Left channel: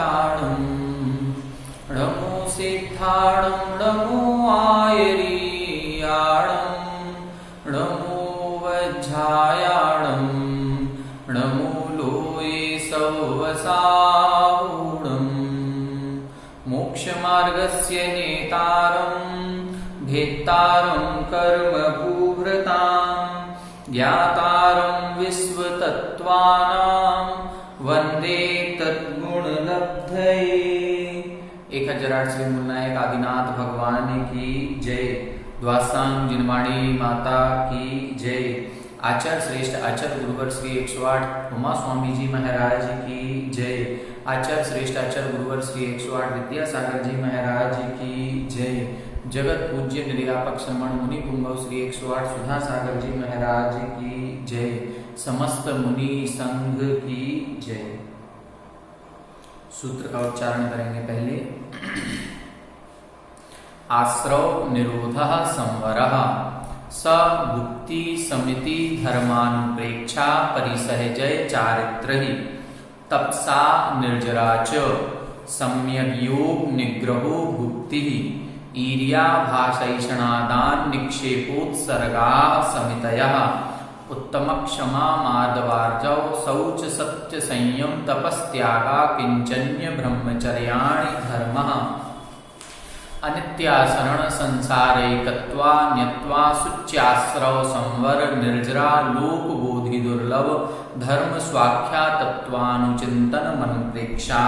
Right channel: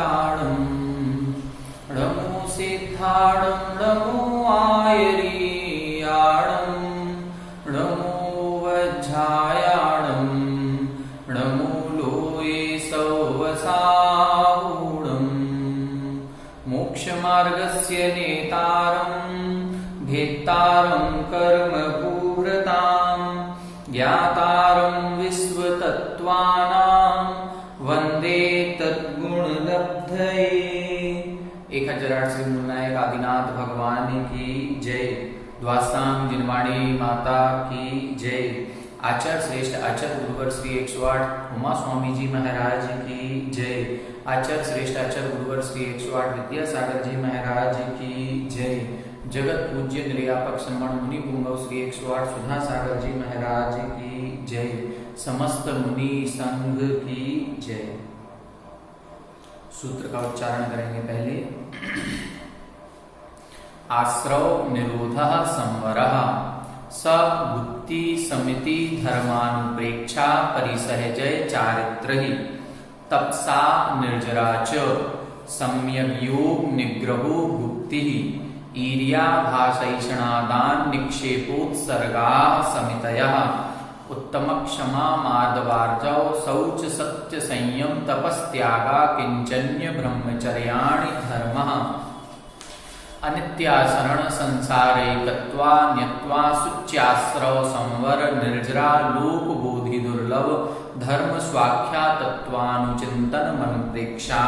सिद्धाणम् नमो सिद्धाणम् नमो आयरीयाणम् नमो वज्रायाणम् नमो लोये सौवसावूणम् मोक्षमार्गस्य नेतारम् भेत्तारम् कर्मभूभृताम् ज्ञातारम् विश्वतत्त्वानाम् वन्दे तद्गुणलब्धये। 1008 से मुन्नायक आदिनाथ भगवान की जय। द्वासाम जिनवाणी माता की जय। आचार्य श्रेष्ठ आचार्य गुरुवर श्री 108 उमा स्वामी जी महाराज की जय। आचार्य श्रेष्ठ आचार्य गुरुवर श्री 108 विद्यासागर जी महाराज की जय। जगत पूज्य निर्यापक श्रमण मुनि पुंगव श्री 108 सुधा सागर जी महाराज की जय। समस्त मुनि संघ की जय। सूत्र का उच्चारण करेंगे पहले। आश्रव निरोधः संवरः स भुक्ति समिति धर्मानुप्रेक्षा परिसहजय चारित्रहि तपसा निर्जरा च सम्यग्योग निग्रहो भुक्ति ईर्याभाषैषणादान निक्षेपोत्सर्गा समितयः उत्तम क्षमा मार्दवार्जव शौच सत्य संयम तपस्त्यागा किंचन्य ब्रह्मचर्याणि धर्मः अनित्याशरण संसारैकत्वा न्यत्वा शुच्याश्रव संवर निर्जरा लोक बोधि दुर्लभ धर्म स्वाख्या तत्वानुचिंतन मनोप्रेक्षा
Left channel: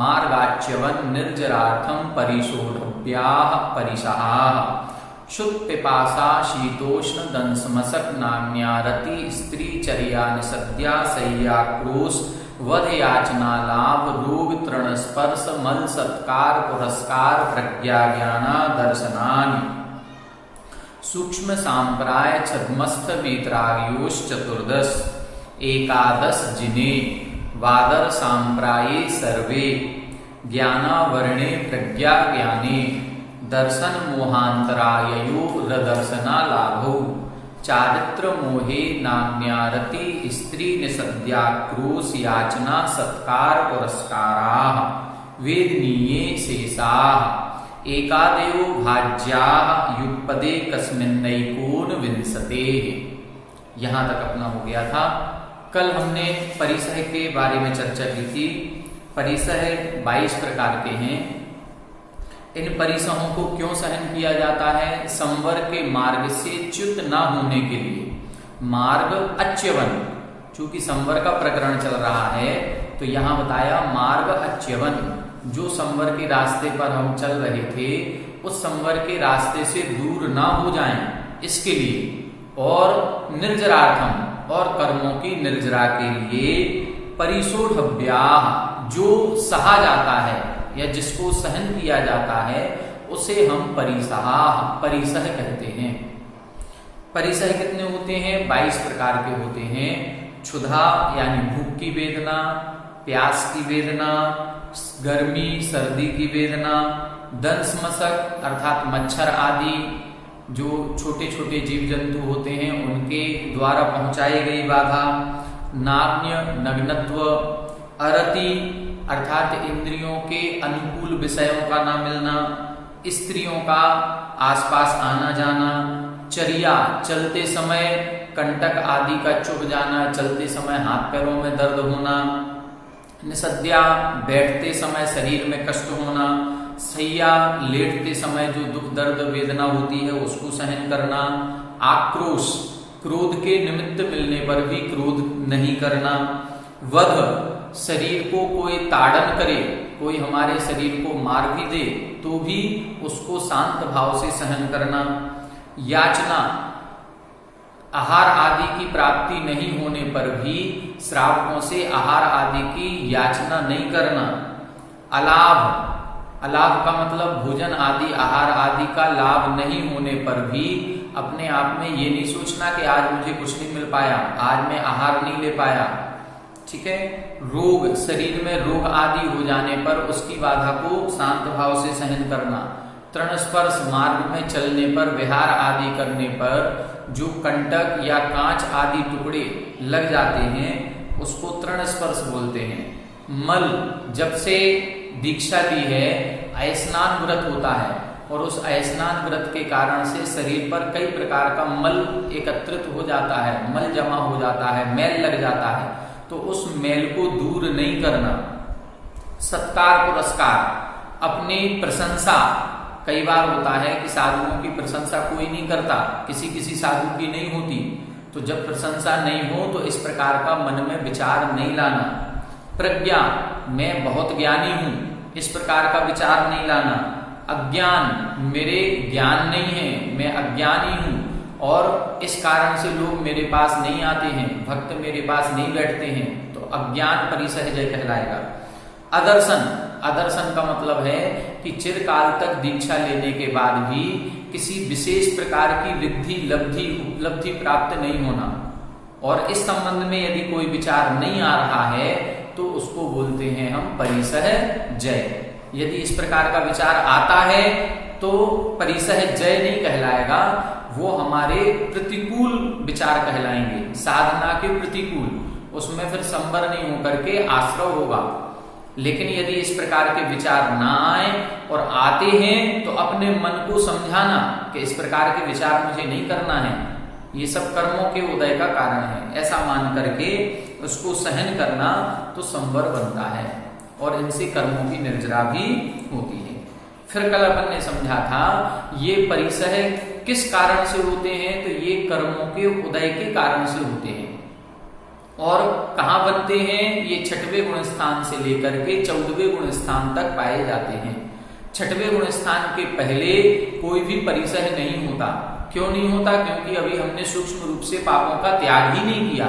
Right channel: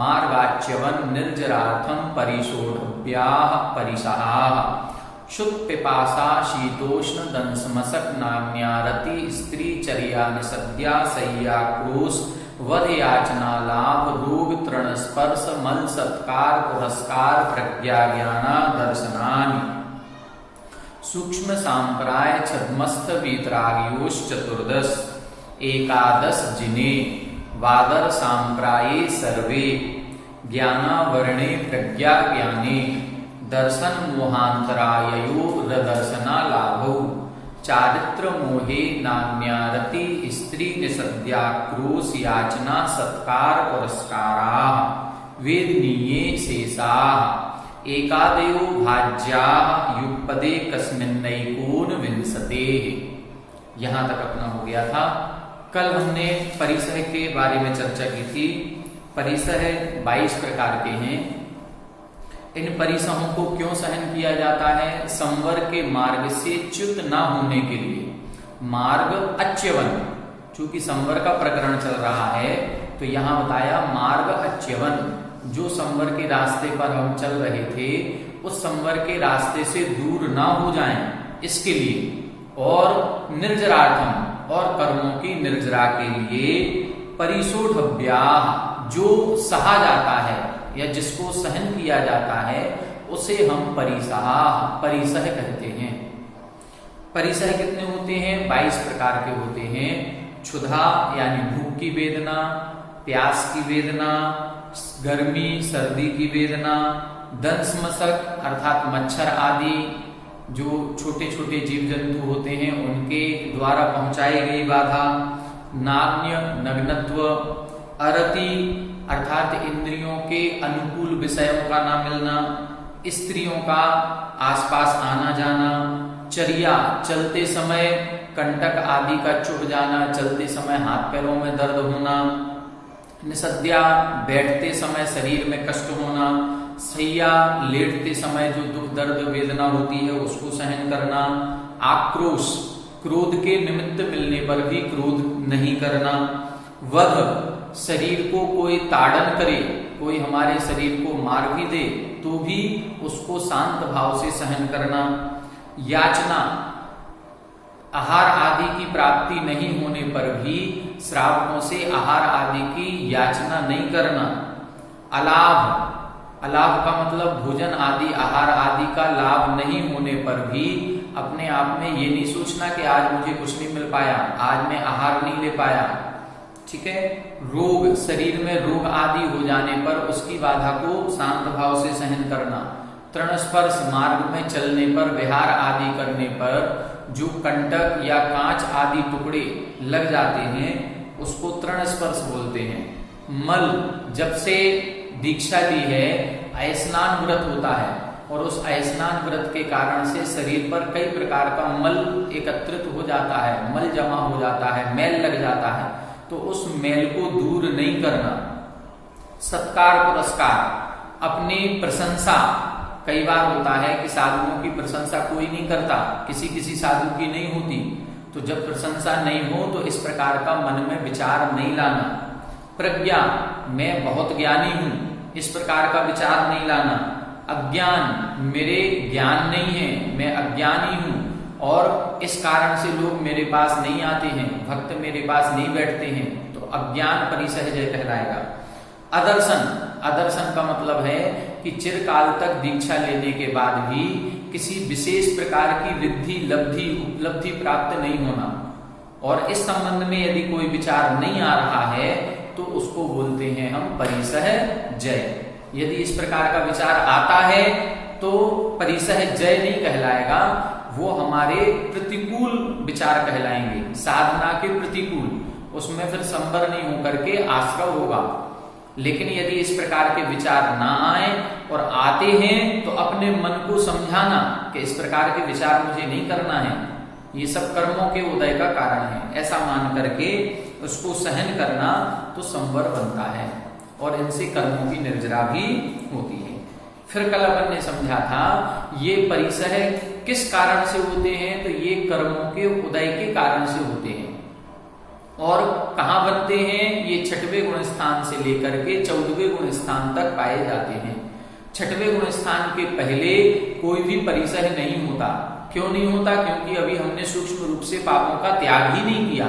मार्गाच्यवन निर्जरार्थम परिशोढव्याः परिसहाः शुक पिपासा शीतोष्ण दंसमसक नाम्या रति स्त्री चर्या निसद्या सय्या क्रोश वध याचना लाभ रोग तृण स्पर्श मल सत्कार पुरस्कार प्रज्ञा ज्ञाना दर्शनानि सूक्ष्म सांप्राय छद्मस्थ वीतराग्योश चतुर्दश एकादश जिने वादर सांप्राये सर्वे ज्ञाना वर्णे प्रज्ञा ज्ञाने दर्शन मोहांतराययो रदर्शना लाभो चारित्र मोहे नाम्यारति स्त्री निसद्या क्रोश याचना सत्कार पुरस्कारा वेदनीये शेषाः एकादेव भाज्या युगपदे कस्मिन्नैकोन विंशते। यहां तक अपना हो गया था। कल हमने परिसह के बारे में चर्चा की थी। परिसह 22 प्रकार के हैं। इन परिसहों को क्यों सहन किया जाता है? संवर के मार्ग से च्युत न होने के लिए। मार्ग अच्यवन, चूंकि संवर का प्रकरण चल रहा है तो यहां बताया मार्ग अच्यवन, जो संवर के रास्ते पर हम चल रहे थे उस संवर के रास्ते से दूर ना हो जाएं इसके लिए, और निर्जरार्थम, और कर्मों की निर्जरा के लिए, परिशोढव्या, जो सहा जाता है या जिसको सहन किया जाता है उसे हम परिसह कहते हैं। परिसह कितने होते हैं? 22 प्रकार के होते हैं। क्षुधा यानी भूख की वेदना, प्यास की वेदना, गर्मी सर्दी की वेदना, दंसमसक अर्थात मच्छर आदि जो छोटे छोटे जीव जंतु होते हैं उनके द्वारा पहुंचाई गई बाधा, नाम्य नग्नत्व, अरति अर्थात इंद्रियों के अनुकूल विषयों का ना मिलना, स्त्रियों का आसपास आना जाना, चर्या चलते समय कंटक आदि का चुभ जाना, चलते समय हाथ पैरों में दर्द होना, निसद्या बैठते समय शरीर में कष्ट होना, सैया लेटते समय जो दुख दर्द वेदना होती है उसको सहन करना, आक्रोश क्रोध के निमित्त मिलने पर भी क्रोध नहीं करना, वध शरीर को कोई ताड़न करे, कोई हमारे शरीर को मार भी दे तो भी उसको शांत भाव से सहन करना, याचना आहार आदि की प्राप्ति नहीं होने पर भी श्रावकों से आहार आदि की याचना नहीं करना, अलाभ, अलाभ का मतलब भोजन आदि आहार आदि का लाभ नहीं होने पर भी अपने आप में ये नहीं सोचना कि आज मुझे कुछ नहीं मिल पाया, आज मैं आहार नहीं ले पाया। ठीक है। रोग, शरीर में रोग आदि हो जाने पर उसकी बाधा को शांत भाव से सहन करना, तृण स्पर्श मार्ग में चलने पर विहार आदि करने पर जो कंटक या कांच आदि टुकड़े लग जाते हैं उसको तृण स्पर्श बोलते हैं। मल, जब से दीक्षा ली है अयस्नान व्रत होता है और उस अयस्नान व्रत के कारण से शरीर पर कई प्रकार का मल एकत्रित हो जाता है, मल जमा हो जाता है, मैल लग जाता है, तो उस मैल को दूर नहीं करना, सत्कार पुरस्कार, अपनी प्रशंसा, कई बार होता है कि साधुओं की प्रशंसा कोई नहीं करता, किसी किसी साधु की नहीं होती, तो जब प्रशंसा नहीं हो तो इस प्रकार का मन में विचार नहीं लाना। प्रज्ञा, मैं बहुत ज्ञानी हूं, इस प्रकार का विचार नहीं लाना। अज्ञान, मेरे ज्ञान नहीं है, मैं अज्ञानी हूं और इस कारण से लोग मेरे पास नहीं आते हैं, भक्त मेरे पास नहीं बैठते हैं, तो अज्ञान परिसहजय कहलाएगा। अदर्शन, अदर्शन का मतलब है कि चिरकाल तक दीक्षा लेने के बाद भी किसी विशेष प्रकार की रिद्धि, लब्धि, उपलब्धि प्राप्त नहीं होना, और इस संबंध में यदि कोई विचार नहीं आ रहा है तो उसको बोलते हैं हम परिसहजय। यदि इस प्रकार का विचार आता है तो परिसहजय नहीं कहलाएगा, वो हमारे प्रतिकूल विचार कहलाएंगे, साधना के प्रतिकूल, उसमें फिर संवर नहीं होकर के आश्रव होगा। लेकिन यदि इस प्रकार के विचार ना आए और आते हैं तो अपने मन को समझाना कि इस प्रकार के विचार मुझे नहीं करना है, ये सब कर्मों के उदय का कारण है, ऐसा मान करके उसको सहन करना तो संवर बनता है और इनसे कर्मों की निर्जरा भी होती है। फिर कल अपन ने समझा था ये परिसह किस कारण से होते हैं, तो ये कर्मों के उदय के कारण से होते हैं। और कहाँ बनते हैं, ये 6वें गुण स्थान से लेकर के 14वें गुण स्थान तक पाए जाते हैं। 6वें गुण स्थान के पहले कोई भी परिसह नहीं होता। क्यों नहीं होता? क्योंकि अभी हमने सूक्ष्म रूप से पापों का त्याग ही नहीं किया।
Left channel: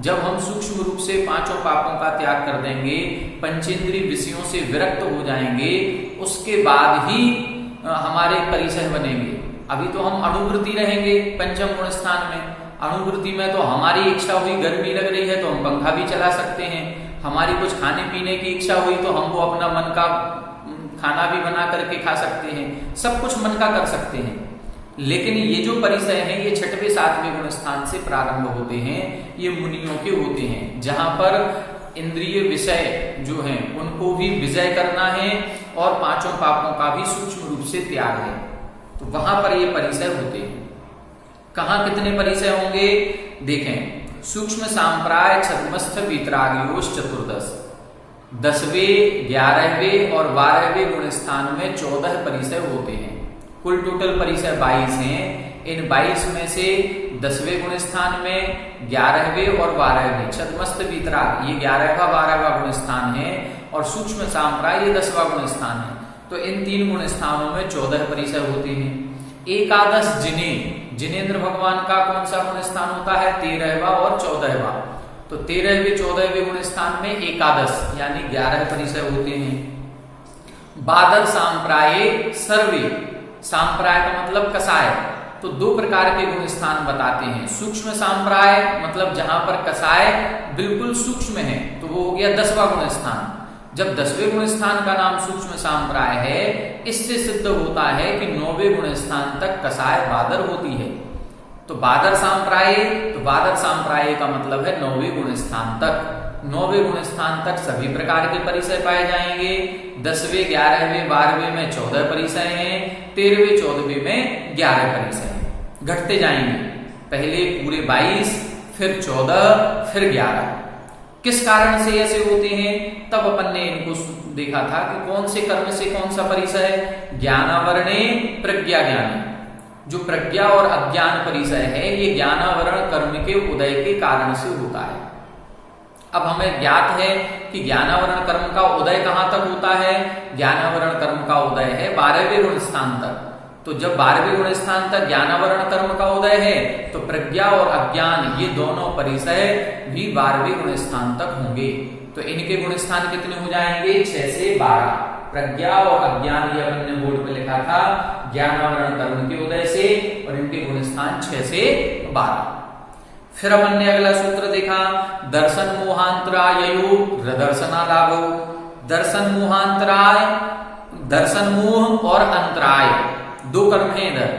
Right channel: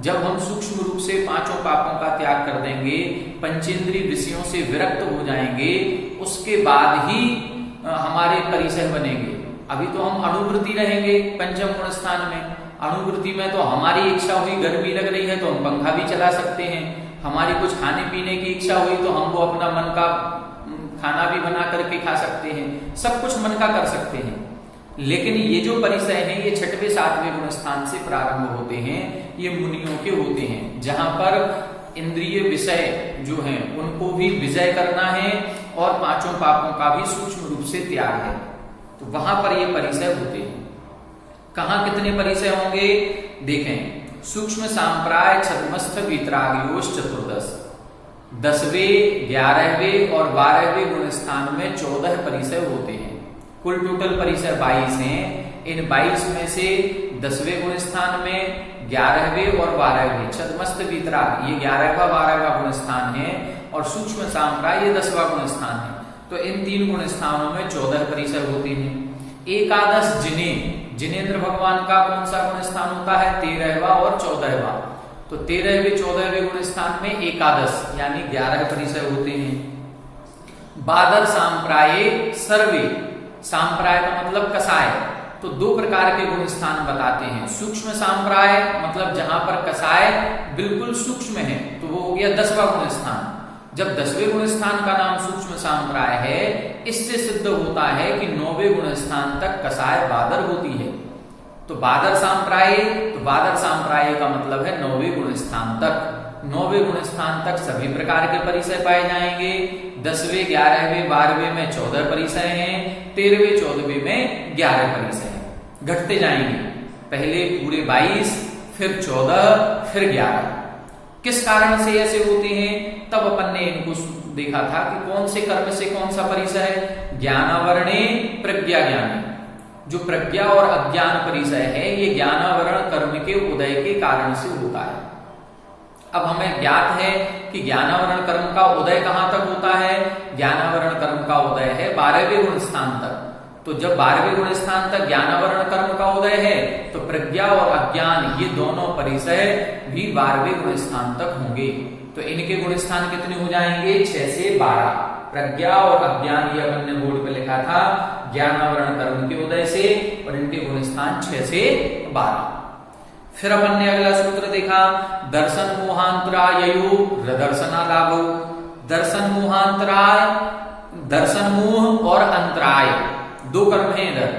जब हम सूक्ष्म रूप से 5 पापों का त्याग कर देंगे, पंचेंद्रिय विषयों से विरक्त हो जाएंगे, उसके बाद ही हमारे परिसह बनेंगे। अभी तो हम अणुवृत्ति रहेंगे पंचम गुण स्थान में। अणुवृत्ति में तो हमारी इच्छा हुई, गर्मी लग रही है तो हम पंखा भी चला सकते हैं, हमारी कुछ खाने पीने की इच्छा हुई तो हम वो अपना मन का खाना भी बना करके खा सकते हैं, सब कुछ मन का कर सकते हैं। लेकिन ये जो परिसय हैं ये 6वें 7वें गुण स्थान से प्रारंभ होते हैं, ये मुनियों के होते हैं, जहां पर इंद्रिय विषय जो हैं उनको भी विजय करना है और 5 पापों का भी सूक्ष्म रूप से त्याग है, तो वहां पर ये परिसय होते हैं। कहाँ कितने परिसय होंगे देखें, सूक्ष्म सांप्राय छद्मस्थ वीतरागियोश 14, 10वें 11वें और 12वें गुण स्थान में 14 परिसय होते हैं। कुल टोटल परिसय 22 हैं। इन 22 में से 10वें गुण स्थान में 11वें और 12वें छद्मस्थ वीतराग ये 11वां 12वां गुण स्थान है और सूक्ष्म सांप्राय ये 10वां गुण स्थान है। तो इन 3 गुण स्थानों में 14 परिसय होते हैं। एकादश जिनेंद्र भगवान का कौन सा गुण स्थान होता है? 13वां और 14वां। तो 13वें 14वें गुण स्थान में एकादश यानी 11 परिसय होते हैं। बादल सांप्राये सर्वे, सांप्राय का मतलब कसाय, तो 2 प्रकार के गुण स्थान बताते हैं। सूक्ष्म सांप्राय मतलब जहां पर कसाय बिल्कुल सूक्ष्म है, तो वो हो गया 10वां गुण स्थान। जब 10वें गुण स्थान का नाम सूक्ष्म सांप्राय है, इससे सिद्ध होता है कि 9वें गुण स्थान तक कसाय बादर होती है। तो बादर सांप्राय, तो बादर सांप्राय का मतलब है 9वें गुण स्थान तक। 9वें गुण स्थान तक सभी प्रकार के परिसय पाए जाएंगे। 10वें 11वें 12वें में 14 परिसय हैं, 13वें 14वें में 11 परिसय हैं। घटते जाएंगे, पहले पूरे 22, फिर 14, फिर 11। किस कारण से ऐसे होते हैं? तब अपन ने इनको देखा था कि कौन से कर्म से कौन सा परिसय है। ज्ञानावरणे प्रज्ञा ज्ञान, जो प्रज्ञा और अज्ञान परिसय है ये ज्ञानावरण कर्म के उदय के कारण से होता है। अब हमें ज्ञात है कि ज्ञानावरण कर्म का उदय कहां तक होता है? ज्ञानावरण कर्म का उदय है 12वें गुण स्थान तक। तो जब 12वें गुण स्थान तक ज्ञानावरण कर्म का उदय है तो प्रज्ञा और अज्ञान ये दोनों परिसय भी 12वें गुण स्थान तक होंगे। तो इनके गुण स्थान कितने हो जाएंगे? 6 से 12। प्रज्ञा और अज्ञान ये अपन ने बोर्ड पे लिखा था ज्ञानावरण कर्म के उदय से, और इनके गुण स्थान 6 से 12। फिर अपन ने अगला सूत्र देखा, दर्शन मोहांतरायु प्रदर्शना लाभो। दर्शन मोहांतराय, दर्शन मोह और अंतराय 2 कर्म है इधर,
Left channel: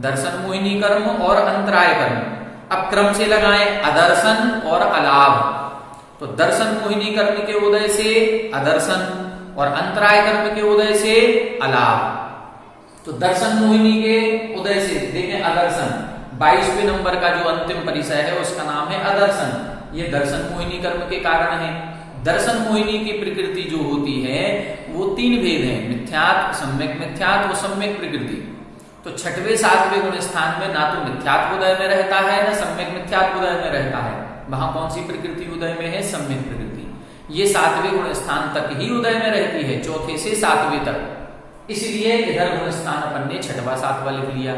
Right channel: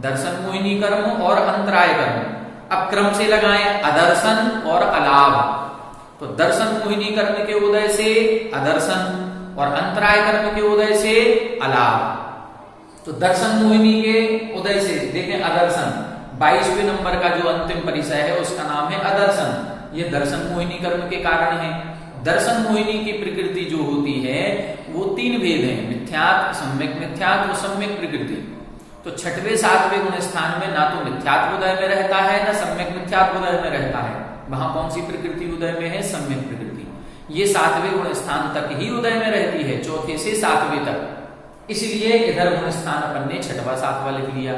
दर्शन मोहिनी कर्म और अंतराय कर्म। अब क्रम से लगाएं, अदर्शन और अलाभ। तो दर्शन मोहिनी कर्म के उदय से अदर्शन और अंतराय कर्म के उदय से अलाभ। तो दर्शन मोहिनी के उदय से देखें अदर्शन, 22वें नंबर का जो अंतिम परिचय है उसका नाम है अदर्शन। ये दर्शन मोहिनी कर्म के कारण है। दर्शन मोहिनी की प्रकृति जो होती है वो 3 भेद है, मिथ्यात्व, सम्यक मिथ्यात्व, सम्यक प्रकृति। तो 6वें 7वें गुण स्थान में ना तो मिथ्यात्व उदय में रहता है ना सम्यक मिथ्यात्व उदय में रहता है। वहां कौन सी प्रकृति उदय में है? सम्यक प्रकृति। ये 7वें गुण स्थान तक ही उदय में रहती है, 4थे से 7वें तक। इसलिए इधर गुण स्थान अपन ने 6वां 7वां लिख लिया।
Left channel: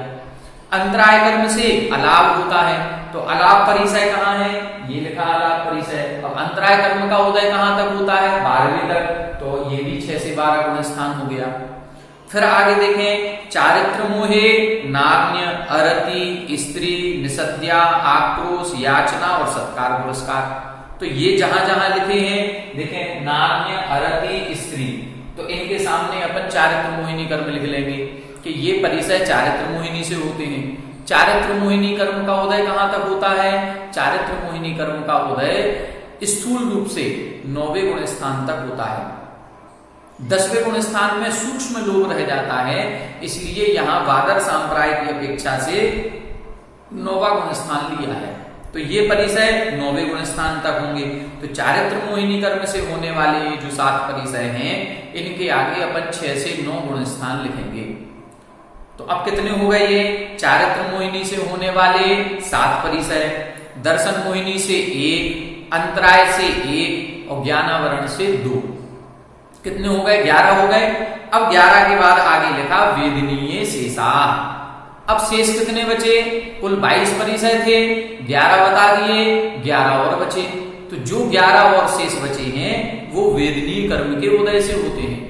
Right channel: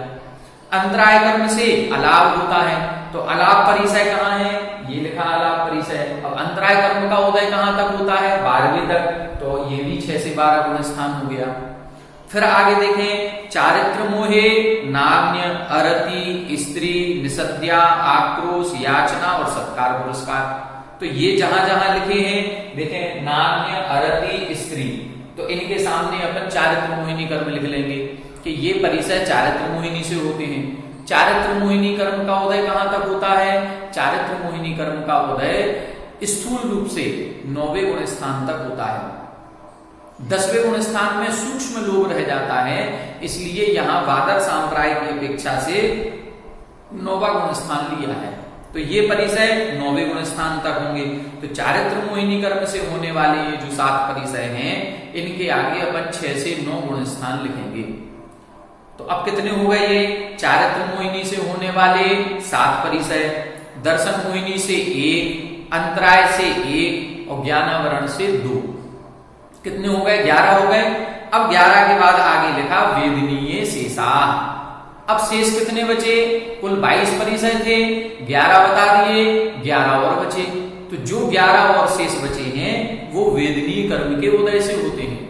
अंतराय कर्म से अलाभ होता है, तो अलाभ परिचय कहाँ है? ये लिखा अलाभ परिचय। अब अंतराय कर्म का उदय कहाँ तक होता है? 12वीं तक, तो ये भी 6 से 12 गुण स्थान हो गया। फिर आगे देखें, चारित्र मोहे, नान्य, अरति, स्त्री, निषद्या, आक्रोश, याचना और सत्कार पुरस्कार। तो ये जहां जहां लिखे हैं देखें, नान्य, अरति, स्त्री, तो इनके सामने अपन चारित्र मोहिनी कर्म लिख लेंगे कि ये परिचय चारित्र मोहिनी से होते हैं। चारित्र मोहिनी कर्म का उदय कहां तक होता है? चारित्र मोहिनी कर्म का उदय स्थूल रूप से 9वें गुण स्थान तक होता है। 10वें गुण स्थान में सूक्ष्म लोभ रह जाता है, इसलिए यहां वादर सांप्राय की अपेक्षा से 9वां गुण स्थान लिया है। तो ये परिचय 9वें गुण स्थान तक होंगे। तो चारित्र मोहिनी कर्म से होने वाले ये जो 7 परिचय हैं, इनके आगे अपन 6 से 9 गुण स्थान लिखेंगे। तो अब कितने हो गए? ये चारित्र मोहिनी से होने वाले 7 परिचय, दर्शन मोहिनी से 1, अंतराय से 1 और ज्ञानावरण से 2। कितने हो गए? 11 हो गए। अब 11 के बाद आगे लिखा वेदनीय शेषा। अब शेष कितने बचे? कुल 22 परिचय थे, 11 बता दिए, 11 और बचे। तो जो 11 और शेष बचे हैं वो वेदनीय कर्म के उदय से होते हैं।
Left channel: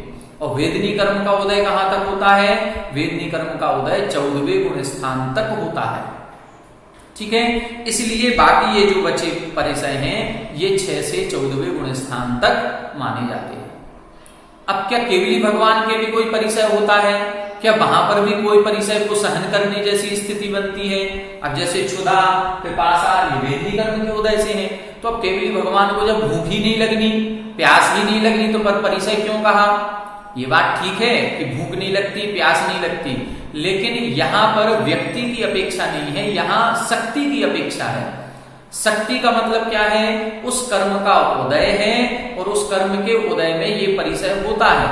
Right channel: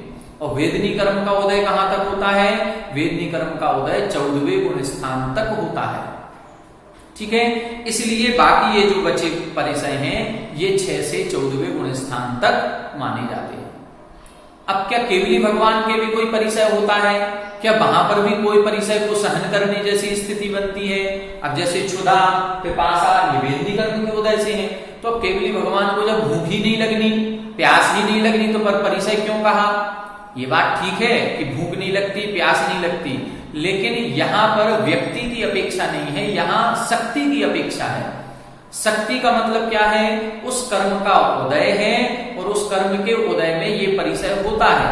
और वेदनीय कर्म का उदय कहां तक होता है? वेदनीय कर्म का उदय 14वें गुण स्थान तक होता है। ठीक है, इसलिए बाकी ये जो बचे परिचय हैं ये 6 से 14वें गुण स्थान तक माने जाते हैं। अब क्या केवली भगवान के भी कोई परिचय होता है? क्या वहां पर भी कोई परिचय को सहन करने जैसी स्थिति बनती है? अब जैसे क्षुधा, पिपासा, ये वेदनीय कर्म के उदय से है। तो अब केवली भगवान को जब भूख ही नहीं लगनी, प्यास भी नहीं लगनी, तो पर परिचय क्यों कहा? ये बात ठीक है कि भूख नहीं लगती, प्यास नहीं लगती, लेकिन यहाँ पर व्यक्ति की अपेक्षा नहीं है, यहाँ शक्ति की अपेक्षा है। शक्ति का मतलब क्या है? उस कर्म का उदय है और उस कर्म के उदय में ये परिचय होता है।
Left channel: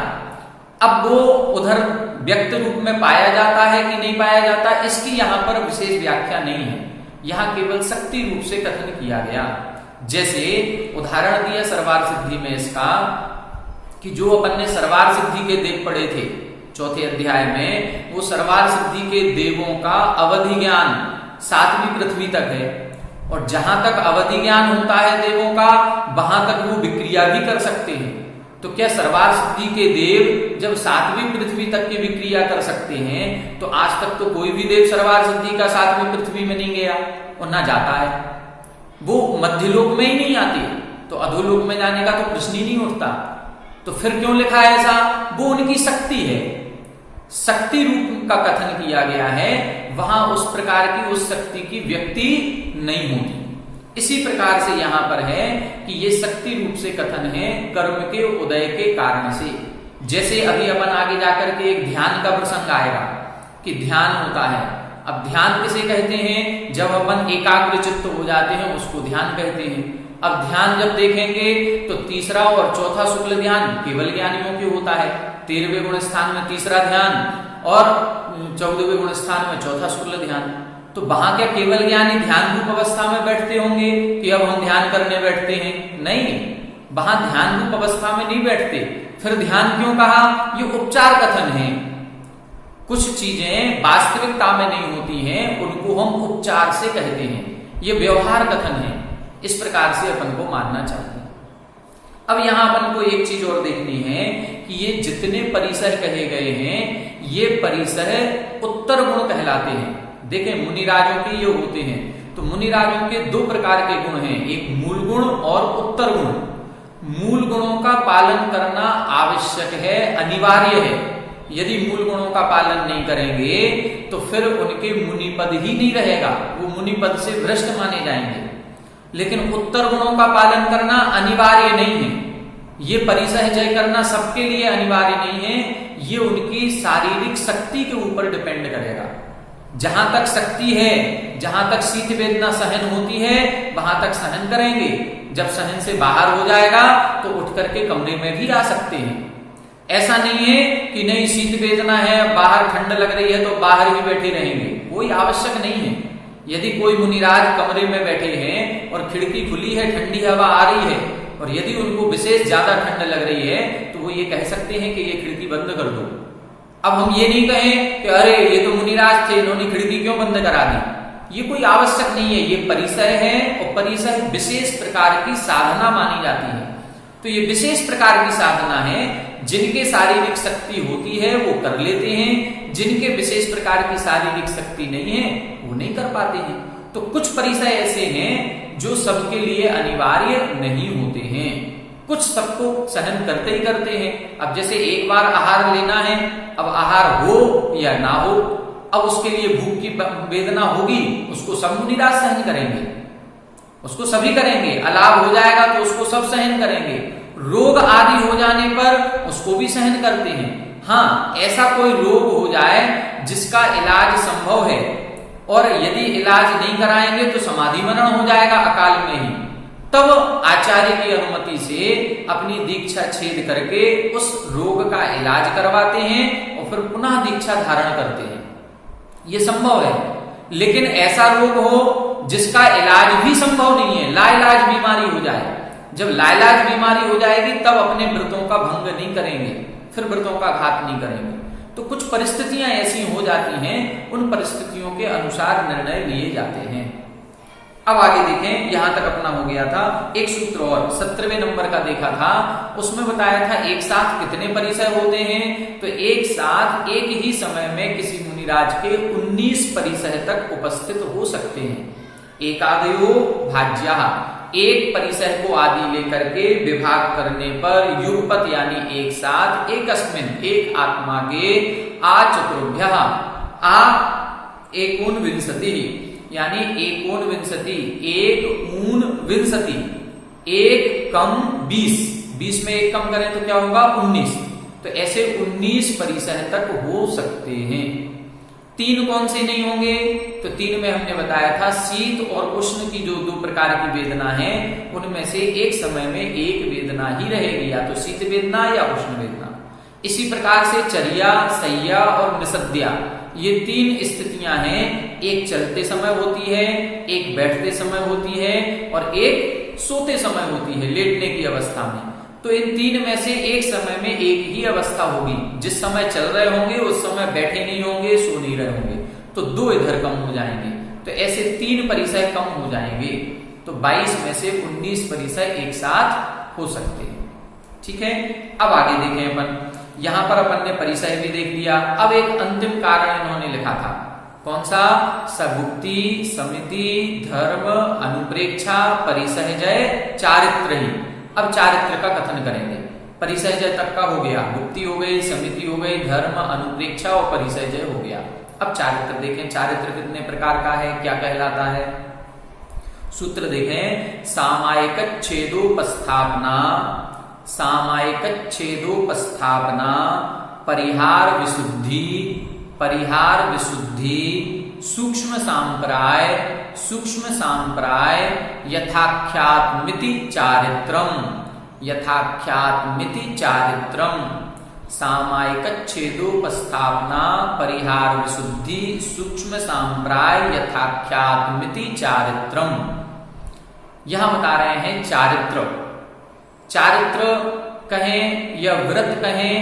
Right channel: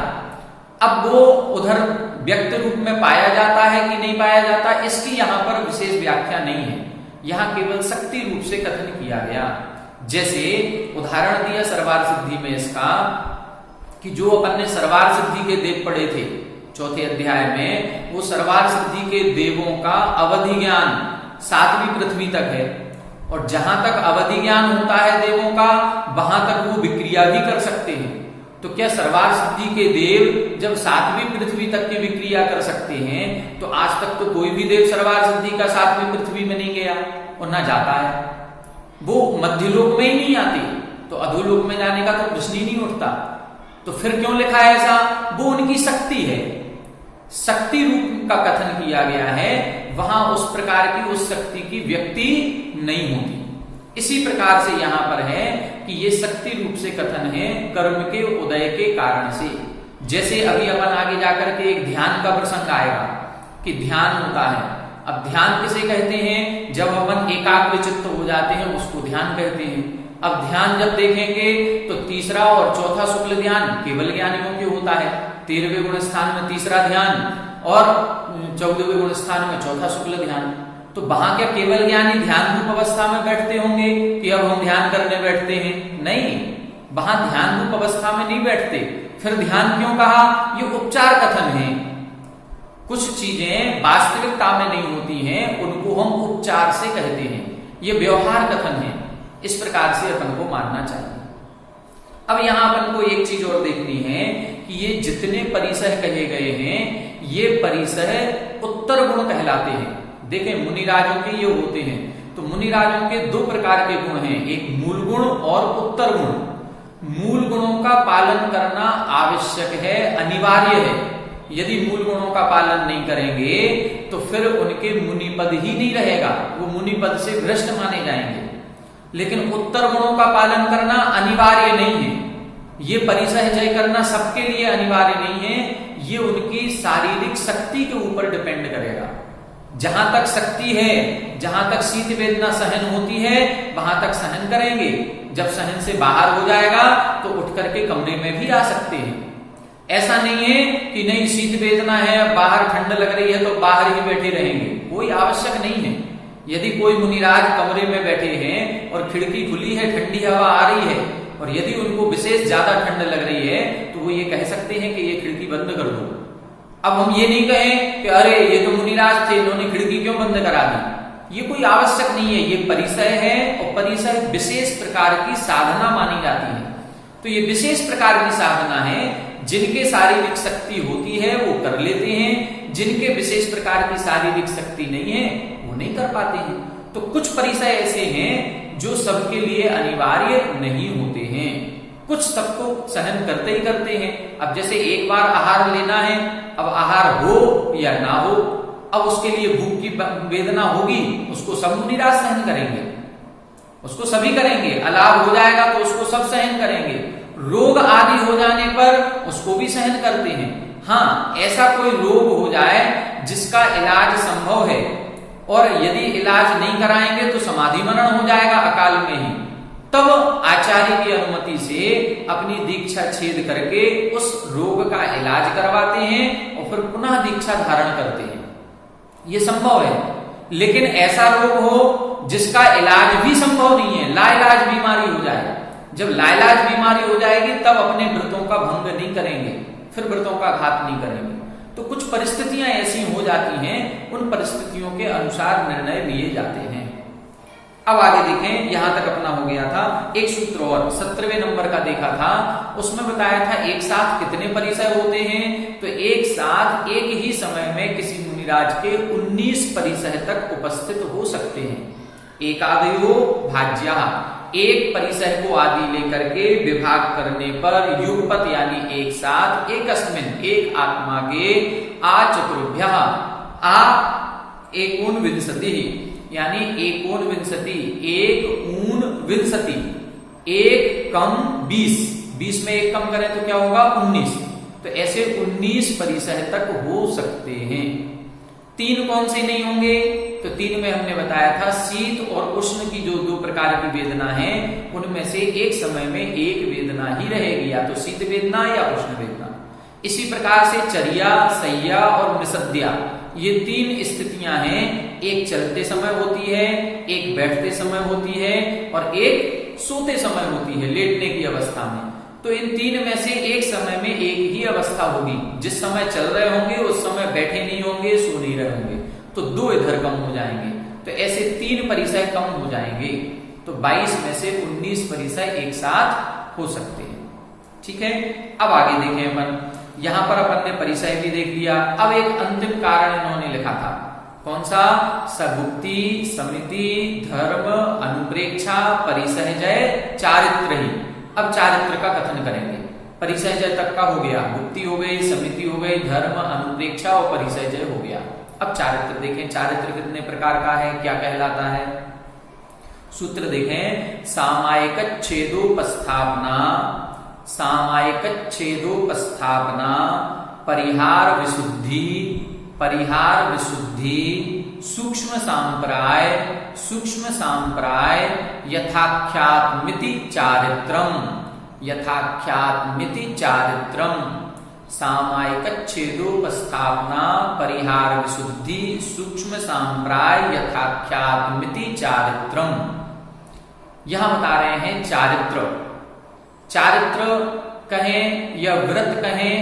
अब वो उधर व्यक्त रूप में पाया जाता है कि नहीं पाया जाता, इसकी यहाँ पर विशेष व्याख्या नहीं है। यहाँ केवल शक्ति रूप से कथन किया गया। जैसे उदाहरण दिया सर्वार सिद्धि में इसका कि जो अपन ने सर्वार सिद्धि के देव पढ़े थे 4थे अध्याय में, वो सर्वार सिद्धि के देवों का अवधि ज्ञान 7वीं पृथ्वी तक है। और जहां तक अवधि ज्ञान होता है देवों का, वहां तक वो विक्रिया भी कर सकते हैं। तो क्या सर्वार सिद्धि के देव जब 7वीं पृथ्वी तक की विक्रिया कर सकते हैं, तो आज तक तो कोई भी देव सर्वार सिद्धि का 7वीं पृथ्वी में नहीं गया और ना जाता है। वो मध्यलोक में ही नहीं आती, तो अधोलोक में जाने का तो प्रश्न ही नहीं उठता। तो फिर क्यों लिखा है ऐसा? वो उनकी शक्ति है, शक्ति रूप का कथन किया गया है। वहां उस प्रकार की उस शक्ति की व्यक्ति नहीं होती। इसी प्रकार से यहां पर है कि ये शक्ति रूप से कथन है कर्म के उदय के कारण से। जैसे अभी अपन आगे जाकर के एक ध्यान का प्रसंग आएगा कि ध्यान होता है। अब ध्यान किसे कहते हैं? जब अपन एकाग्र चित्त हो जाते हैं उसको ध्यान कहते हैं। अब ध्यान जब देखेंगे तो तीसरा और चौथा शुक्ल ध्यान केवल ज्ञानियों के होता है। 13वें गुण स्थान में तीसरा ध्यान और 14वें गुण स्थान में चौथा शुक्ल ध्यान। तो वहां क्या केवल ज्ञानी ध्यान रूप अवस्था में बैठते होंगे कि अब हम ध्यान करने बैठते हैं? नहीं, वहां ध्यान रूप अवस्था में नहीं बैठते। फिर ध्यान क्यों कहा? ये उपचार कथन है। कुछ चीजें वास्तविकता में नहीं होती हैं, उनको हम उपचार से कहते हैं। ये व्यवहार कथन है। इस प्रकार से अपन को मानना चाहिए। अब यहां अपन को एक चीज और देखनी है कि ये जितने परिसर कहे गए हैं, ये परिसर उत्तर गुण कहलाते हैं। देखें, मुनिराजों के ये होते हैं। तो मुनिराजों के 2 प्रकार के गुण हैं, एक मूल गुण और उत्तर गुण। मूल गुणों का पालन करना आवश्यक है, अनिवार्य है। यदि मूल गुणों का पालन नहीं करेंगे तो फिर उनके मुनि पद ही नहीं रहेगा, वो मुनि पद से भ्रष्ट माने जाएंगे। लेकिन उत्तर गुणों का पालन करना अनिवार्य नहीं है। ये परिसह जय करना सबके लिए अनिवार्य नहीं है, ये उनकी शारीरिक शक्ति के ऊपर डिपेंड करेगा। जहां तक शक्ति है, जहां तक शीत वेदना सहन होती है, वहां तक सहन करेंगे। जब सहन से बाहर हो जाएगा तो उठ करके कमरे में भी आ सकते हैं। ऐसा नहीं है कि नहीं शीत वेदना है, बाहर ठंड लग रही है तो बाहर ही बैठे रहेंगे, कोई आवश्यक नहीं है। यदि कोई मुनिराज कमरे में बैठे हैं और खिड़की खुली है, ठंडी हवा आ रही है, और यदि उनको विशेष ज्यादा ठंड लग रही है तो वो ये कह सकते हैं कि ये खिड़की बंद कर दो। अब हम ये नहीं कहें कि अरे ये तो मुनिराज थे, इन्होंने खिड़की क्यों बंद करा दी। ये कोई आवश्यक नहीं है, ये परिसर है, और परिसर विशेष प्रकार की साधना मानी जाती है। तो ये विशेष प्रकार की साधना है, जिनके शारीरिक शक्ति होती है वो कर लेते हैं, जिनके विशेष प्रकार की शारीरिक शक्ति नहीं है वो नहीं कर पाते हैं। तो कुछ परिसर ऐसे हैं जो सबके लिए अनिवार्य नहीं होते हैं, कुछ सबको सहन करते ही करते हैं। अब जैसे एक बार आहार लेना है, अब आहार हो या ना हो, अब उसके लिए भूख की वेदना होगी, उसको सब मुनिराज सहन करेंगे, उसको सभी करेंगे। अलाभ हो जाएगा तो उसको सब सहन करेंगे। रोग आदि हो जाने पर उसको भी सहन करते हैं। हाँ, ऐसा कोई रोग हो जाए जिसका इलाज संभव है, और यदि इलाज नहीं कराएंगे तो समाधि मरण हो जाएगा अकाल में ही, तब आचार्य की अनुमति से अपनी दीक्षा छेद करके उस रोग का इलाज करवाते हैं और फिर पुनः दीक्षा धारण करते हैं। ये संभव है। लेकिन ऐसा रोग हो जिसका इलाज भी संभव नहीं है, लाइलाज बीमारी हो जाए, जब लाइलाज बीमारी हो जाएगी तब अपने व्रतों का भंग नहीं करेंगे, फिर व्रतों का घात नहीं करेंगे। तो कुछ परिस्थितियां ऐसी हो जाती हैं, उन परिस्थितियों के अनुसार निर्णय लिए जाते हैं। अब आगे देखें, यहां तक अपना हो गया था। एक सूत्र और 17वें नंबर का देखा था, उसमें बताया था एक साथ कितने परिसर होते हैं। तो एक साथ एक ही समय में किसी मुनिराज के 19 परिसर तक उपस्थित हो सकते हैं। एकादयो भाज्या, एक परिसर को आदि लेकर के विभाग करने पर युगपत यानी एक साथ एकस्मिन् एक आत्मा के चतुर्भ्य एकोनविंशति यानी एकोनविंशति एक ऊन विंशति, एक कम 20 में एक कम करें तो क्या होगा 19। तो ऐसे 19 परिसर तक हो सकते हैं। 3 कौन से नहीं होंगे? तो 3 में हमने बताया था शीत और उष्ण की जो 2 प्रकार की वेदना है, उनमें से एक समय में एक वेदना ही रहेगी, या तो शीत वेदना या उष्ण वेदना। इसी प्रकार से चर्या, शय्या और निषद्या, ये 3 स्थितियां हैं। एक चलते समय होती है, एक बैठते समय होती है, और एक सोते समय होती है, लेटने की अवस्था में। तो इन 3 में से एक समय में एक ही अवस्था होगी। जिस समय चल रहे होंगे उस समय बैठे नहीं होंगे, सो नहीं रहे होंगे, तो 2 इधर कम हो जाएंगे। तो ऐसे 3 परिसर कम हो जाएंगे। तो 22 में से 19 परिसर एक साथ हो सकते हैं। ठीक है, अब आगे देखें अपन। यहां पर अपन ने परिसर भी देख लिया। अब एक अंतिम कारण इन्होंने लिखा था, कौन सा? सगुप्ती, समिति, धर्म, अनुप्रेक्षा, परिसहजय, चारित्र ही। अब चारित्र का कथन करेंगे। परिसहजय तक का हो गया, गुप्ती हो गई, समिति हो गई, धर्म, अनुप्रेक्षा और परिसहजय हो गया। अब चारित्र देखें, चारित्र कितने प्रकार का है, क्या कहलाता है? सूत्र देखें, सामायिक छेदोपस्थापना, सामायिक छेदोपस्थापना, परिहार विशुद्धि, परिहार विशुद्धि, सूक्ष्म सांप्राय, सूक्ष्म सांप्राय, यथाख्यात्मिति चारित्रम, यथाख्यात्मिति चारित्रम, सामायिक छेदोपस्थापना, परिहार विशुद्धि, सूक्ष्म सांप्राय, यथाख्यात्मिति चारित्रम। यहां बता रहे हैं चारित्र। चारित्र कहें या व्रत कहें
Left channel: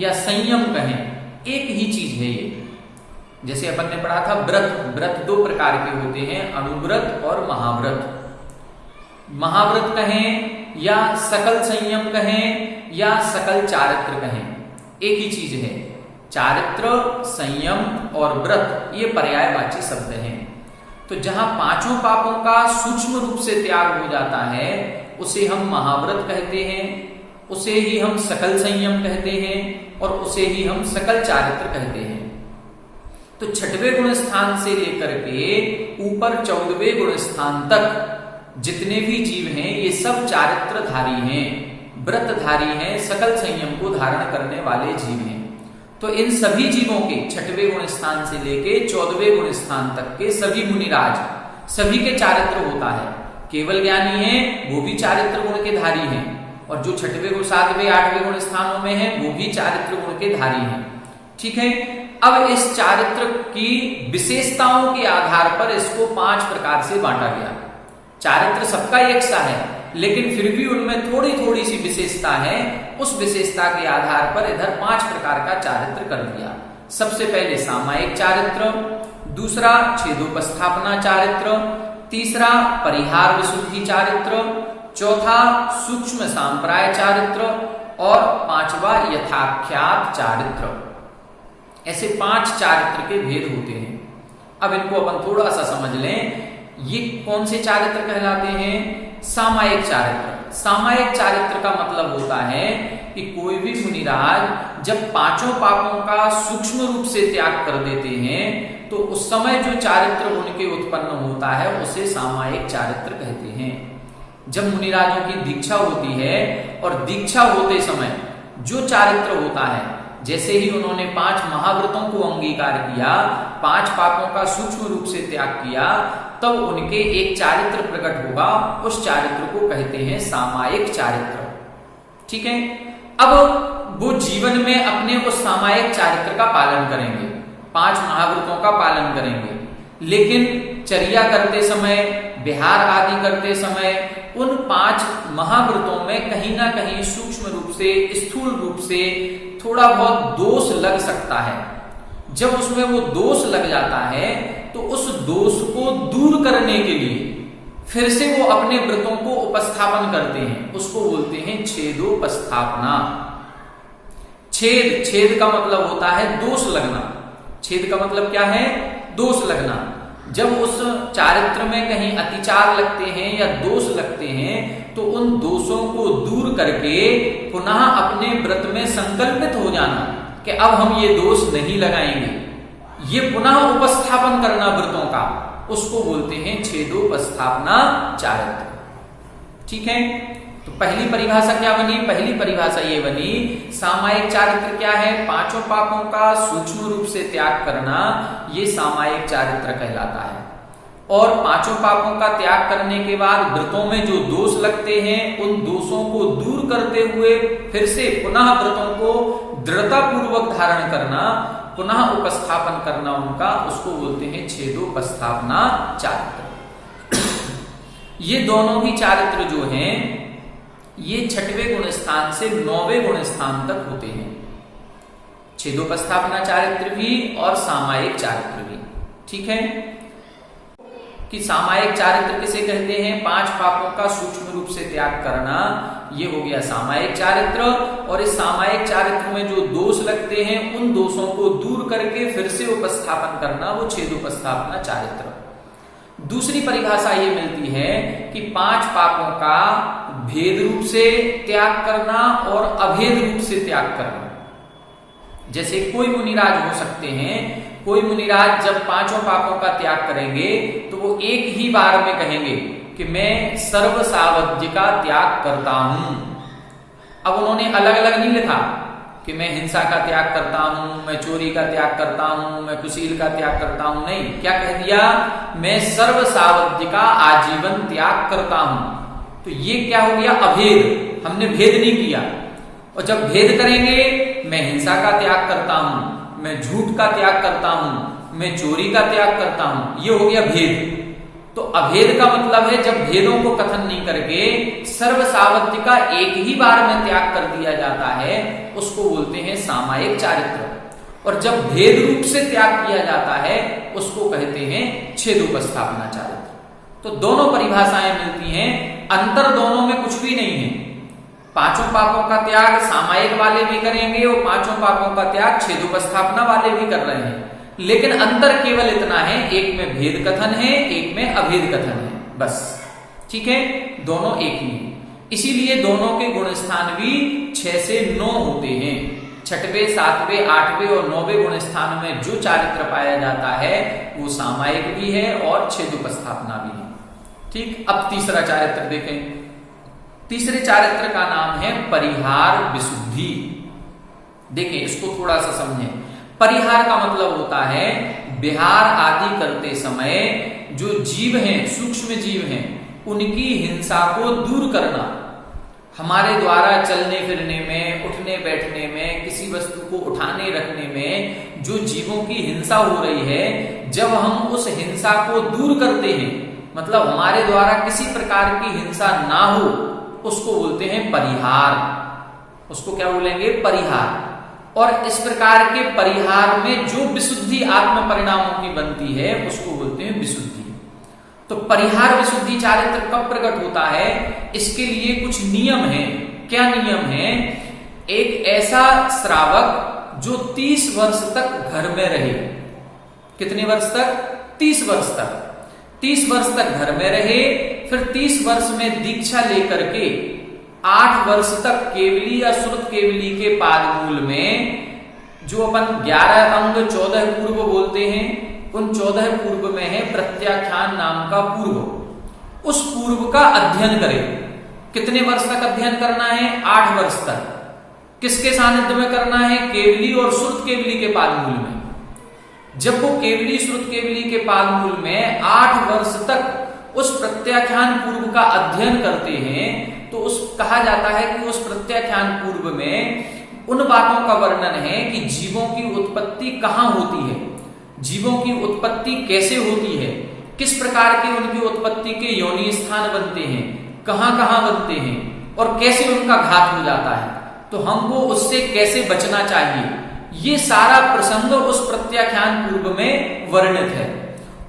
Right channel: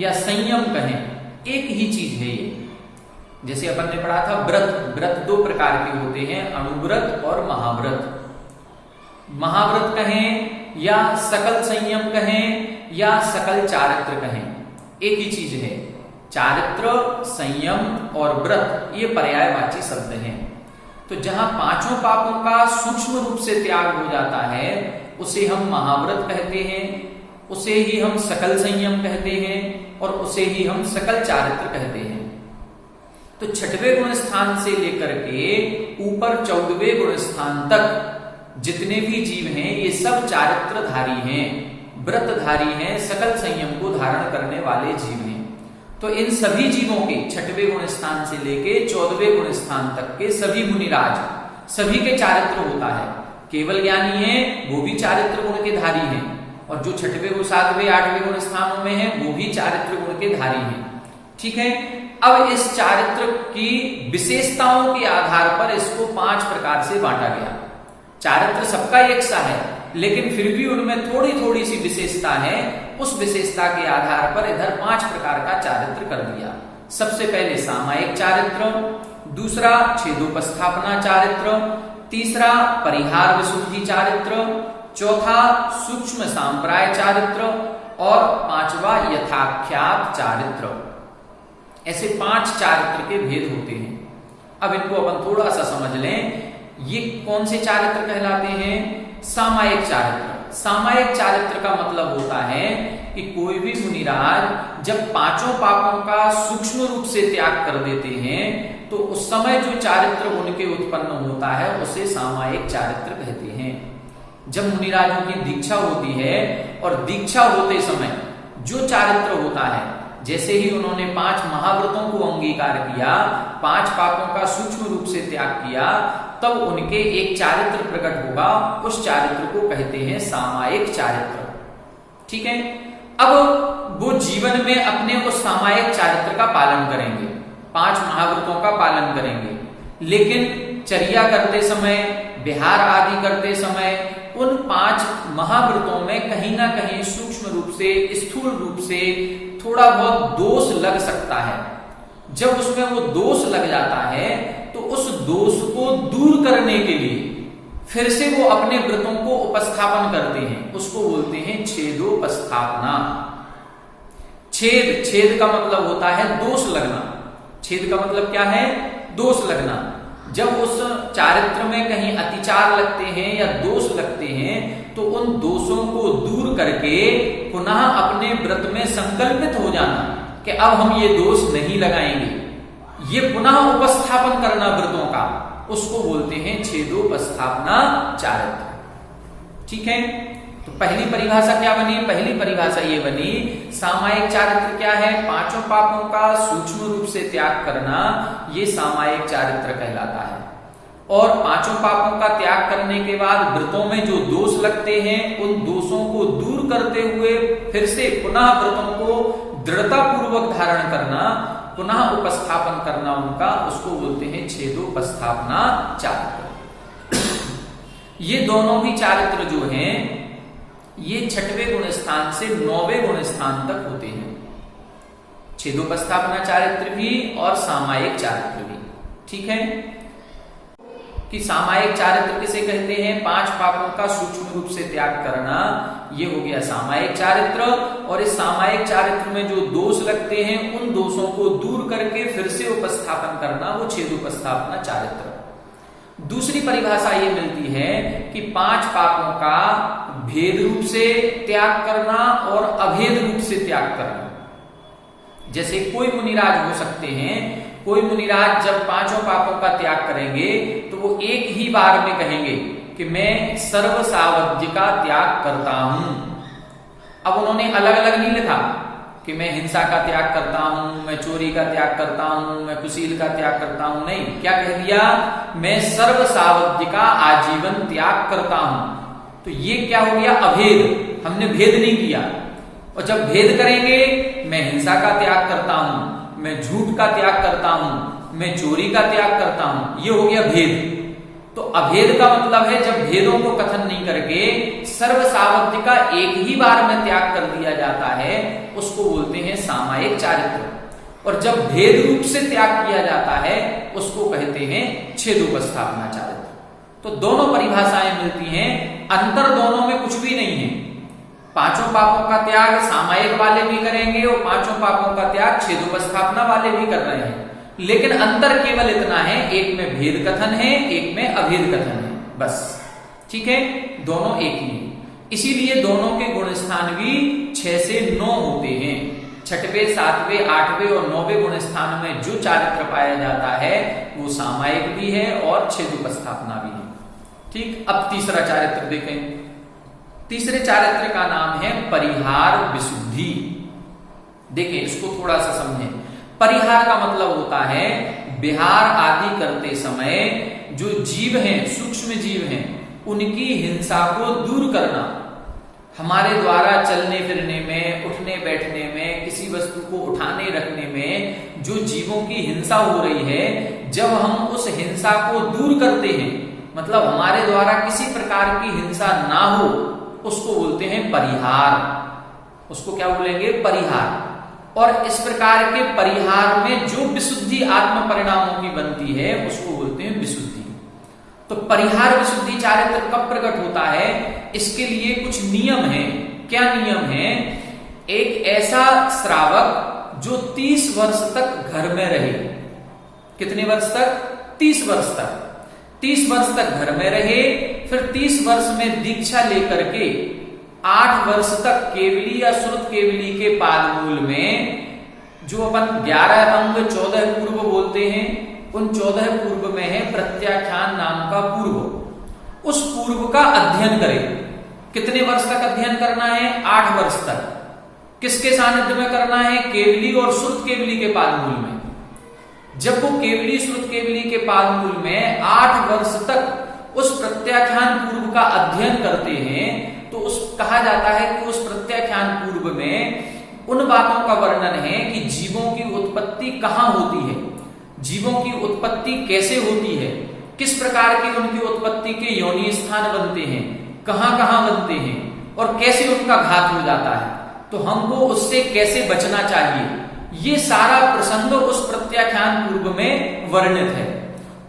या संयम कहें, एक ही चीज है ये। जैसे अपन ने पढ़ा था व्रत, व्रत 2 प्रकार के होते हैं, अणुव्रत और महाव्रत। महाव्रत कहें या सकल संयम कहें या सकल चारित्र कहें, एक ही चीज है। चारित्र, संयम और व्रत ये पर्यायवाची शब्द हैं। तो जहां 5 पापों का सूक्ष्म रूप से त्याग हो जाता है उसे हम महाव्रत कहते हैं, उसे ही हम सकल संयम कहते हैं, और उसे ही हम सकल चारित्र कहते हैं। तो 6वें गुण स्थान से लेकर के ऊपर 14वें गुण स्थान तक जितने भी जीव हैं ये सब चारित्रधारी हैं, व्रतधारी हैं, सकल संयम को धारण करने वाले जीव हैं। तो इन सभी जीवों के 6वें गुण स्थान से लेके 14वें गुण स्थान तक के सभी मुनिराज, सभी के चारित्र होता है। केवल ज्ञानी है वो भी चारित्र गुण के धारी हैं, और जो 6वें गुण 7वें 8वें गुण स्थानों में है वो भी चारित्र गुण के धारी हैं। ठीक है, अब इस चारित्र की विशेषताओं के आधार पर इसको 5 प्रकार से बांटा गया। चारित्र सबका एक सा है, लेकिन फिर भी उनमें थोड़ी थोड़ी सी विशेषता है। उस विशेषता के आधार पर इधर 5 प्रकार का चारित्र कर दिया। सबसे पहले सामायिक चारित्र, दूसरा छेदोपस्थापना चारित्र, तीसरा परिहार विशुद्धि चारित्र, चौथा सूक्ष्म सांप्राय चारित्र और 5वां यथाख्यात चारित्र। ऐसे 5 चारित्र के भेद होते हैं। अब इनको अपन थोड़ा सा समझ लें। ये कौन से चारित्र कहलाते हैं? सामायिक चारित्र। सामायिक चारित्र का मतलब होता है कि कोई भी मुनिराज जब 5 पापों का सूक्ष्म रूप से त्याग कर देते हैं तो उस समय जो चारित्र उनके उत्पन्न होता है उसे सामायिक चारित्र कहते हैं। जब मुनिराजों की दीक्षा होती है और दीक्षा होते समय जो चारित्र होता है, जैसे ही उन्होंने 5 महाव्रतों को अंगीकार किया, 5 पापों का सूक्ष्म रूप से त्याग किया, तब उनके एक चारित्र प्रकट होगा। उस चारित्र को कहते हैं सामायिक चारित्र। ठीक है, अब वो जीवन में अपने उस सामायिक चारित्र का पालन करेंगे, 5 महाव्रतों का पालन करेंगे, लेकिन चर्या करते समय, विहार आदि करते समय उन 5 महाव्रतों में कहीं ना कहीं सूक्ष्म रूप से, स्थूल रूप से थोड़ा बहुत दोष लग सकता है। जब उसमें वो दोष लग जाता है तो उस दोष को दूर करने के लिए फिर से वो अपने व्रतों को उपस्थापन करते हैं। उसको बोलते हैं छेदोपस्थापना। छेद का मतलब होता है दोष लगना। छेद का मतलब क्या है? दोष लगना। जब उस चारित्र में कहीं अतिचार लगते हैं या दोष लगते हैं तो उन दोषों को दूर करके पुनः अपने व्रत में संकल्पित हो जाना कि अब हम ये दोष नहीं लगाएंगे, ये पुनः उपस्थापन करना व्रतों का, उसको बोलते हैं छेदोपस्थापना चारित्र। ठीक है, तो पहली परिभाषा क्या बनी? पहली परिभाषा ये बनी, सामायिक चारित्र क्या है? 5 पापों का सूक्ष्म रूप से त्याग करना, ये सामायिक चारित्र कहलाता है। और 5 पापों का त्याग करने के बाद व्रतों में जो दोष लगते हैं उन दोषों को दूर करते हुए फिर से पुनः व्रतों को दृढ़ता पूर्वक धारण करना, पुनः उपस्थापन करना उनका, उसको बोलते हैं छेदोपस्थापना चारित्र। ये दोनों भी चारित्र जो हैं ये 6वें गुण स्थान से 9वें गुण स्थान तक होते हैं। छेदोपस्थापना चारित्र भी और सामायिक चारित्र भी। ठीक है, कि सामायिक चारित्र किसे कहते हैं? 5 पापों का सूक्ष्म रूप से त्याग करना, ये हो गया सामायिक चारित्र। और इस सामायिक चारित्र में जो दोष लगते हैं उन दोषों को दूर करके फिर से उपस्थापन करना, वो छेदोपस्थापना चारित्र। दूसरी परिभाषा ये मिलती है कि 5 पापों का भेद रूप से त्याग करना और अभेद रूप से त्याग करना। जैसे कोई मुनिराज हो सकते हैं, कोई मुनिराज जब 5 पापों का त्याग करेंगे तो वो एक ही बार में कहेंगे कि मैं सर्व सावध्य का त्याग करता हूं। अब उन्होंने अलग अलग नहीं लिखा कि मैं हिंसा का त्याग करता हूं, मैं चोरी का त्याग करता हूं, मैं कुशील का त्याग करता हूं। नहीं, क्या कह दिया? मैं सर्व सावध्य का आजीवन त्याग करता हूं। तो ये क्या हो गया? अभेद। हमने भेद नहीं किया। और जब भेद करेंगे, मैं हिंसा का त्याग करता हूं, मैं झूठ का त्याग करता हूं, मैं चोरी का त्याग करता हूं, ये हो गया भेद। तो अभेद का मतलब है जब भेदों को कथन नहीं करके सर्व सावध्य का एक ही बार में त्याग कर दिया जाता है, उसको बोलते हैं सामायिक चारित्र। और जब भेद रूप से त्याग किया जाता है उसको कहते हैं छेदोपस्थापना चारित्र। तो दोनों परिभाषाएं मिलती हैं, अंतर दोनों में कुछ भी नहीं है। 5 पापों का त्याग सामायिक वाले भी करेंगे और 5 पापों का त्याग छेदोपस्थापना वाले भी कर रहे हैं, लेकिन अंतर केवल इतना है, एक में भेद कथन है, एक में अभेद कथन है, बस। ठीक है, दोनों एक ही है। इसीलिए दोनों के गुण स्थान भी 6 से 9 होते हैं। 6वें, 7वें, 8वें और 9वें गुण स्थान में जो चारित्र पाया जाता है वो सामायिक भी है और छेदोपस्थापना भी है। ठीक, अब तीसरा चारित्र देखें। तीसरे चारित्र का नाम है परिहार विशुद्धि। देखें, इसको थोड़ा सा समझें। परिहार का मतलब होता है विहार आदि करते समय जो जीव हैं, सूक्ष्म जीव हैं, उनकी हिंसा को दूर करना। हमारे द्वारा चलने फिरने में, उठने बैठने में, किसी वस्तु को उठाने रखने में जो जीवों की हिंसा हो रही है, जब हम उस हिंसा को दूर करते हैं, मतलब हमारे द्वारा किसी प्रकार की हिंसा ना हो, उसको बोलते हैं परिहार। उसको क्या बोलेंगे? परिहार। और इस प्रकार के परिहार में जो विशुद्धि आत्म परिणामों की बनती है उसको बोलते हैं विशुद्धि। तो परिहार विशुद्धि चारित्र कब प्रकट होता है? इसके लिए कुछ नियम है। क्या नियम है? एक ऐसा श्रावक जो 30 वर्ष तक घर में रहे। कितने वर्ष तक? 30 वर्ष तक। 30 वर्ष तक घर में रहे, फिर 30 वर्ष में दीक्षा लेकर के 8 वर्ष तक केवली या श्रुत केवली के पादमूल में, जो अपन 11 अंग 14 पूर्व बोलते हैं, उन 14 पूर्व में है प्रत्याख्यान नाम का पूर्व। उस पूर्व का अध्ययन करें। कितने वर्ष तक अध्ययन करना है? 8 वर्ष तक। किसके सानिध्य में करना है? केवली और श्रुत केवली के पादमूल में। जब वो केवली श्रुत केवली के पादमूल में 8 वर्ष तक उस प्रत्याख्यान पूर्व का अध्ययन करते हैं, तो उस कहा जाता है कि उस प्रत्याख्यान पूर्व में उन बातों का वर्णन है कि जीवों की उत्पत्ति कहाँ होती है, जीवों की उत्पत्ति कैसे होती है, किस प्रकार के उनकी उत्पत्ति के योनि स्थान बनते हैं, कहाँ कहाँ बनते हैं और कैसे उनका घात हो जाता है, तो हमको उससे कैसे बचना चाहिए। ये सारा प्रसंग उस प्रत्याख्यान पूर्व में वर्णित है।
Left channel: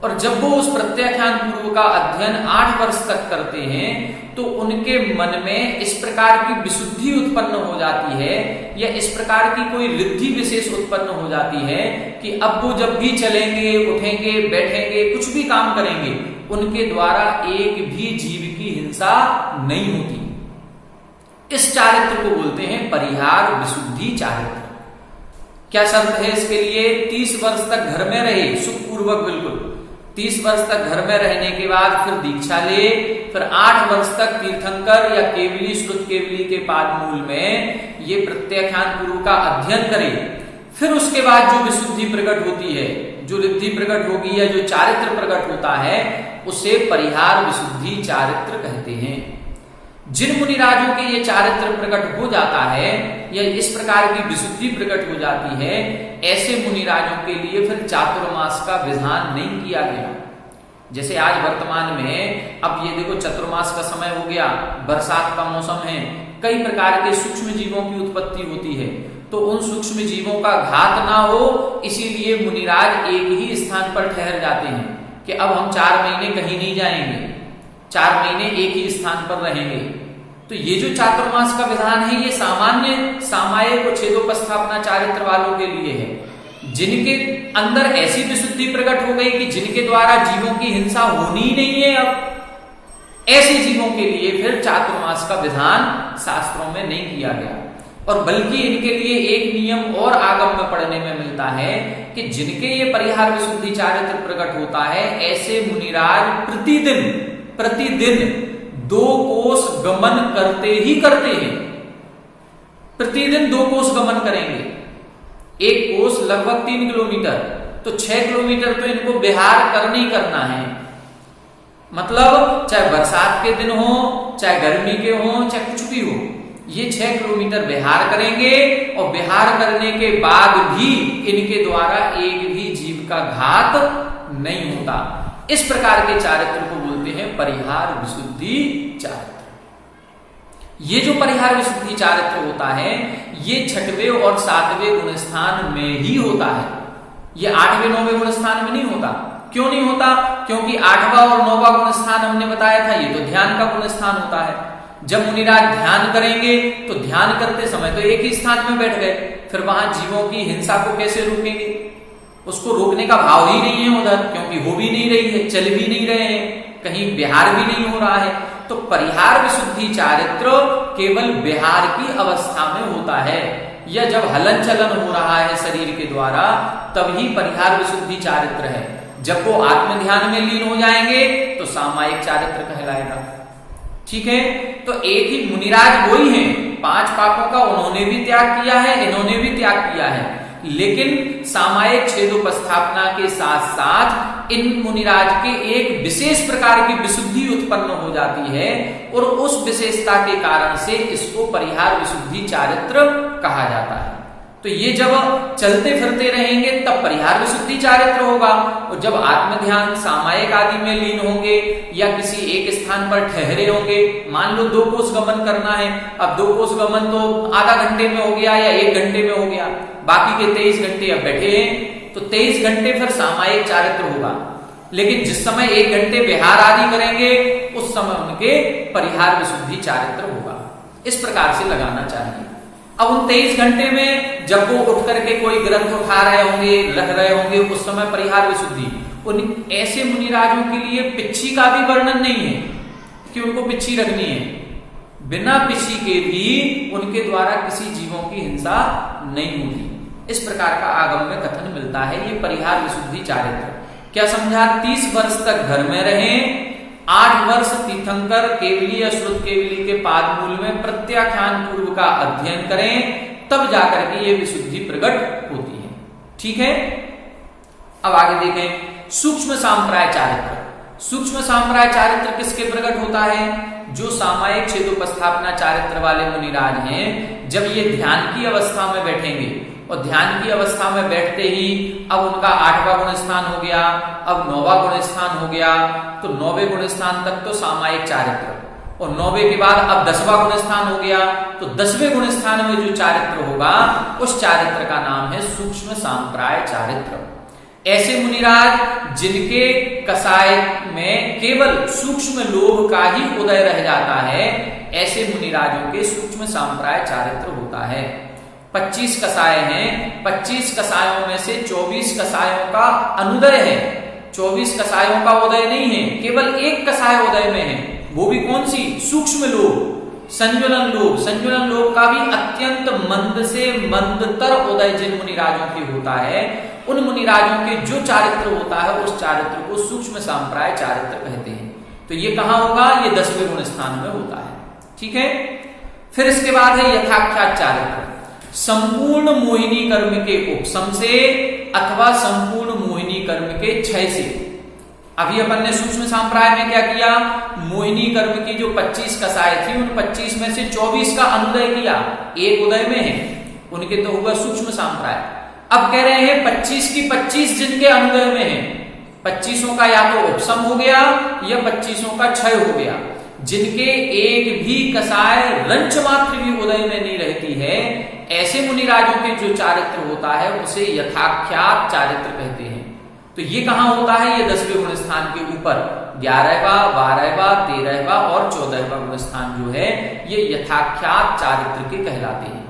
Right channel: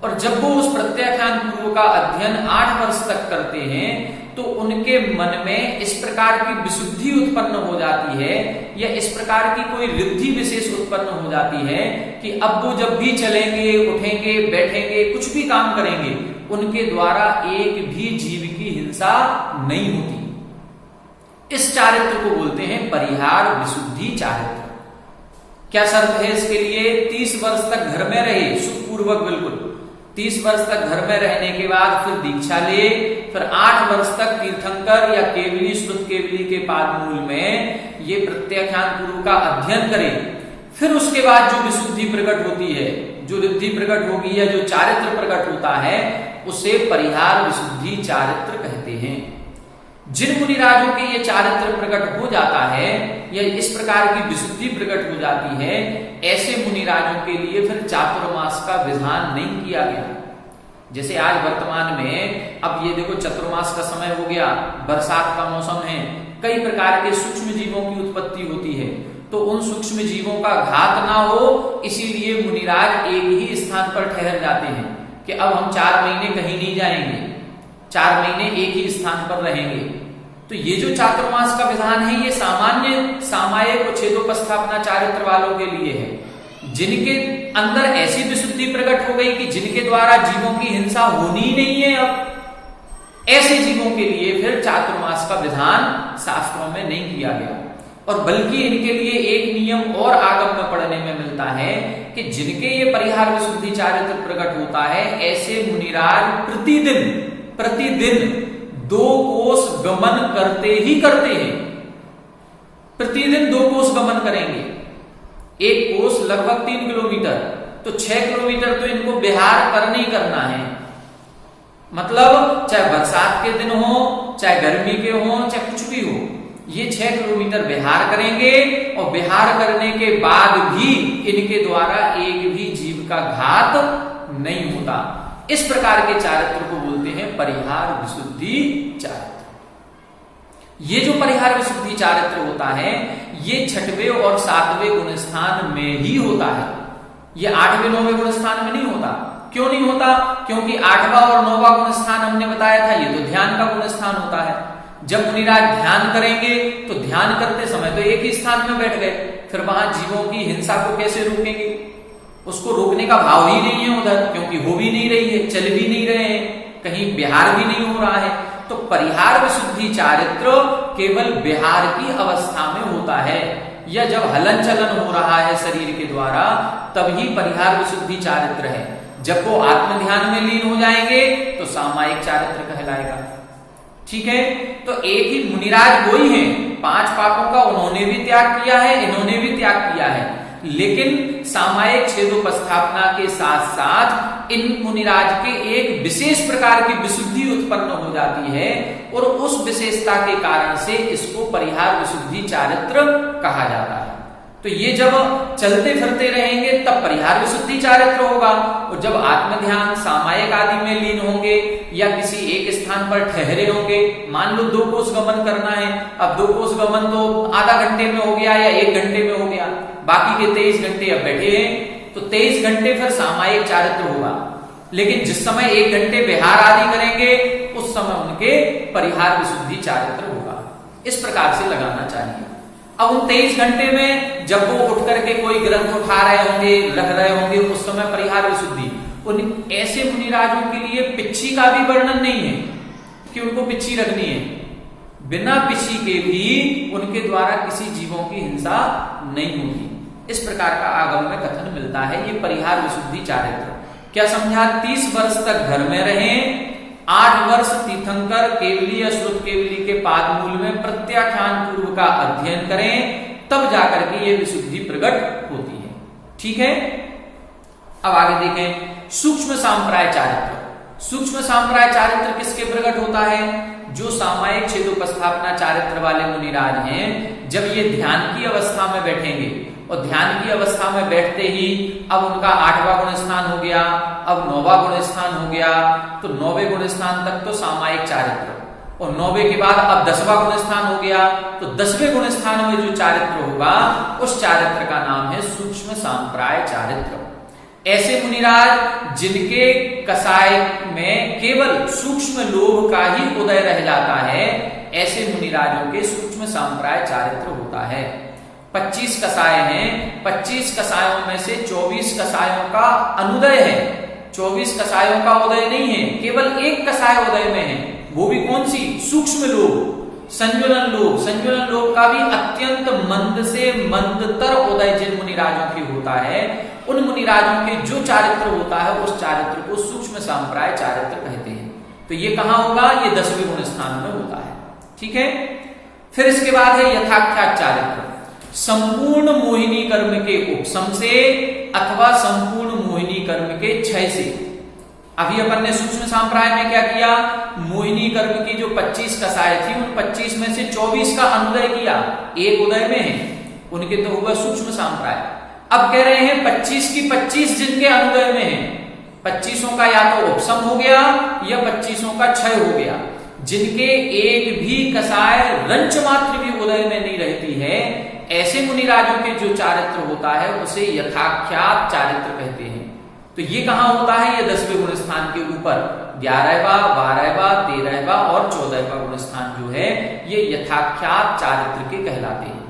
और जब वो उस प्रत्याख्यान पूर्व का अध्ययन 8 वर्ष तक करते हैं, तो उनके मन में इस प्रकार की विशुद्धि उत्पन्न हो जाती है, या इस प्रकार की कोई रिद्धि विशेष उत्पन्न हो जाती है कि अब वो जब भी चलेंगे, उठेंगे, बैठेंगे, कुछ भी काम करेंगे, उनके द्वारा एक भी जीव की हिंसा नहीं होती। इस चारित्र को बोलते हैं परिहार विशुद्धि चारित्र। क्या शर्त है इसके लिए? 30 वर्ष तक घर में रहे, सुखपूर्वक बिल्कुल। 30 वर्ष तक घर में रहने के बाद फिर दीक्षा ले, फिर 8 वर्ष तक तीर्थंकर या केवली श्रुत केवली के पादमूल में ये प्रत्याख्यान पूर्व का अध्ययन करे। फिर उसके बाद जो विशुद्धि प्रकट होती है, जो रिद्धि प्रकट होगी या जो चारित्र प्रकट होता है, उसे परिहार विशुद्धि चारित्र कहते हैं। जिन मुनिराजों के ये चारित्र प्रकट हो जाता है या इस प्रकार की विशुद्धि प्रकट हो जाती है, ऐसे मुनिराजों के लिए फिर चातुर्मास का विधान नहीं किया गया। जैसे आज वर्तमान में, अब ये देखो चतुर्मास का समय हो गया, बरसात का मौसम है, कई प्रकार के सूक्ष्म जीवों की उत्पत्ति होती है, तो उन सूक्ष्म जीवों का घात ना हो, इसीलिए मुनिराज एक ही स्थान पर ठहर जाते हैं कि अब हम 4 महीने कहीं नहीं जाएंगे, 4 महीने एक ही स्थान पर रहेंगे। तो ये जो चातुर्मास का विधान है, ये सामान्य सामायिक और छेदोपस्थापना चारित्र वालों के लिए है, जिनके अंदर ऐसी विशुद्धि प्रकट हो गई कि जिनके द्वारा जीवों की हिंसा होनी ही नहीं है। अब ऐसे जीवों के लिए फिर चातुर्मास का विधान शास्त्रों में नहीं किया गया। और बल्कि इनके लिए एक नियम और आगम में पढ़ने में मिलता है कि जिनके ये परिहार विशुद्धि चारित्र प्रकट होता है, ऐसे मुनिराज प्रतिदिन 2 कोस गमन करते ही करते हैं। प्रतिदिन 2 कोस गमन करेंगे। एक कोस लगभग 3 किलोमीटर, तो 6 किलोमीटर तो इनको विहार करना ही करना है। मतलब चाहे बरसात के दिन हो, चाहे गर्मी के हो, चाहे कुछ भी हो, ये 6 किलोमीटर विहार करेंगे। और विहार करने के बाद भी इनके द्वारा एक भी जीव का घात नहीं होता। इस प्रकार के चारित्र को बोलते हैं परिहार विशुद्धि चारित्र। ये जो परिहार विशुद्धि चारित्र होता है, ये 6वें और 7वें गुण स्थान में ही होता है। ये 8वें 9वें गुण स्थान में नहीं होता। क्यों नहीं होता? क्योंकि 8वां और 9वां गुण स्थान हमने बताया था, ये तो ध्यान का गुण स्थान होता है। जब मुनिराज ध्यान करेंगे तो ध्यान करते समय तो एक ही स्थान में बैठ गए, फिर वहां जीवों की हिंसा को कैसे रोकेंगे? उसको रोकने का भाव ही नहीं है उधर, क्योंकि हो भी नहीं रही है, चल भी नहीं रहे हैं, कहीं विहार भी नहीं हो रहा है। तो परिहार विशुद्धि चारित्र केवल विहार की अवस्था में होता है, या जब हलन चलन हो रहा है शरीर के द्वारा, तभी परिहार विशुद्धि चारित्र है। जब वो आत्म ध्यान में लीन हो जाएंगे तो सामायिक चारित्र कहलाएगा। ठीक है, तो एक ही मुनिराज वही हैं, 5 पापों का उन्होंने भी त्याग किया है, इन्होंने भी त्याग किया है, लेकिन सामायिक छेदोपस्थापना के साथ साथ इन मुनिराज के एक विशेष प्रकार की विशुद्धि उत्पन्न हो जाती है और उस विशेषता के कारण से इसको परिहार विशुद्धि चारित्र कहा जाता है। तो ये जब चलते फिरते रहेंगे तब परिहार विशुद्धि चारित्र होगा, और जब आत्म ध्यान सामायिक आदि में लीन होंगे या किसी एक स्थान पर ठहरे होंगे, मान लो 2 कोस गमन करना है, अब 2 कोस गमन तो आधा घंटे में हो गया या 1 घंटे में हो गया, बाकी के 23 घंटे अब बैठे हैं, तो 23 घंटे फिर सामायिक चारित्र होगा। लेकिन जिस समय 1 घंटे विहार आदि करेंगे उस समय उनके परिहार विशुद्धि चारित्र होगा। इस प्रकार से लगाना चाहिए। अब उन 23 घंटे में जब वो उठ करके कोई ग्रंथ उठा रहे होंगे, रह रहे होंगे, उस समय परिहार विशुद्धि। उन ऐसे मुनिराजों के लिए पिच्छी का भी वर्णन नहीं है कि उनको पिच्छी रखनी है, बिना पिच्छी के भी उनके द्वारा किसी जीवों की हिंसा नहीं होती। इस प्रकार का आगम में कथन मिलता है। ये परिहार विशुद्धि चारित्र क्या समझा? 30 वर्ष तक घर में रहें, 8 वर्ष तीर्थंकर केवली या श्रुत केवली के पाद मूल में प्रत्याख्यान पूर्व का अध्ययन करें, तब जाकर के ये विशुद्धि प्रकट होती है। ठीक है, अब आगे देखें सूक्ष्म सांप्राय चारित्र। सूक्ष्म सांप्राय चारित्र किसके प्रकट होता है? जो सामायिक छेदोपस्थापना चारित्र वाले मुनिराज हैं, जब ये ध्यान की अवस्था में बैठेंगे और ध्यान की अवस्था में बैठते ही अब उनका 8वां गुण स्थान हो गया, अब 9वां गुण स्थान हो गया, तो 9वें गुण स्थान तक तो सामायिक चारित्र, और 9वें के बाद अब 10वां गुण स्थान हो गया, तो 10वें गुण स्थान में जो चारित्र होगा उस चारित्र का नाम है सूक्ष्म सांप्राय चारित्र। ऐसे मुनिराज जिनके कसाय में केवल सूक्ष्म लोभ का ही उदय रह जाता है, ऐसे मुनिराजों के सूक्ष्म सांप्राय चारित्र होता है। 25 कसाय हैं, 25 कसायों में से 24 कसायों का अनुदय है, 24 कसायों का उदय नहीं है, केवल एक कसाय उदय में है। वो भी कौन सी? सूक्ष्म लोभ, संजुलन लोभ। संजुलन लोभ का भी अत्यंत मंद से मंदतर उदय जिन मुनिराजों की होता है, उन मुनिराजों के जो चारित्र होता है उस चारित्र को सूक्ष्म सांप्राय चारित्र कहते हैं। तो ये कहां होगा? ये 10वें गुण स्थान में होता है। ठीक है, फिर इसके बाद है यथाख्यात चारित्र। संपूर्ण मोहिनी कर्म के उपशम से अथवा संपूर्ण मोहिनी कर्म के क्षय से। अभी अपन ने सूक्ष्म सांप्राय में क्या किया? मोहिनी कर्म की जो 25 कसाय थी उन 25 में से 24 का अनुदय किया, एक उदय में है, उनके तो हुआ सूक्ष्म सांप्राय। अब कह रहे हैं 25 की 25 जिनके अनुदय में है, 25 का या तो उपशम हो गया या 25 का क्षय हो गया। जिनके एक भी कसाय रंच मात्र भी उदय में नहीं रहती है, ऐसे मुनिराजों के जो चारित्र होता है उसे यथाख्यात चारित्र कहते हैं। तो ये कहां होता है? ये 10वें गुण स्थान के ऊपर 11वां, 12वां, 13वां और 14वां गुण स्थान जो है ये यथाख्यात चारित्र के कहलाते हैं।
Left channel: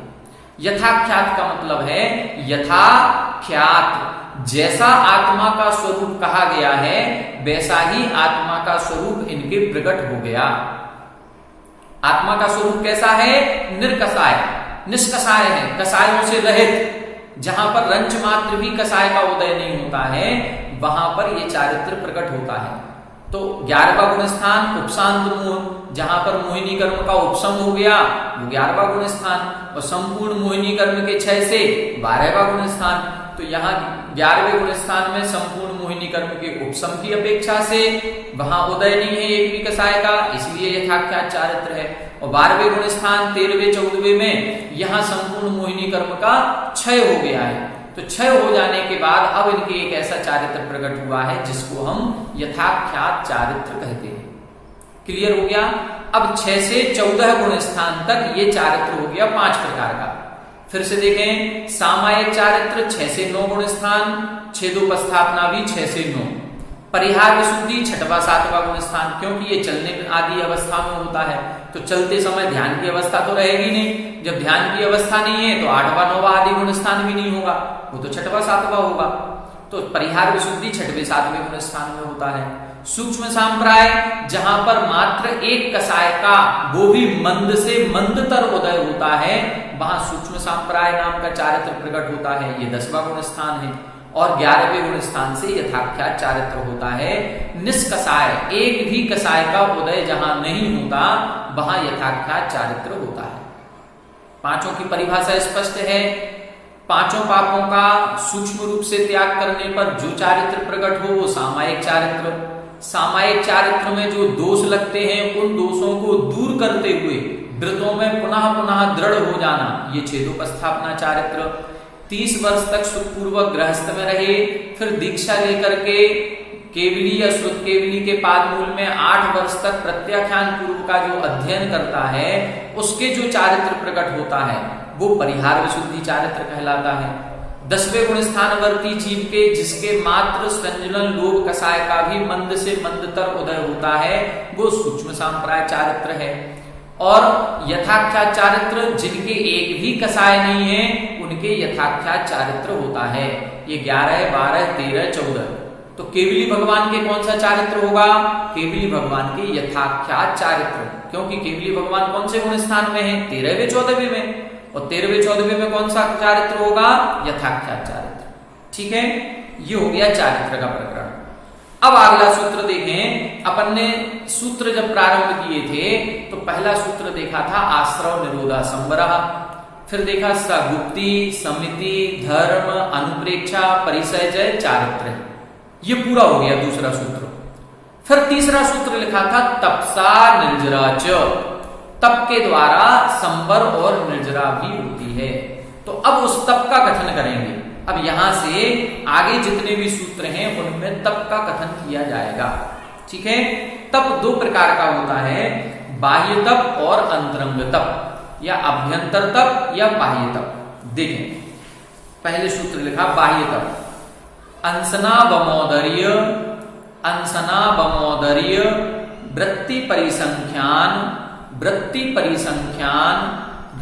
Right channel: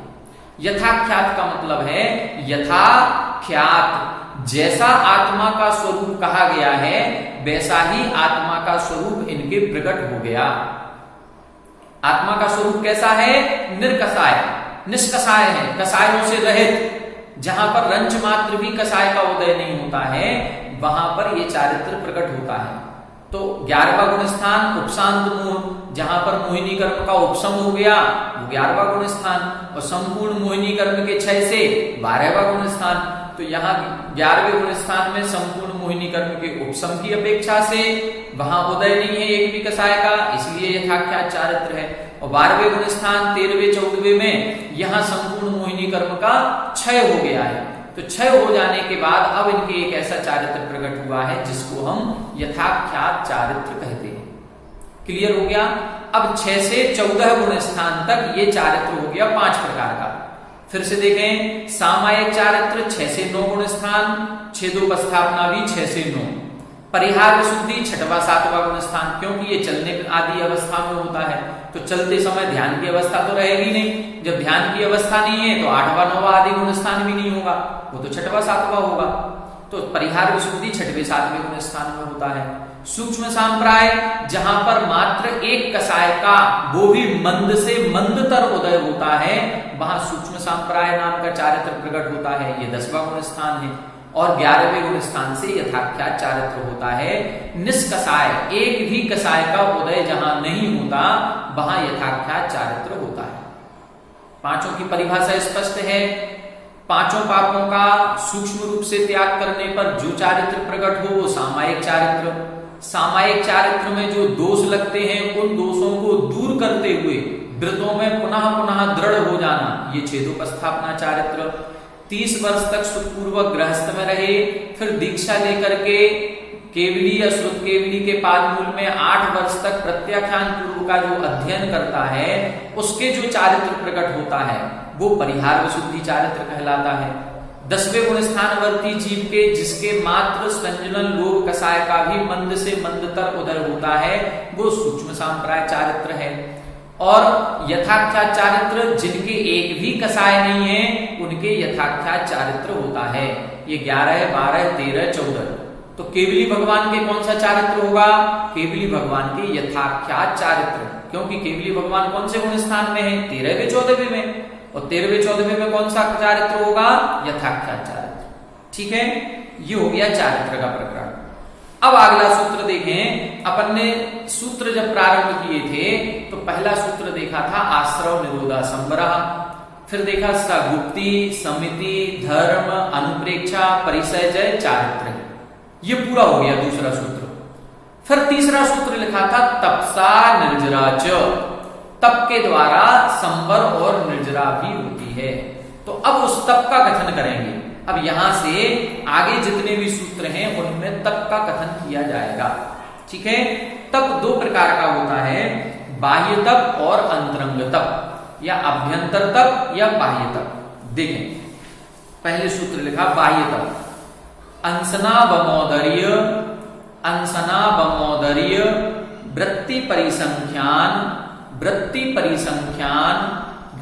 यथाख्यात का मतलब है यथाख्यात, जैसा आत्मा का स्वरूप कहा गया है वैसा ही आत्मा का स्वरूप इनके प्रकट हो गया। आत्मा का स्वरूप कैसा है? निर्कसाय, निष्कसाय है, कसायों से रहित। जहां पर रंच मात्र भी कसाय का उदय नहीं होता है वहां पर ये चारित्र प्रकट होता है। तो 11वां गुण स्थान उपशांत मोह, जहां पर मोहिनी कर्म का उपशम हो गया वो 11वां गुण स्थान, और संपूर्ण मोहिनी कर्म के क्षय से 12वां गुण स्थान। तो यहाँ 11वें गुण स्थान में संपूर्ण मोहिनी कर्म के उपशम की अपेक्षा से वहां उदय नहीं है एक भी कसाय का, इसलिए यथाख्यात चारित्र है। और 12वें गुण स्थान 13वें 14वें में यहाँ संपूर्ण मोहिनी कर्म का क्षय हो गया है। तो क्षय हो जाने के बाद अब इनके एक ऐसा चारित्र प्रकट हुआ है जिसको हम यथाख्यात चारित्र कहते हैं। क्लियर हो गया? अब 6 से 14 गुण स्थान तक ये चारित्र हो गया 5 प्रकार का। फिर से देखें सामायिक चारित्र 6 से 9 गुण स्थान, छेदोपस्थापना भी 6 से 9, परिहार विशुद्धि 6वां 7वां गुण स्थान, क्योंकि ये चलने आदि अवस्था में होता है तो चलते समय ध्यान की अवस्था तो रहेगी नहीं। जब ध्यान की अवस्था नहीं है तो 8वां 9वां आदि गुण स्थान भी नहीं होगा, वो तो 6वां 7वां होगा। तो परिहार विशुद्धि 6वें 7वें गुण स्थान में होता है। सूक्ष्म सांप्राय जहां पर मात्र एक कसाय का वो भी मंद से मंदतर उदय होता है, वहां सूक्ष्म सांप्राय नाम का चारित्र प्रकट होता है, ये 10वां गुण स्थान है। और 11वें गुण स्थान से यथाख्यात चारित्र होता है। निष्कसाय, एक भी कसाय का उदय जहां नहीं होता वहां यथाख्यात चारित्र होता है। पांचों की परिभाषा स्पष्ट है। पांचों पापों का सूक्ष्म रूप से त्याग करने पर जो चारित्र प्रकट हो वो सामायिक चारित्र। सामायिक चारित्र में जो दोष लगते हैं उन दोषों को दूर करते हुए व्रतों में पुनः पुनः दृढ़ हो जाना, ये छेदोपस्थापना चारित्र। 30 वर्ष तक सुखपूर्वक गृहस्थ में रहे, फिर दीक्षा लेकर के केवली या श्रुत केवली के पादमूल में 8 वर्ष तक प्रत्याख्यान पूर्व का जो अध्ययन करता है उसके जो चारित्र प्रकट होता है वो परिहार विशुद्धि चारित्र कहलाता है। 10वें गुण स्थानवर्ती जीव के जिसके मात्र संजलन लोभ कसाय का भी मंद से मंदतर उदय होता है वो सूक्ष्म सांप्राय चारित्र है। और यथाख्यात चारित्र जिनके एक भी कसाय नहीं है उनके यथाख्यात चारित्र होता है। ये 11, 12, 13, 14। तो केवली भगवान के कौन सा चारित्र होगा? केवली भगवान के यथाख्यात चारित्र, क्योंकि केवली भगवान कौन से गुण स्थान में है? 13वें 14वें में। और 13वें 14वें में कौन सा चारित्र होगा? यथाख्यात चारित्र। ठीक है, ये हो गया चारित्र का प्रकरण। अब अगला सूत्र देखें। अपन ने सूत्र जब प्रारंभ किए थे तो पहला सूत्र देखा था आश्रव निरोधा संवरः, फिर देखा सगुप्ति, समिति, धर्म, अनुप्रेक्षा, परिसय, जय, चारित्र। ये पूरा हो गया दूसरा सूत्र। फिर तीसरा सूत्र लिखा था तपसा निर्जरा च, तप के द्वारा संवर और निर्जरा भी होती है। तो अब उस तप का कथन करेंगे। अब यहां से आगे जितने भी सूत्र हैं उनमें तप का कथन किया जाएगा। ठीक है, तप 2 प्रकार का होता है, बाह्य तप और अंतरंग तप, या अभ्यंतर तप या बाह्य तप। देखें, पहले सूत्र लिखा बाह्य तप। अंसना बमोदर्य, अंसना बमोदर्य, वृत्ति परिसंख्यान, वृत्ति परिसंख्यान,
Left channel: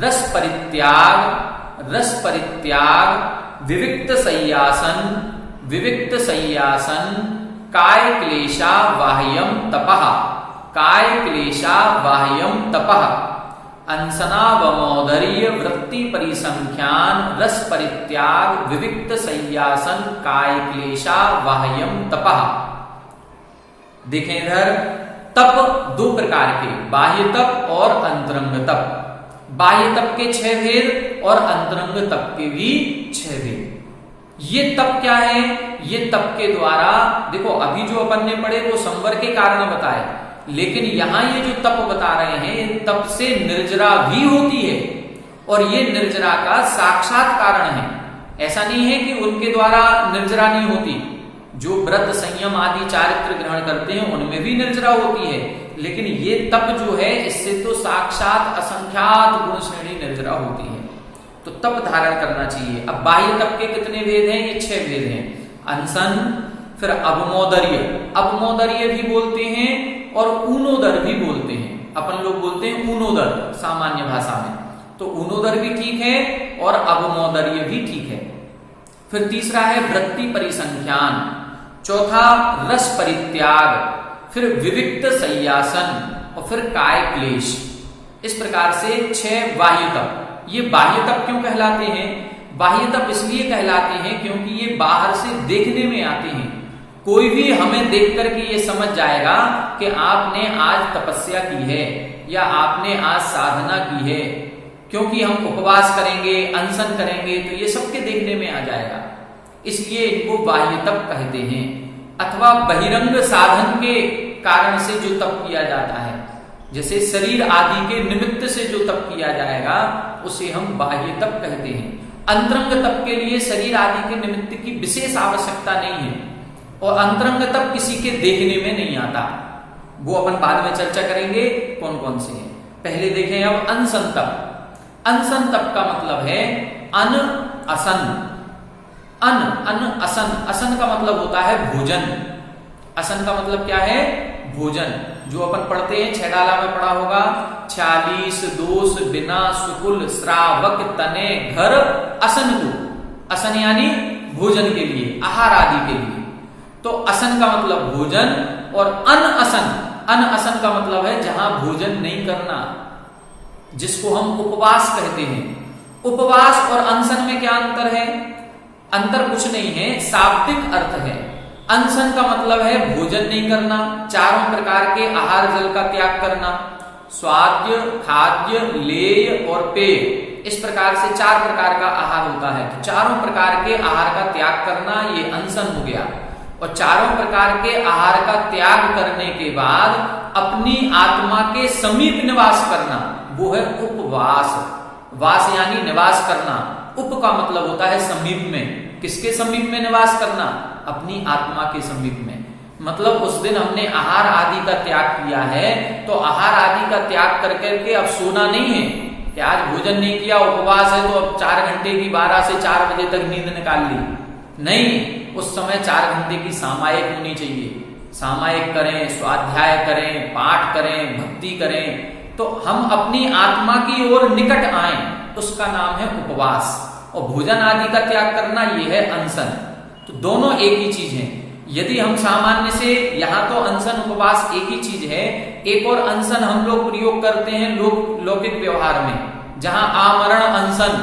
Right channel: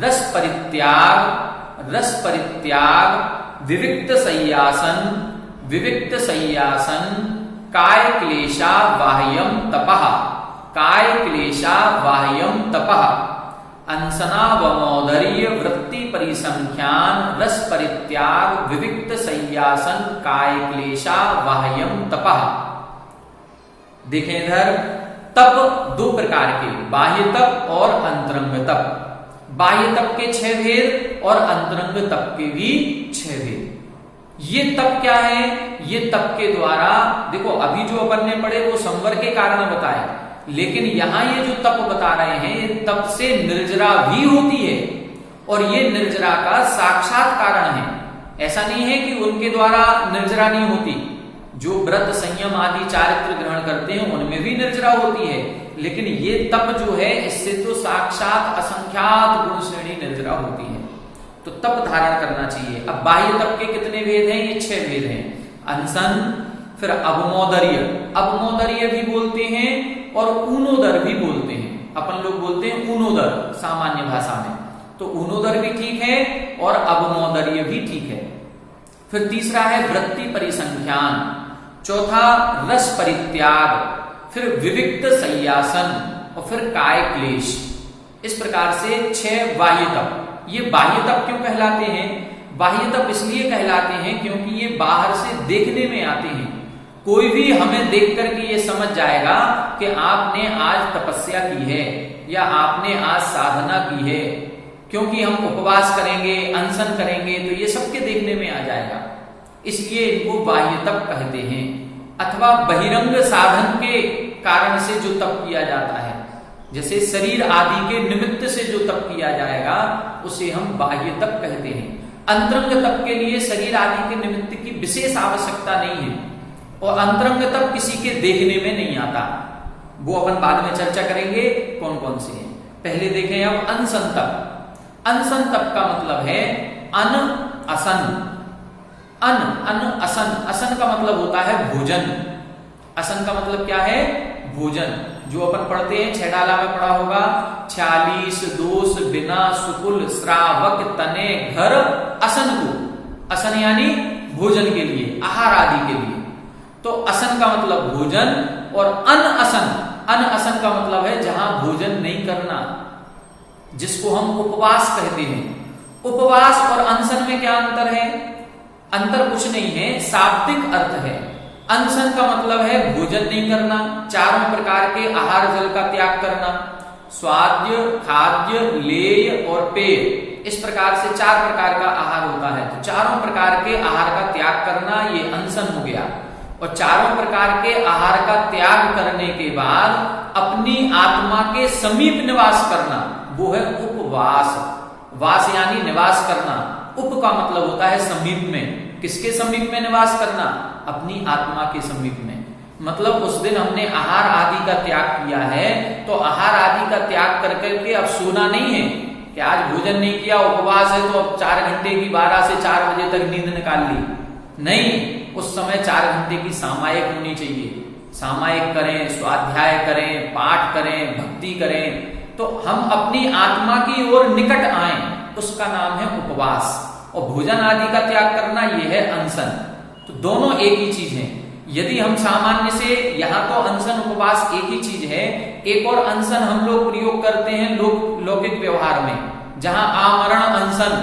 रस परित्याग, रस परित्याग, विविक्त सय्यासन, विविक्त सय्यासन, काय क्लेशा बाह्यम तपः, काय क्लेशा बाह्यम तपः, अंसना वमोदर्य, वृत्ति परिसंख्यान, रस परित्याग, विविक्त सय्यासन, काय क्लेशा बाह्यम तपः। देखें इधर, तप 2 प्रकार के, बाह्य तप और अंतरंग तप। बाह्य तप के 6 भेद और अंतरंग तप के भी 6 भेद। ये तप क्या है? ये तप के द्वारा, देखो अभी जो अपन ने पढ़े वो संवर के कारण बताए, लेकिन यहां ये जो तप बता रहे हैं तप से निर्जरा भी होती है और ये निर्जरा का साक्षात कारण है। ऐसा नहीं है कि उनके द्वारा निर्जरा नहीं होती। जो व्रत संयम आदि चारित्र ग्रहण करते हैं उनमें भी निर्जरा होती है, लेकिन ये तप जो है इससे तो साक्षात असंख्यात गुण श्रेणी निर्जरा होती है। तो तप धारण करना चाहिए। अब बाह्य तप के कितने भेद हैं? ये 6 भेद हैं। अनशन, फिर अवमोदर्य, अवमोदर्य भी बोलते हैं और ऊनोदर भी बोलते हैं। अपन लोग बोलते हैं ऊनोदर सामान्य भाषा में, तो ऊनोदर भी ठीक है और अवमोदर्य भी ठीक है। फिर तीसरा है वृत्ति परिसंख्यान, चौथा रस परित्याग, फिर विविक्त सय्यासन और फिर काय क्लेश। इस प्रकार से 6 बाह्य तप। ये बाह्य तप क्यों कहलाते हैं? बाह्य तप इसलिए कहलाते हैं क्योंकि ये बाहर से देखने में आते हैं। कोई भी हमें देख करके ये समझ जाएगा कि आपने आज तपस्या की है या आपने आज साधना की है, क्योंकि हम उपवास करेंगे, अनशन करेंगे तो ये सबके देखने में आ जाएगा। इसलिए इनको बाह्य तप कहते हैं। अथवा बहिरंग साधन के कारण से जो तप किया जाता है, जैसे शरीर आदि के निमित्त से जो तप किया जाएगा उसे हम बाह्य तप कहते हैं। अंतरंग तप के लिए शरीर आदि के निमित्त की विशेष आवश्यकता नहीं है और अंतरंग तप किसी के देखने में नहीं आता। वो अपन बाद में चर्चा करेंगे कौन कौन से हैं। पहले देखें अब अनशन तप। अनशन तप का मतलब है अन असन। अन असन, असन का मतलब होता है भोजन। असन का मतलब क्या है? भोजन। जो अपन पढ़ते हैं 6 डाला में पढ़ा होगा, 46 दोष बिना सुकुल श्रावक तने घर असन को। असन यानी भोजन के लिए, आहार आदि के लिए। तो असन का मतलब भोजन और अन असन का मतलब है जहां भोजन नहीं करना, जिसको हम उपवास कहते हैं। उपवास और अनशन में क्या अंतर है? अंतर कुछ नहीं है, शाब्दिक अर्थ है। अनशन का मतलब है भोजन नहीं करना, चारों प्रकार के आहार जल का त्याग करना, स्वाद्य, खाद्य, लेय और पेय, इस प्रकार से 4 प्रकार का आहार होता है। तो चारों प्रकार के आहार का त्याग करना ये अनशन हो गया। और चारों प्रकार के आहार का त्याग करने के बाद अपनी आत्मा के समीप निवास करना, वो है उपवास। वास यानी निवास करना, उप का मतलब होता है समीप में। किसके समीप में निवास करना? अपनी आत्मा के समीप में। मतलब उस दिन हमने आहार आदि का त्याग किया है, तो आहार आदि का त्याग कर करके अब सोना नहीं है कि आज भोजन नहीं किया, उपवास है तो अब 4 घंटे की 12 से 4 बजे तक नींद निकाल ली। नहीं, उस समय 4 घंटे की सामायिक होनी चाहिए। सामायिक करें, स्वाध्याय करें, पाठ करें, भक्ति करें, तो हम अपनी आत्मा की ओर निकट आए, उसका नाम है उपवास। और भोजन आदि का त्याग करना ये है अनशन। तो दोनों एक ही चीज है। यदि हम सामान्य से, यहाँ तो अनशन उपवास एक ही चीज है, एक और अनशन हम लोग प्रयोग करते हैं लौकिक व्यवहार में, जहां आमरण अनशन,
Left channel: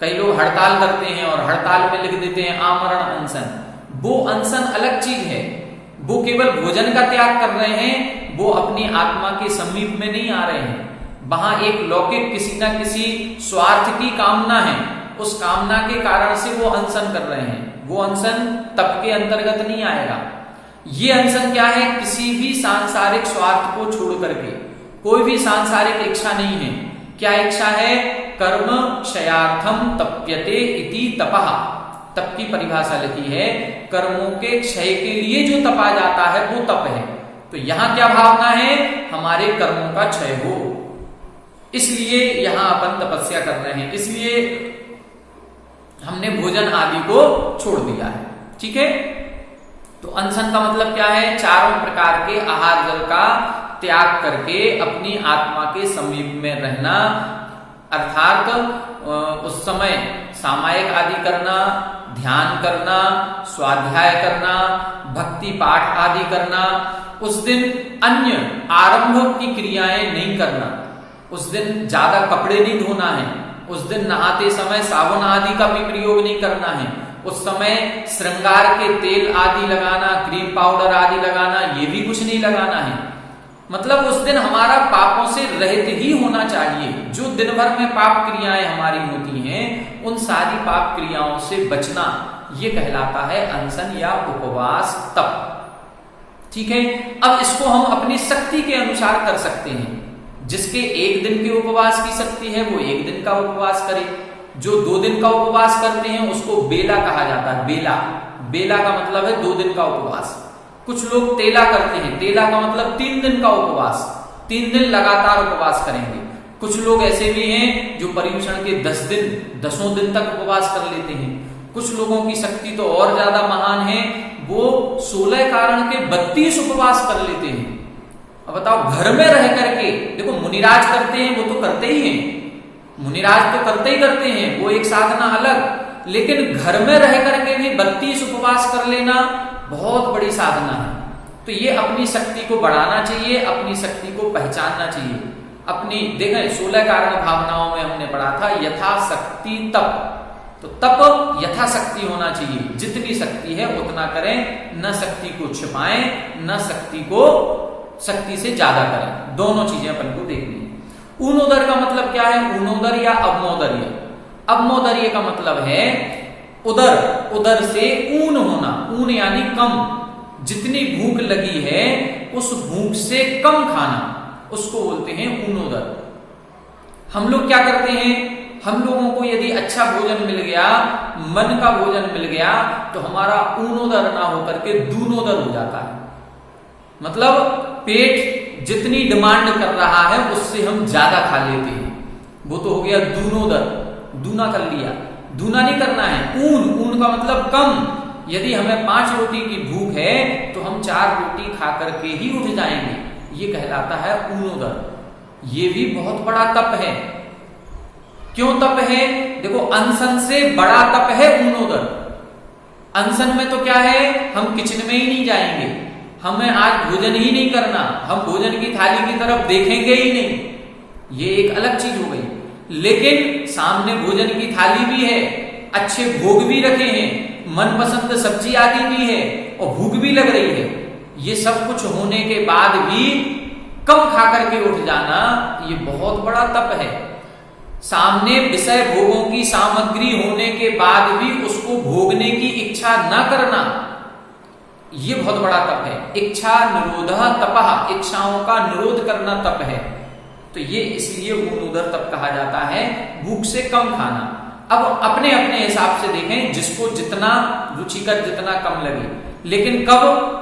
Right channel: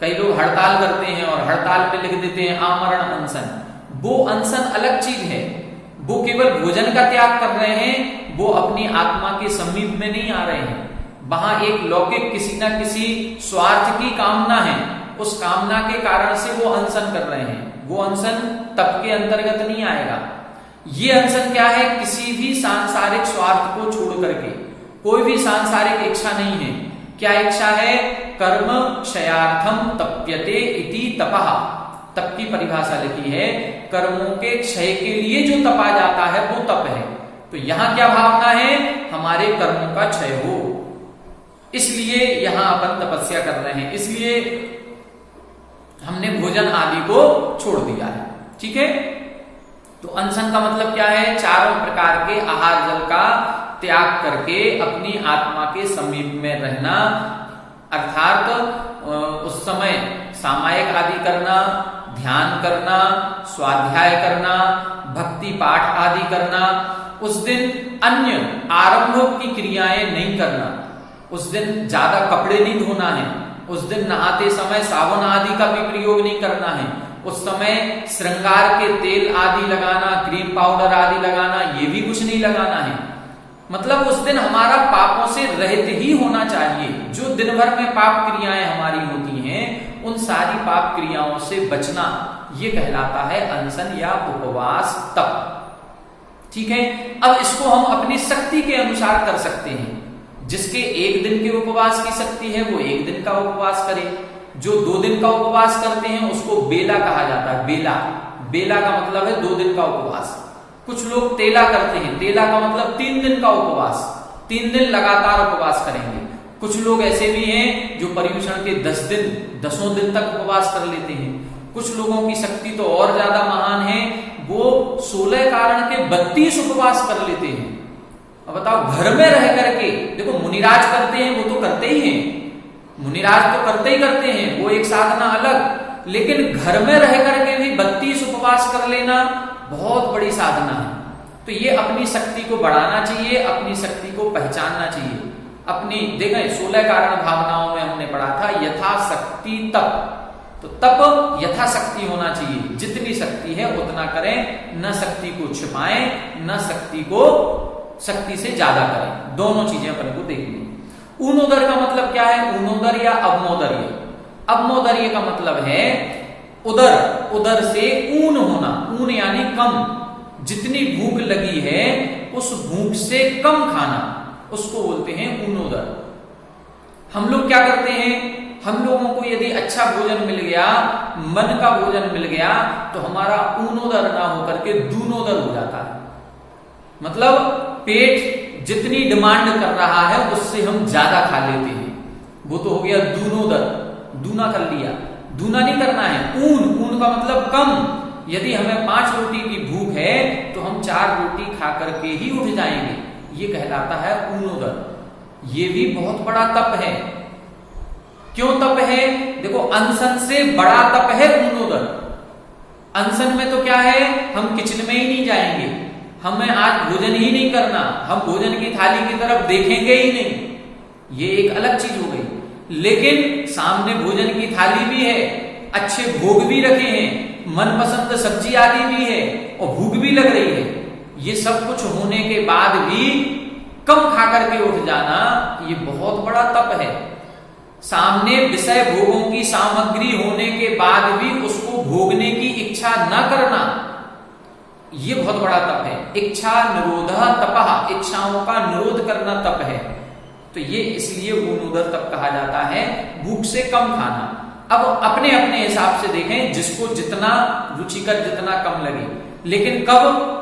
कई लोग हड़ताल करते हैं और हड़ताल पे लिख देते हैं आमरण अनशन। वो अनशन अलग चीज है, वो केवल भोजन का त्याग कर रहे हैं, वो अपनी आत्मा के समीप में नहीं आ रहे हैं। वहां एक लौकिक किसी न किसी स्वार्थ की कामना है, उस कामना के कारण से वो अनशन कर रहे हैं। वो अनशन तप के अंतर्गत नहीं आएगा। ये अनशन क्या है? किसी भी सांसारिक स्वार्थ को छोड़ करके, कोई भी सांसारिक इच्छा नहीं है। क्या इच्छा है? कर्म क्षयार्थम तप्यते इति तपः। तप की परिभाषा लिखी है, कर्मों के क्षय के लिए जो तपा जाता है वो तप है। तो यहां क्या भावना है? हमारे कर्मों का क्षय हो, इसलिए यहां अपन तपस्या कर रहे हैं, इसलिए हमने भोजन आदि को छोड़ दिया है। ठीक है, तो अनशन का मतलब क्या है? चारों प्रकार के आहार जल का त्याग करके अपनी आत्मा के समीप में रहना, अर्थात उस समय सामायिक आदि करना, ध्यान करना, स्वाध्याय करना, भक्ति पाठ आदि करना। उस दिन अन्य आरंभ की क्रियाएं नहीं करना। उस दिन ज्यादा कपड़े नहीं धोना है। उस दिन नहाते समय साबुन आदि का भी प्रयोग नहीं करना है। उस समय श्रृंगार के तेल आदि लगाना, क्रीम पाउडर आदि लगाना, ये भी कुछ नहीं लगाना है। मतलब उस दिन हमारा पापों से रहित ही होना चाहिए। जो दिन भर में पाप क्रियाएं हमारी होती हैं, उन सारी पाप क्रियाओं से बचना, ये कहलाता है अनशन या उपवास, तप। ठीक है, अब इसको हम अपनी शक्ति के अनुसार कर सकते हैं। जिसके 1 दिन के उपवास की शक्ति है वो 1 दिन का उपवास करे। जो 2 दिन का उपवास करते हैं उसको बेला कहा जाता है। बेला, बेला का मतलब है 2 दिन का उपवास। कुछ लोग तेला करते हैं, तेला का मतलब 3 दिन का उपवास, 3 दिन लगातार उपवास करेंगे। कुछ लोग ऐसे भी हैं जो पर्युषण के 10 दिन, 10 दिन तक उपवास कर लेते हैं। कुछ लोगों की शक्ति तो और ज्यादा महान है, वो 16 कारण के 32 उपवास कर लेते हैं। अब बताओ, घर में रह करके, देखो मुनिराज करते हैं, वो तो करते ही हैं, मुनिराज तो करते ही करते हैं, वो एक साधना अलग, लेकिन घर में रह करके भी 32 उपवास कर लेना बहुत बड़ी साधना है। तो ये अपनी शक्ति को बढ़ाना चाहिए, अपनी शक्ति को पहचानना चाहिए। अपनी देखें 16 कारण भावनाओं में हमने पढ़ा था यथाशक्ति तप, तो तप यथाशक्ति होना चाहिए। जितनी शक्ति है उतना करें, न शक्ति को छिपाएं, न शक्ति को शक्ति से ज्यादा करें। दोनों चीजें अपन को देखनी है। ऊनोदर का मतलब क्या है? ऊनोदर या अवमोदर्य। अवमोदर्य का मतलब है उदर, उदर से ऊन होना। ऊन यानी कम, जितनी भूख लगी है उस भूख से कम खाना, उसको बोलते हैं ऊनोदर। हम लोग क्या करते हैं? हम लोगों को यदि अच्छा भोजन मिल गया, मन का भोजन मिल गया, तो हमारा ऊनोदर ना होकर के दूनोदर हो जाता है। मतलब पेट जितनी डिमांड कर रहा है उससे हम ज्यादा खा लेते हैं, वो तो हो गया दूनोदर, दूना कर लिया। दूना नहीं करना है। ऊन, ऊन का मतलब कम। यदि हमें 5 रोटी की भूख है तो हम 4 रोटी खा करके ही उठ जाएंगे, ये कहलाता है ऊनोदर। ये भी बहुत बड़ा तप है। क्यों तप है? देखो, अनशन से बड़ा तप है ऊनोदर। अनशन में तो क्या है, हम किचन में ही नहीं जाएंगे, हमें आज भोजन ही नहीं करना, हम भोजन की थाली की तरफ देखेंगे ही नहीं, ये एक अलग चीज हो गई। लेकिन सामने भोजन की थाली भी है, अच्छे भोग भी रखे हैं, मनपसंद सब्जी आदि भी है और भूख भी लग रही है, ये सब कुछ होने के बाद भी कम खा करके उठ जाना, ये बहुत बड़ा तप है। सामने विषय भोगों की सामग्री होने के बाद भी उसको भोगने की इच्छा न करना, ये बहुत बड़ा तप है। इच्छा निरोध तपः, इच्छाओं का निरोध करना तप है। तो ये इसलिए ऊर्ध्वर तप कहा जाता है, भूख से कम खाना। अब अपने अपने हिसाब से देखें, जिसको जितना रुचिकर, जितना कम लगे, लेकिन कब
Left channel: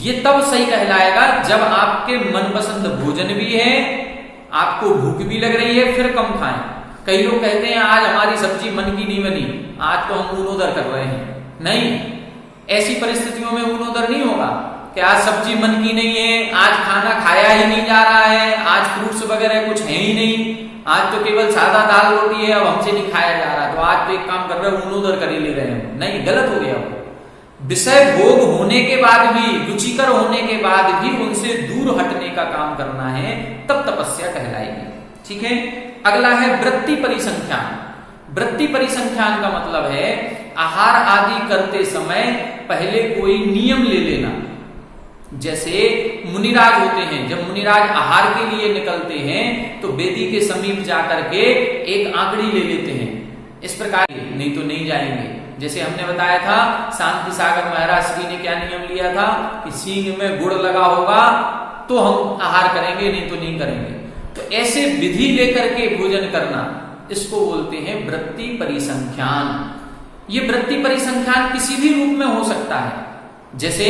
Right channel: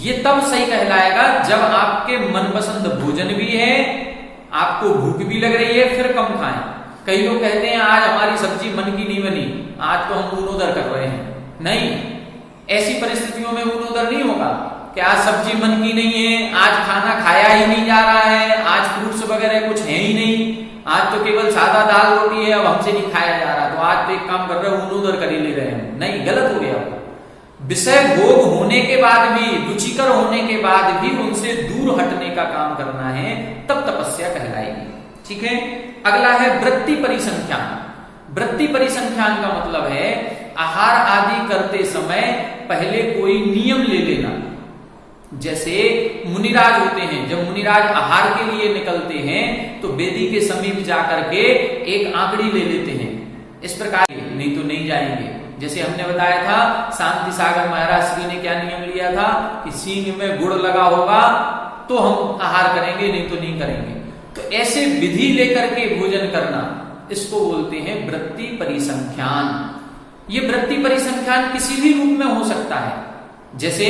ये तब सही कहलाएगा जब आपके मनपसंद भोजन भी है, आपको भूख भी लग रही है, फिर कम खाएं। कई लोग कहते हैं आज हमारी सब्जी मन की नहीं बनी, आज तो हम ऊर्ध्वर कर रहे हैं। नहीं, ऐसी परिस्थितियों में ऊर्ध्वर नहीं होगा कि आज सब्जी मन की नहीं है, आज खाना खाया ही नहीं जा रहा है, आज फ्रूट्स वगैरह कुछ है ही नहीं, आज तो केवल सादा दाल रोटी है, अब हमसे नहीं खाया जा रहा, तो आज तो एक काम कर रहे हो, ऊर्ध्वर कर ही ले रहे हैं। नहीं, गलत हो गया वो। विषय भोग होने के बाद भी, रुचिकर होने के बाद भी उनसे दूर हटने का काम करना है, तब तपस्या कहलाएगी। ठीक है। अगला है वृत्ति परिसंख्यान। वृत्ति परिसंख्यान का मतलब है आहार आदि करते समय पहले कोई नियम ले लेना। जैसे मुनिराज होते हैं, जब मुनिराज आहार के लिए निकलते हैं तो वेदी के समीप जाकर के एक आंकड़ी ले लेते हैं। इस प्रकार, नहीं तो नहीं जाएंगे। जैसे हमने बताया था, शांति सागर महाराज श्री ने क्या नियम लिया था कि सींग में गुड़ लगा होगा तो हम आहार करेंगे, नहीं तो नहीं करेंगे। तो ऐसे विधि लेकर के भोजन करना, इसको बोलते हैं वृत्ति परिसंख्यान। ये वृत्ति परिसंख्यान किसी भी रूप में हो सकता है। जैसे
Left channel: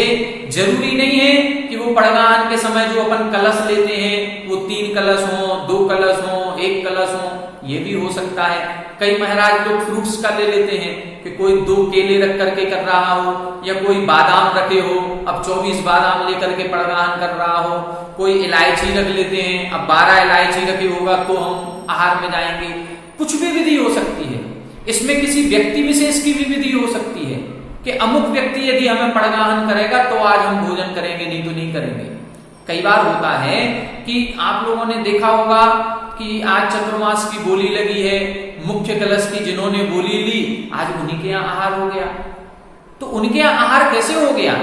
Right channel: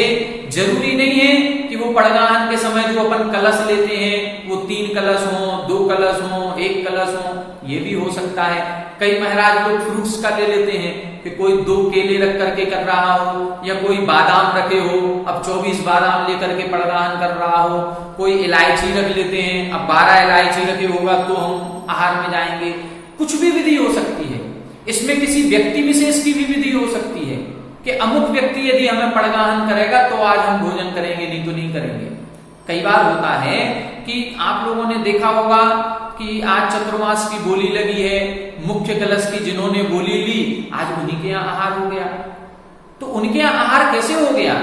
जरूरी नहीं है कि वो पड़गान के समय जो अपन कलश लेते हैं वो 3 कलश हो, 2 कलश हो, 1 कलश हो, ये भी हो सकता है। कई महाराज लोग फ्रूट्स का ले लेते हैं कि कोई 2 केले रख करके कर रहा हो, या कोई बादाम रखे हो, अब 24 बादाम लेकर के पड़गान कर रहा हो, कोई इलायची रख लेते हैं, अब 12 इलायची रखे होगा तो हम आहार में जाएंगे। कुछ भी विधि हो सकती है। इसमें किसी व्यक्ति विशेष की भी विधि हो सकती है कि अमुक व्यक्ति यदि हमें पड़गान करेगा तो आज हम भोजन करेंगे, नहीं तो नहीं करेंगे। कई बार होता है कि आप लोगों ने देखा होगा कि आज चतुर्मास की बोली लगी है, मुख्य कलश की जिन्होंने बोली ली, आज उन्हीं के यहाँ आहार हो गया। तो उनके यहाँ आहार कैसे हो गया?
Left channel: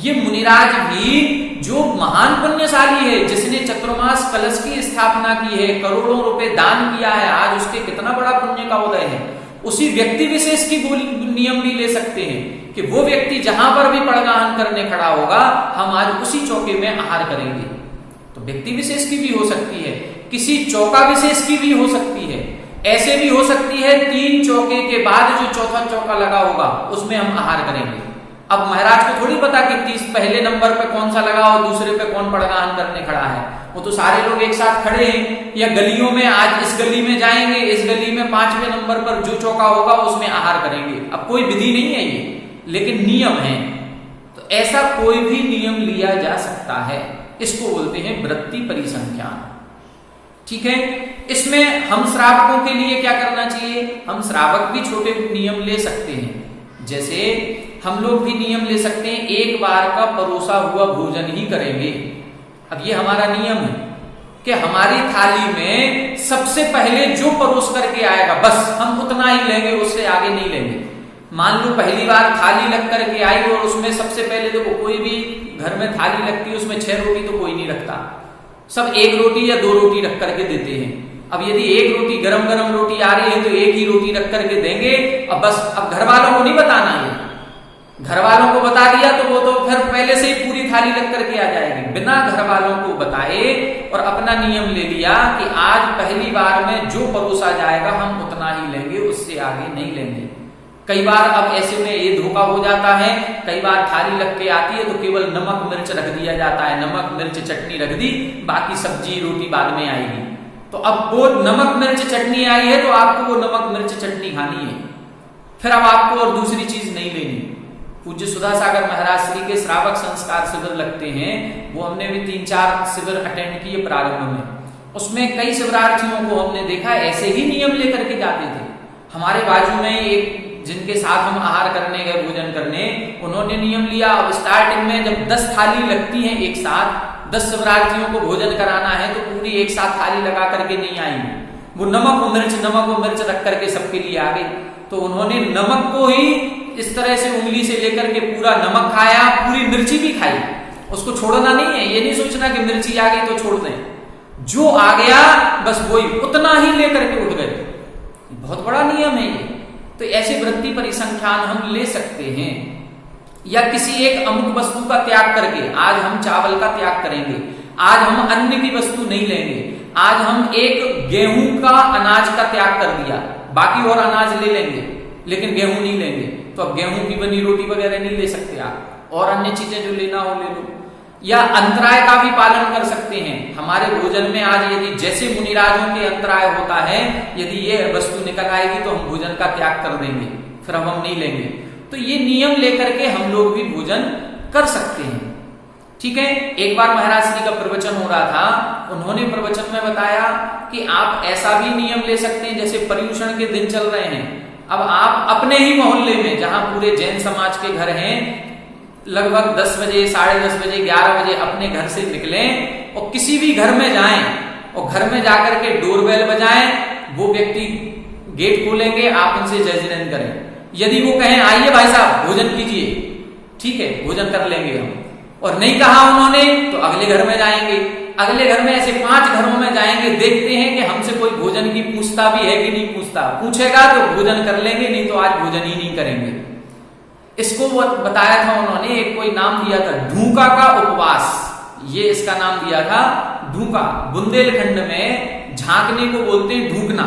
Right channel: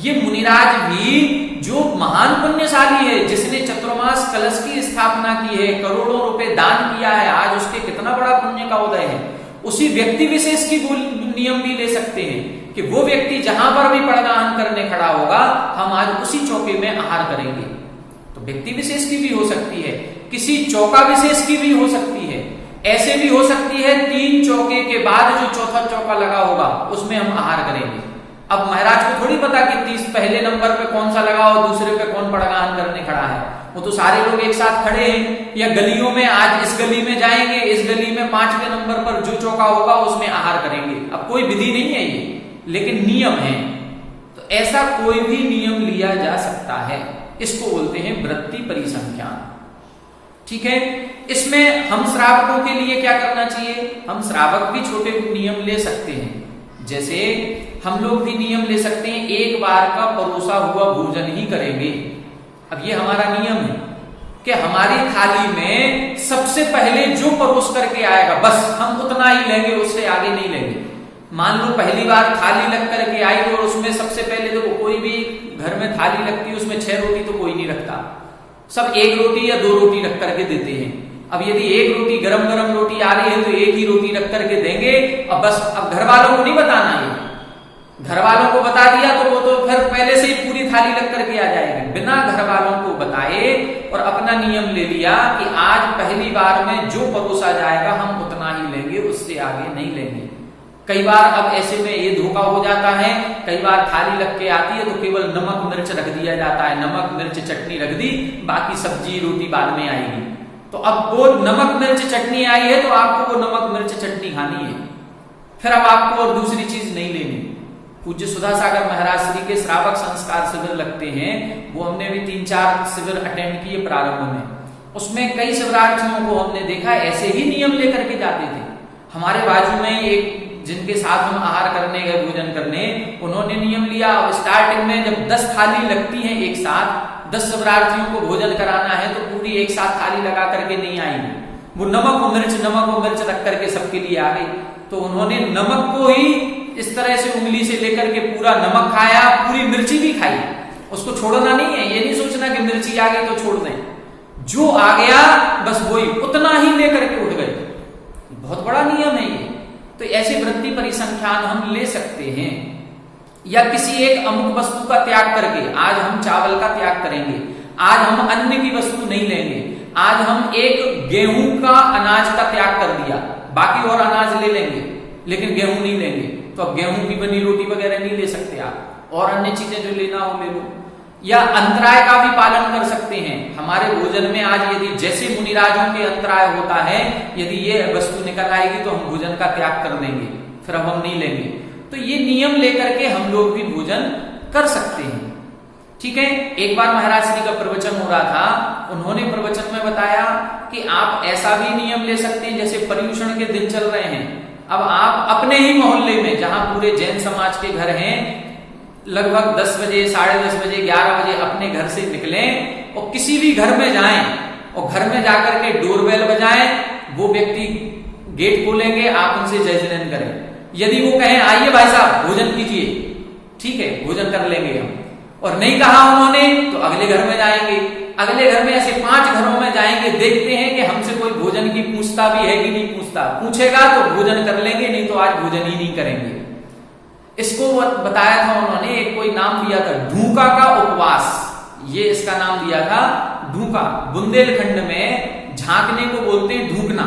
ये मुनिराज भी जो महान पुण्यशाली है, जिसने चतुर्मास कलश की स्थापना की है, करोड़ों रुपए दान किया है, आज उसके कितना बड़ा पुण्य का उदय है। उसी व्यक्ति विशेष की नियम भी ले सकते हैं कि वो व्यक्ति जहां पर भी पड़गान करने खड़ा होगा, हम आज उसी चौके में आहार करेंगे। तो व्यक्ति विशेष की भी हो सकती है, किसी चौका विशेष की भी हो सकती है। ऐसे भी हो सकती है 3 चौके के बाद जो चौथा चौका लगा होगा उसमें हम आहार करेंगे। अब महाराज को थोड़ी पता कि 30 पहले नंबर पे कौन सा लगा और दूसरे पे कौन पड़गान करने खड़ा है। वो तो सारे लोग एक साथ खड़े हैं, या गलियों में आज इस गली में जाएंगे, इस गली में 5वें नंबर पर जो चौका होगा उसमें आहार करेंगे। अब कोई विधि नहीं है ये, लेकिन नियम है। तो ऐसा कोई भी नियम लिया जा सकता है, इसको बोलते हैं वृत्ति परिसंख्यान। ठीक है। इसमें हम श्रावकों के लिए क्या करना चाहिए? हम श्रावक भी छोटे नियम ले सकते हैं। जैसे हम लोग भी नियम ले सकते हैं, एक बार का परोसा हुआ भोजन ही करेंगे। अब ये हमारा नियम है कि हमारी थाली में सबसे पहले जो परोस करके आएगा बस हम उतना ही लेंगे, उससे आगे नहीं लेंगे। मान लो पहली बार थाली लग करके आई और उसमें सबसे पहले देखो, कोई भी घर में थाली लगती है उसमें 6 रोटी तो कोई नहीं रखता, सब 1 रोटी या 2 रोटी रख करके देते हैं। अब यदि 1 रोटी गरम गरम रोटी आ रही है तो 1 ही रोटी रख करके देंगे और बस। अब घर वालों को नहीं बताना है, घर वालों को बता दिया तो वो तो फिर पहले से ही पूरी थाली लग करके आ जाएगी। बिना घर वालों को बताए और अपना नियम ले लिया कि आज पहली बार में जो परोसा जाएगा हम उतना ही लेंगे, उससे आगे नहीं लेंगे। कई बार अब ऐसे में ये धोखा हो जाता है, कई बार थाली लग के आती है तो केवल नमक मिर्च रख दिया जाता है, नमक मिर्च चटनी रख दी, बाकी सब्जी रोटी बाद में आएगी। तो अब वो नमक मिर्च चटनी आई है तो आपको वो नमक मिर्च चटनी खानी है, फिर अब आपको और दूसरी चीज नहीं लेनी। पूज्य सुधा सागर महाराज श्री के श्रावक संस्कार शिविर लगते हैं, वो हमने भी 3-4 शिविर अटेंड किए प्रारंभ में। उसमें कई शिविरार्थियों को हमने देखा ऐसे ही नियम लेकर के जाते थे। हमारे बाजू में एक जिनके साथ हम आहार करने गए, भोजन करने, उन्होंने नियम लिया। अब स्टार्टिंग में जब 10 थाली लगती है एक साथ, 10 शिवरार्थियों को भोजन कराना है तो पूरी एक साथ थाली लगा करके नहीं आएंगे। वो नमक और मिर्च रख करके सबके लिए आ गई। तो उन्होंने नमक को ही इस तरह से उंगली से लेकर के पूरा नमक खाया, पूरी मिर्ची भी खाई, उसको छोड़ना नहीं है। ये नहीं सोचना कि मिर्ची आ गई तो छोड़ दें, जो आ गया बस वही उतना ही लेकर के उठ गए। बहुत बड़ा नियम है ये। तो ऐसे वृत्ति परिसंख्यान हम ले सकते हैं। या किसी एक अमुक वस्तु का त्याग करके, आज हम चावल का त्याग करेंगे, आज हम अन्न की वस्तु नहीं लेंगे, आज हम एक गेहूं का अनाज का त्याग कर दिया, बाकी और अनाज ले लेंगे लेकिन गेहूं नहीं लेंगे। तो अब गेहूं की बनी रोटी वगैरह नहीं ले सकते आप, और अन्य चीजें जो लेना हो ले लो। या अंतराय का भी पालन कर सकते हैं। हमारे भोजन में आज यदि जैसे मुनिराजों के अंतराय होता है, यदि ये वस्तु निकल आएगी तो हम भोजन का त्याग कर देंगे, फिर अब हम नहीं लेंगे। तो ये नियम लेकर के हम लोग भी भोजन कर सकते हैं। ठीक है। एक बार महाराज श्री का प्रवचन हो रहा था, उन्होंने प्रवचन में बताया कि आप ऐसा भी नियम ले सकते हैं, जैसे पर्यूषण के दिन चल रहे हैं, अब आप अपने ही मोहल्ले में, जहां पूरे जैन समाज के घर हैं, लगभग 10 बजे, 10:30 बजे, 11 बजे अपने घर से निकलें और किसी भी घर में जाएं और घर में जाकर के डोरबेल बजाएं, वो व्यक्ति गेट खोलेंगे, आप उनसे जय जयन करें। यदि वो कहें आइए भाई साहब भोजन कीजिए, ठीक है, भोजन कर लेंगे हम, और नहीं कहा उन्होंने तो अगले घर में जाएंगे, अगले घर में, ऐसे 5 घरों में जाएंगे, देखते हैं कि हमसे कोई भोजन की पूछता भी है कि नहीं पूछता। पूछेगा तो भोजन कर लेंगे, नहीं तो आज भोजन ही नहीं करेंगे। इसको बताया था उन्होंने, एक कोई नाम दिया था ढूंका का उपवास, ये इसका नाम दिया था ढूंका। बुंदेलखंड में झांकने को बोलते हैं ढूंकना,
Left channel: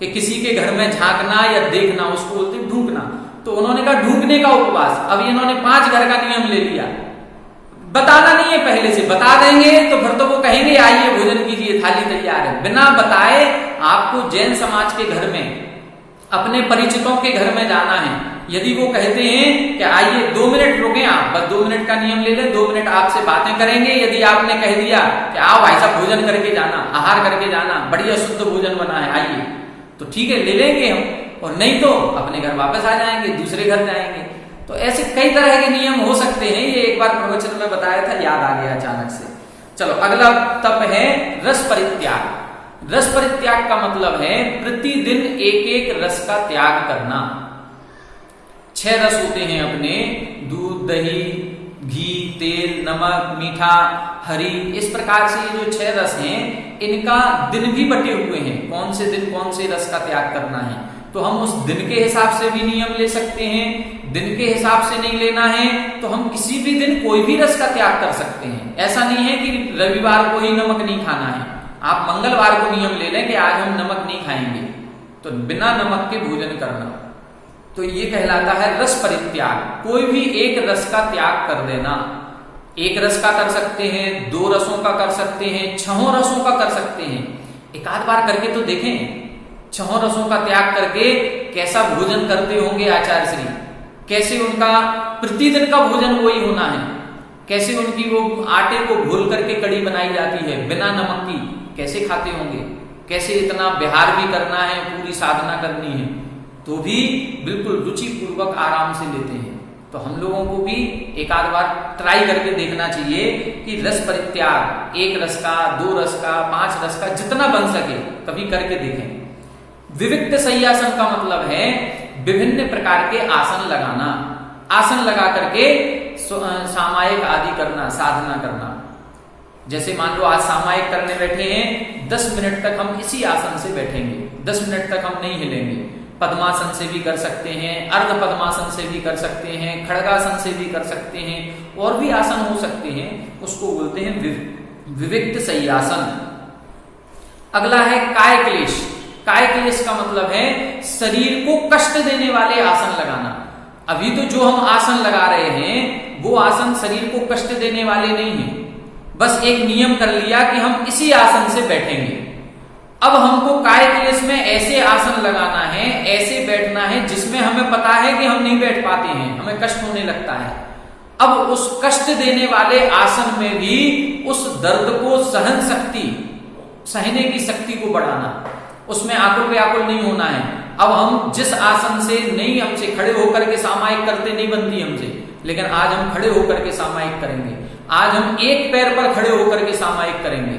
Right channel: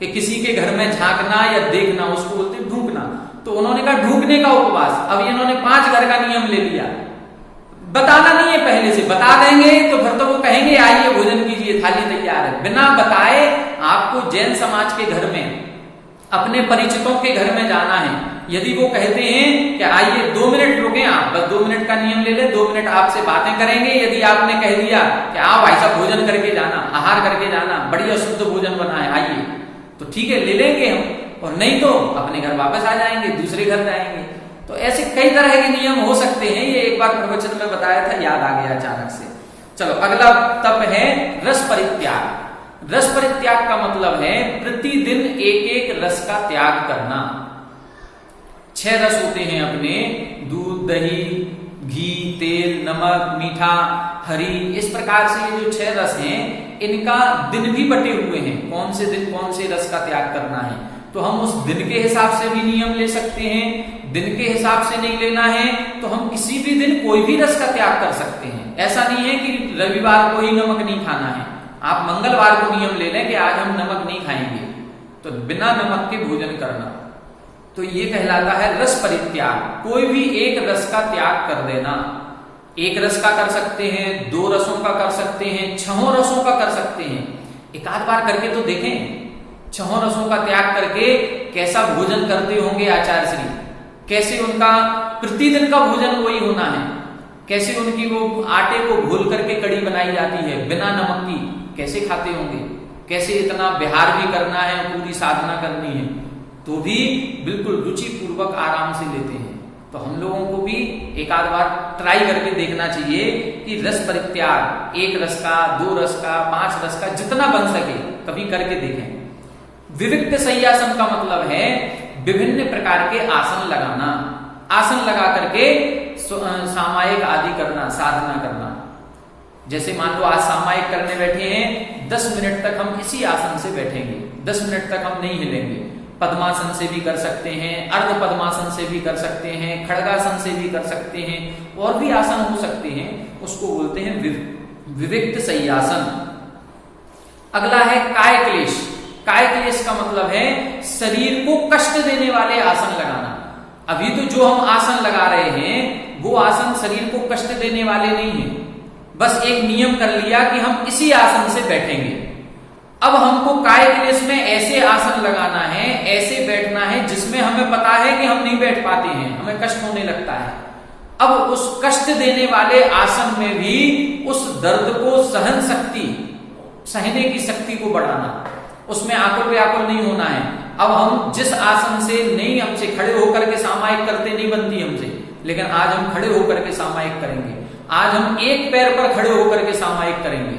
कि किसी के घर में झांकना या देखना, उसको बोलते हैं ढूंकना। तो उन्होंने कहा ढूंकने का उपवास। अब इन्होंने 5 घर का नियम ले लिया, बताना नहीं है पहले से, बता देंगे तो फिर तो वो कहेंगे आइए भोजन कीजिए, थाली तैयार है। बिना बताए आपको जैन समाज के घर में, अपने परिचितों के घर में जाना है। यदि वो कहते हैं कि आइए 2 मिनट रुके आप, बस 2 मिनट का नियम ले ले, 2 मिनट आपसे बातें करेंगे। यदि आपने कह दिया कि आओ भाई साहब भोजन करके जाना, आहार करके जाना, बढ़िया शुद्ध भोजन बना है आइए, तो ठीक है ले लेंगे हम, और नहीं तो अपने घर वापस आ जाएंगे, दूसरे घर जाएंगे। तो ऐसे कई तरह के नियम हो सकते हैं। ये एक बार प्रवचन में बताया था, याद आ गया अचानक से। चलो अगला तप है रस परित्याग। रस परित्याग का मतलब है प्रतिदिन एक एक रस का त्याग करना। 6 रस होते हैं अपने, दूध, दही, घी, तेल, नमक, मीठा, हरी, इस प्रकार से ये जो 6 रस हैं, इनका दिन भी बटे हुए हैं, कौन से दिन कौन से रस का त्याग करना है। तो हम उस दिन के हिसाब से भी नियम ले सकते हैं। दिन के हिसाब से नहीं लेना है तो हम किसी भी दिन कोई भी रस का त्याग कर सकते हैं। ऐसा नहीं है कि रविवार को ही नमक नहीं खाना है, आप मंगलवार को नियम ले लें कि आज हम नमक नहीं खाएंगे, तो बिना नमक के भोजन करना, तो ये कहलाता है रस परित्याग। कोई भी एक रस का त्याग कर देना। एक रस का कर सकते हैं, 2 रसों का कर सकते हैं, 6 रसों का कर सकते हैं। एक आध बार करके तो देखें, 6 रसों का त्याग करके कैसा भोजन करते होंगे आचार्य श्री, कैसे उनका प्रतिदिन का भोजन वही होना है, कैसे उनकी वो आटे को घोल करके कड़ी बनाई जाती है बिना नमक की, कैसे खाते होंगे, कैसे इतना विहार भी करना है, पूरी साधना करनी है, तो भी बिल्कुल रुचि पूर्वक आराम से लेते हैं। तो हम लोगों को भी एक आध बार ट्राई करके देखना चाहिए कि रस परित्याग, 1 रस का, 2 रस का, 5 रस का, जितना बन सके कभी करके देखें। विविक्त शय्यासन का मतलब है विभिन्न प्रकार के आसन लगाना, आसन लगा करके सामायिक आदि करना, साधना करना। जैसे मान लो आज सामायिक करने बैठे हैं, 10 मिनट तक हम इसी आसन से बैठेंगे, 10 मिनट तक हम नहीं हिलेंगे। पद्मासन से भी कर सकते हैं, अर्ध पद्मासन से भी कर सकते हैं, खड़गासन से भी कर सकते हैं, और भी आसन हो सकते हैं, उसको बोलते हैं विविक्त शय्यासन। अगला है काय क्लेश। काय क्लेश का मतलब है शरीर को कष्ट देने वाले आसन लगाना। अभी तो जो हम आसन लगा रहे हैं वो आसन शरीर को कष्ट देने वाले नहीं है, बस एक नियम कर लिया कि हम इसी आसन से बैठेंगे। अब हमको काय क्लेश में ऐसे आसन लगाना है, ऐसे बैठना है जिसमें हमें पता है कि हम नहीं बैठ पाते हैं, हमें कष्ट होने लगता है। अब उस कष्ट देने वाले आसन में भी उस दर्द को सहन शक्ति, सहने की शक्ति को बढ़ाना, उसमें आकुल व्याकुल नहीं होना है। अब हम जिस आसन से नहीं, हमसे खड़े होकर के सामायिक करते नहीं बनती हमसे, लेकिन आज हम खड़े होकर के सामायिक करेंगे। आज हम एक पैर पर खड़े होकर के सामायिक करेंगे।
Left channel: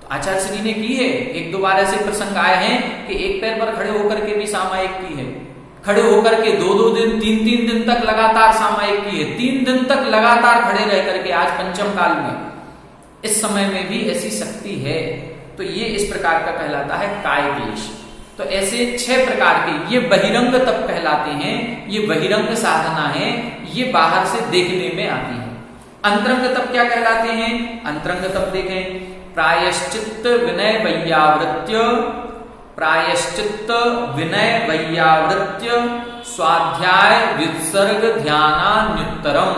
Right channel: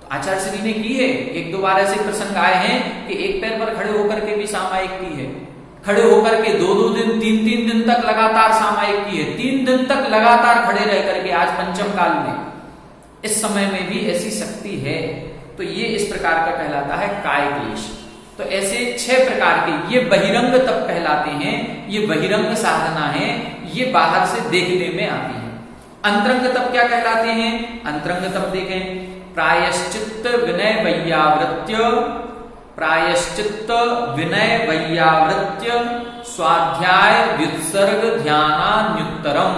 तो आचार्य श्री जी ने की है। एक दो बार ऐसे प्रसंग आए हैं कि एक पैर पर खड़े होकर के भी सामायिक की है, खड़े होकर के 2-2 दिन 3-3 दिन तक लगातार सामायिक की है, 3 दिन तक लगातार खड़े रह करके, आज पंचम काल में, इस समय में भी ऐसी शक्ति है। तो ये इस प्रकार का कहलाता है काय क्लेश। तो ऐसे 6 प्रकार के ये बहिरंग तप कहलाते हैं, ये बहिरंग साधना है, ये बाहर से देखने में आती है। अंतरंग तप क्या कहलाते हैं? अंतरंग तप देखें, प्रायश्चित्त विनय वैयावृत्य, प्रायश्चित्त विनय वैयावृत्य स्वाध्याय व्युत्सर्ग ध्यानान्युत्तरम,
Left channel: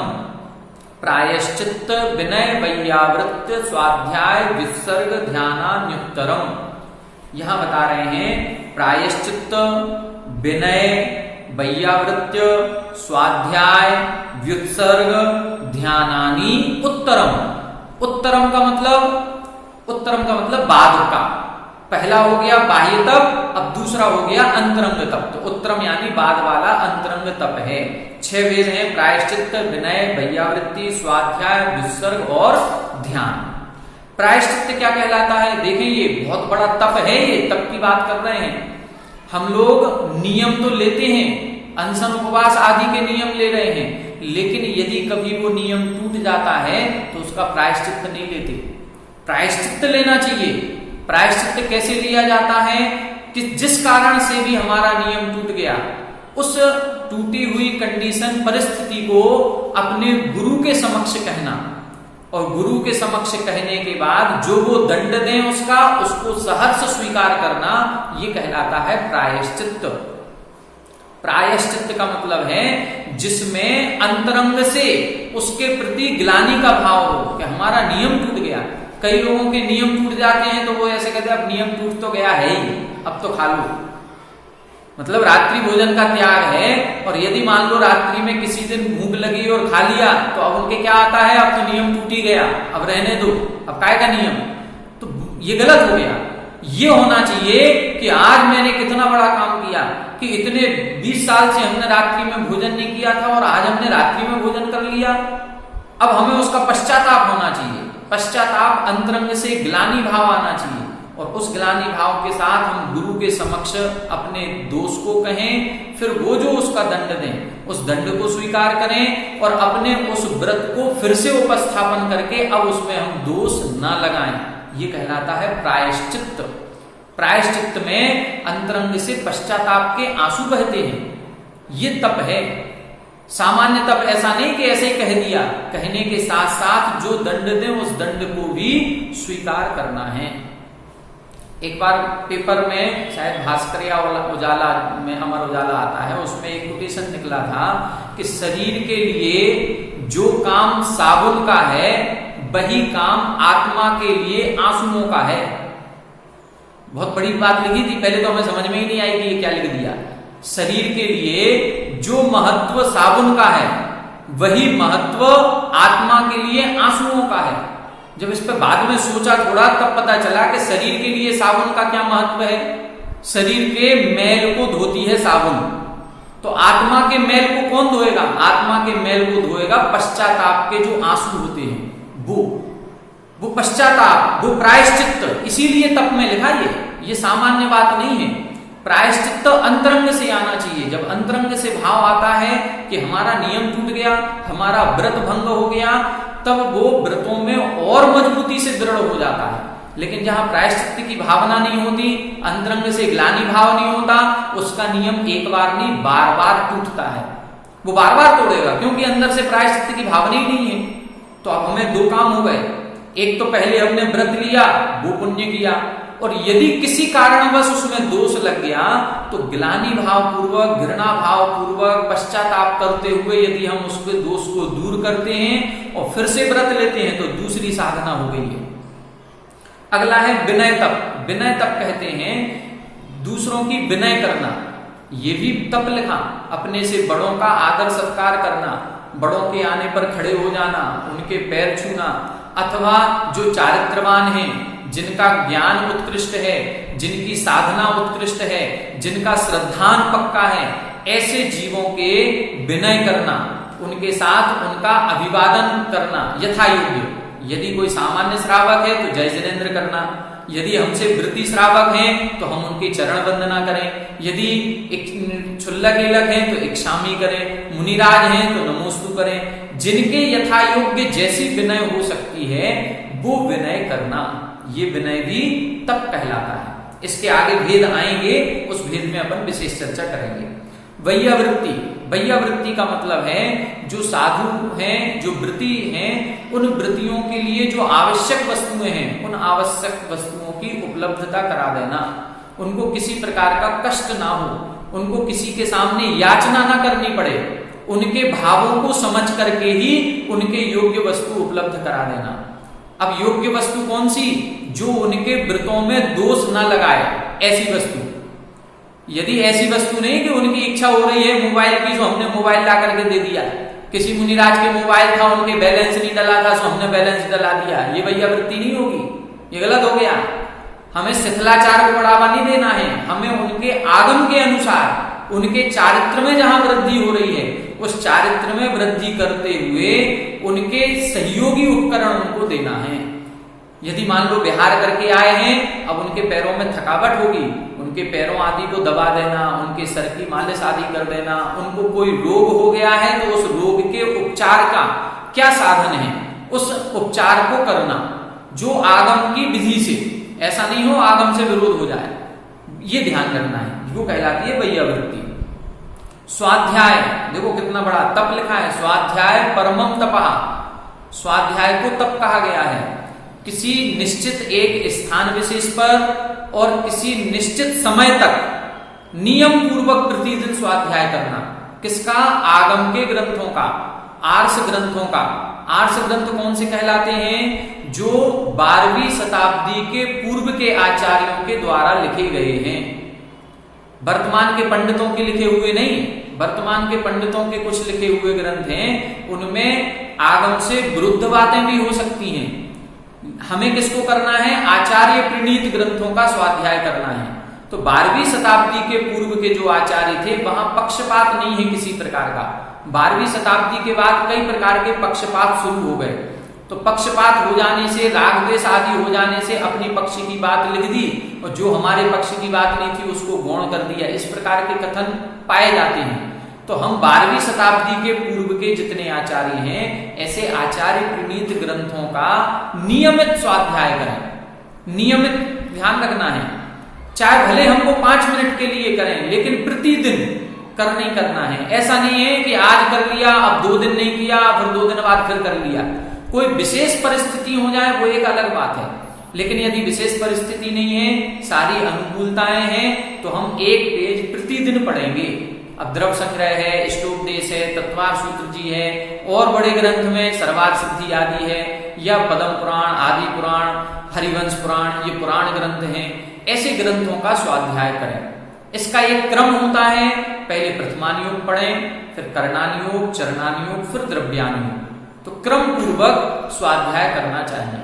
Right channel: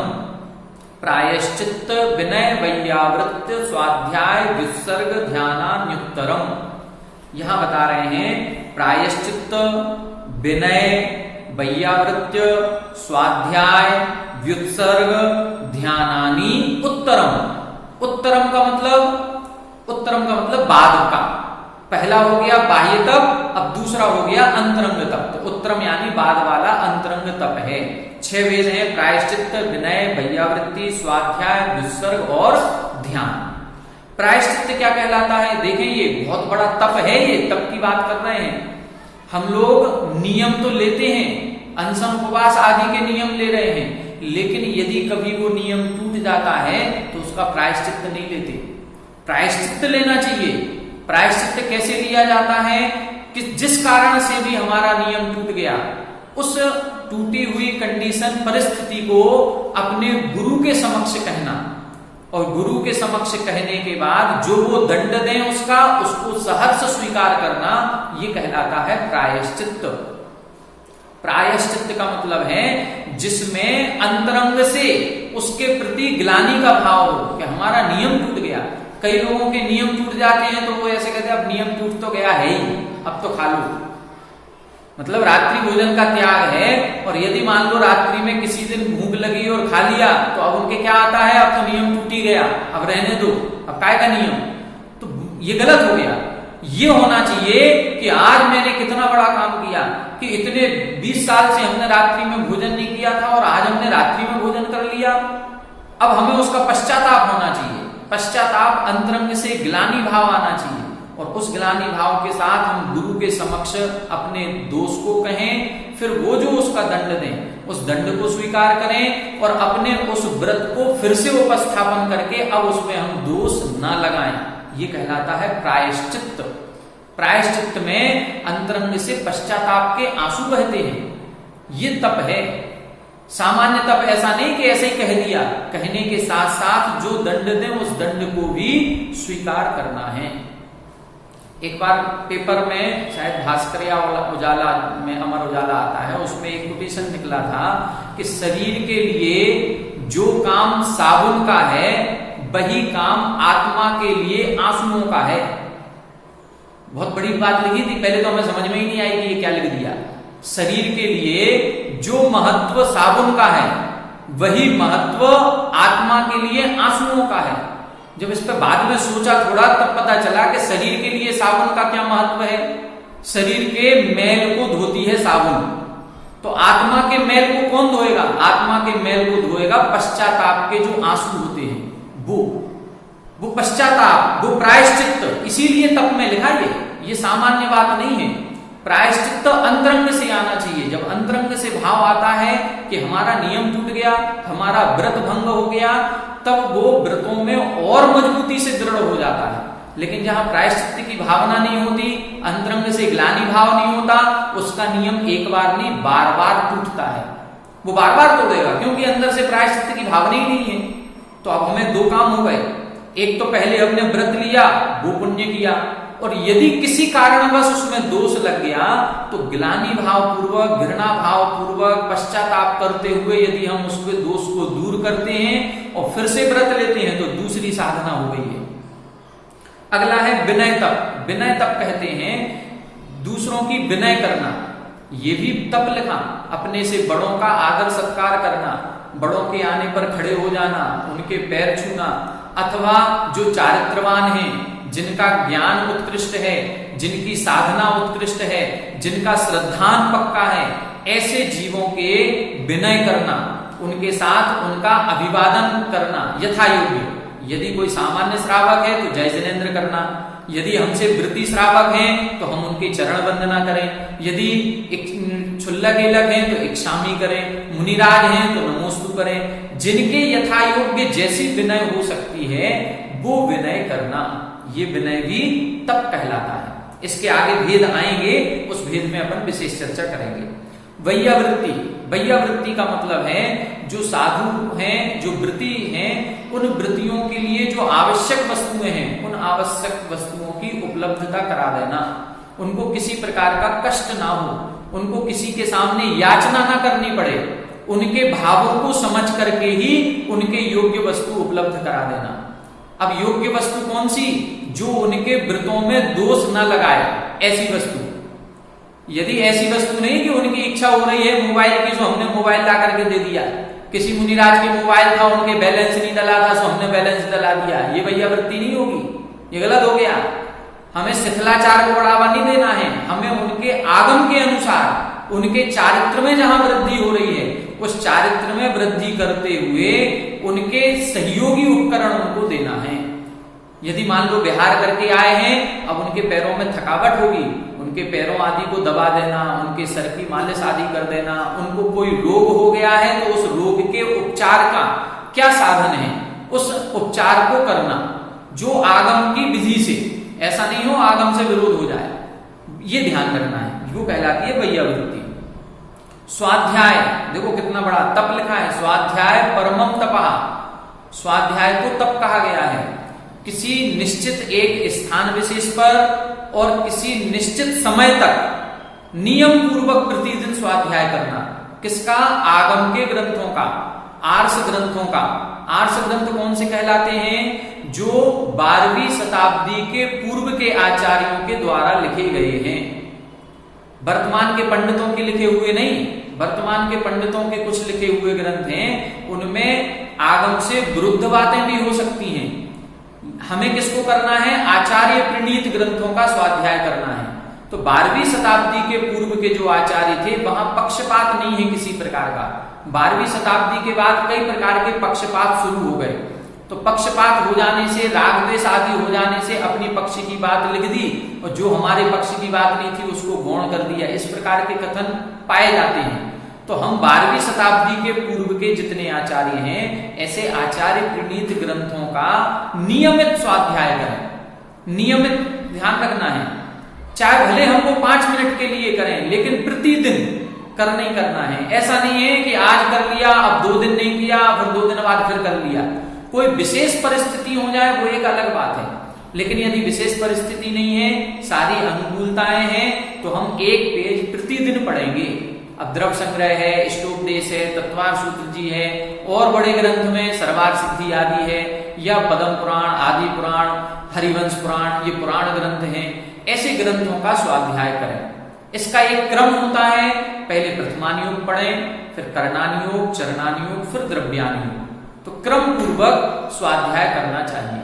प्रायश्चित्त विनय वैयावृत्य स्वाध्याय व्युत्सर्ग ध्यानान्युत्तरम। यहां बता रहे हैं प्रायश्चित्त विनय वैयावृत्य स्वाध्याय व्युत्सर्ग ध्यानानि उत्तरम। उत्तरम का मतलब, उत्तरम का मतलब बाद का। पहला हो गया बाह्य तप, अब दूसरा हो गया अंतरंग तप। तो उत्तरम यानी बाद वाला अंतरंग तप है। 6 वेद हैं, प्रायश्चित्त विनय वैयावृत्ति स्वाध्याय व्युत्सर्ग और ध्यान। प्रायश्चित्त क्या कहलाता है? देखें, ये बहुत बड़ा तप है, ये तप की बात कर रहे हैं हम लोग। नियम तो लेते हैं, अनशन उपवास आदि के नियम ले रहे हैं, लेकिन यदि कभी वो नियम टूट जाता है तो उसका प्रायश्चित्त नहीं लेते। प्रायश्चित्त लेना चाहिए। प्रायश्चित्त कैसे लिया जाता है? कि जिस कारण से भी हमारा नियम टूट गया, उस टूटी हुई कंडीशन परिस्थिति को अपने गुरु के समक्ष कहना, और गुरु के समक्ष कहने के बाद जो वो दंड दें उसको सहर्ष स्वीकार करना, ये कहलाता है प्रायश्चित्त। प्रायश्चित्त का मतलब है जिसमें अंतरंग से उसके प्रति ग्लानि का भाव हो कि हमारा नियम टूट गया। कई लोगों के नियम टूट जाते हैं तो वो ऐसे कहते हैं अब नियम टूट तो गया है ही, अब तो खा लो। मतलब रात्रि भोजन का त्याग है, और यदि मान लो रात्रि में किसी दिन भूख लगी और खा लिया तो अब उनके क्या आता है, अब तो नियम टूट ही गया, अब रहने दो, अब काय का नियम। तो ये गलत हो गया। ये होना चाहिए कि आज मैंने कितना बड़ा काम किया कि इतने 20 साल से हमने रात्रि में भोजन नहीं किया था और आज हमने रात्रि में भोजन कर लिया। अब हमें उसका पश्चाताप होना चाहिए। पश्चाताप अंतरंग से ग्लानि भाव आना चाहिए, और उस ग्लानि भाव के साथ हम गुरु के समक्ष अपने दोष को कहें, फिर वो जो उसका दंड दें उस दंड को स्वीकार करें, और अपने उस व्रत को फिर से उपस्थापन करके अब उसमें हम दोष न लगाएं। ये कहलाता है प्रायश्चित्त। प्रायश्चित्त में अंतरंग से पश्चाताप के आंसू बहते हैं। ये तप है। सामान्य तप ऐसा नहीं कि ऐसे ही कह दिया, कहने के साथ साथ जो दंड दें उस दंड को भी स्वीकार करना है। एक बार पेपर में शायद भास्कर या उजाला में, अमर उजाला आता है, उसमें एक कोटेशन निकला था कि शरीर के लिए जो काम साबुन का है वही काम आत्मा के लिए आंसुओं का है। बहुत बड़ी बात लिखी थी, पहले तो हमें समझ में ही नहीं आई कि ये क्या लिख दिया। शरीर के लिए जो महत्व साबुन का है वही महत्व आत्मा के लिए आंसुओं का है। जब इस पर बाद में सोचा थोड़ा, तब पता चला कि शरीर के लिए साबुन का क्या महत्व है। शरीर के मैल को धोती है साबुन, तो आत्मा के मैल को कौन धोएगा? आत्मा के मैल को धोएगा पश्चाताप के जो आंसू होते हैं, वो पश्चाताप, वो प्रायश्चित्त। इसीलिए तप में लिखा ये सामान्य बात नहीं है। प्रायश्चित्त अंतरंग से आना चाहिए। जब अंतरंग से भाव आता है कि हमारा नियम टूट गया, हमारा व्रत भंग हो गया, तब वो व्रतों में और मजबूती से दृढ़ हो जाता है। लेकिन जहां प्रायश्चित्त की भावना नहीं होती, अंतरंग से ग्लानि भाव नहीं होता, उसका नियम एक बार नहीं बार बार टूटता है। वो बार बार तोड़ेगा, क्योंकि अंदर से प्रायश्चित्त की भावना ही नहीं है। तो अब हमें 2 काम हो गए। एक तो पहले हमने व्रत लिया, वो पुण्य किया, और यदि किसी कारणवश उसमें दोष लग गया तो ग्लानि भाव पूर्वक, घृणा भाव पूर्वक, पश्चाताप करते हुए यदि हम उसके दोष को दूर करते हैं और फिर से व्रत लेते हैं तो दूसरी साधना हो गई है। अगला है विनय तप। विनय तप कहते हैं दूसरों की विनय करना। ये भी तप लिखा। अपने से बड़ों का आदर सत्कार करना, बड़ों के आने पर खड़े हो जाना, उनके पैर छूना, अथवा जो चारित्रवान हैं, जिनका ज्ञान उत्कृष्ट है, जिनकी साधना उत्कृष्ट है, जिनका श्रद्धान पक्का है, ऐसे जीवों के विनय करना, उनके साथ उनका अभिवादन करना यथा योग्य। यदि कोई सामान्य श्रावक है तो जय जिनेन्द्र करना, यदि हमसे वृत्ति श्रावक हैं तो हम उनकी चरण वंदना करें, यदि क्षुल्लक ईलक हैं तो इक्षामी करें, मुनिराज हैं तो नमोस्तु करें। जिनके यथा योग्य जैसी विनय हो सकती है वो विनय करना, ये विनय भी तप कहलाता है। इसके आगे भेद आएंगे, उस भेद में अपन विशेष चर्चा करेंगे। वैयावृत्ति, वैयावृत्ति का मतलब है जो साधु हैं, जो व्रती हैं, उन व्रतियों के लिए जो आवश्यक वस्तुएं हैं उन आवश्यक वस्तुओं की उपलब्धता करा देना, उनको किसी प्रकार का कष्ट ना हो, उनको किसी के सामने याचना ना करनी पड़े, उनके भावों को समझ करके ही उनके योग्य वस्तु उपलब्ध करा देना। अब योग्य वस्तु कौन सी? जो उनके व्रतों में दोष ना लगाए, ऐसी वस्तु। यदि ऐसी वस्तु नहीं कि उनकी इच्छा हो रही है मोबाइल की, तो हमने मोबाइल ला करके दे दिया, किसी मुनिराज के मोबाइल था, उनके बैलेंस नहीं डला था, तो हमने बैलेंस डला दिया, ये वैयावृत्ति नहीं होगी, ये गलत हो गया। हमें शिथिलाचार को बढ़ावा नहीं देना है, हमें उनके आगम के अनुसार उनके चारित्र में जहां वृद्धि हो रही है उस चारित्र में वृद्धि करते हुए उनके सहयोगी उपकरण उनको देना है। यदि मान लो विहार करके आए हैं, अब उनके पैरों में थकावट होगी, उनके पैरों आदि को दबा देना, उनके सर की मालिश आदि कर देना, उनको कोई रोग हो गया है तो उस रोग के उपचार का क्या साधन है, उस उपचार को करना जो आगम की विधि से, ऐसा नहीं हो आगम से विरोध हो जाए, ये ध्यान रखना है, जो कहलाती है वैयावृत्ति। स्वाध्याय, देखो कितना बड़ा तप लिखा है, स्वाध्याय परमम तपः, स्वाध्याय को तप कहा गया है। किसी निश्चित एक स्थान विशेष पर और किसी निश्चित समय तक नियम पूर्वक प्रतिदिन स्वाध्याय करना। किसका? आगम के ग्रंथों का, आर्ष ग्रंथों का। आर्ष ग्रंथ कौन से कहलाते हैं? जो 12वीं शताब्दी के पूर्व के आचार्यों के द्वारा लिखे गए हैं, वर्तमान के पंडितों के लिखे हुए नहीं। वर्तमान के पंडितों के कुछ लिखे हुए ग्रंथ हैं, उनमें आगम से विरुद्ध बातें भी हो सकती हैं। हमें किसको करना है? आचार्य प्रणीत ग्रंथों का स्वाध्याय करना है। तो 12वीं शताब्दी के पूर्व के जो आचार्य थे वहां पक्षपात नहीं है किसी प्रकार का। 12वीं शताब्दी के बाद कई प्रकार के पक्षपात शुरू हो गए, तो पक्षपात हो जाने से, राग द्वेष आदि हो जाने से अपनी पक्ष की बात लिख दी और जो हमारे पक्ष की बात नहीं थी उसको गौण कर दिया, इस प्रकार के कथन पाए जाते हैं। तो हम 12वीं शताब्दी के पूर्व के जितने आचार्य हैं, ऐसे आचार्य प्रणीत ग्रंथों का नियमित स्वाध्याय करें। नियमित ध्यान रखना है, चाहे भले हमको 5 मिनट के लिए करें, लेकिन प्रतिदिन करना ही करना है। ऐसा नहीं है कि आज कर लिया, अब 2 दिन नहीं किया, फिर 2 दिन बाद फिर कर लिया। कोई विशेष परिस्थिति हो जाए वो एक अलग बात है, लेकिन यदि विशेष परिस्थिति नहीं है, सारी अनुकूलताएं हैं, तो हम एक पेज प्रतिदिन पढ़ेंगे। अब द्रव्य संग्रह है, इष्टोपदेश है, तत्वार्थ सूत्र जी है, और बड़े ग्रंथ में सर्वार्थ सिद्धि आदि है, या पद्म पुराण, आदि पुराण, हरिवंश पुराण, ये पुराण ग्रंथ हैं। ऐसे ग्रंथों का स्वाध्याय करें। इसका एक क्रम होता है, पहले प्रथमानुयोग पढ़ें, फिर करणानुयोग, चरणानुयोग, फिर द्रव्यानुयोग। तो क्रम पूर्वक स्वाध्याय करना चाहिए।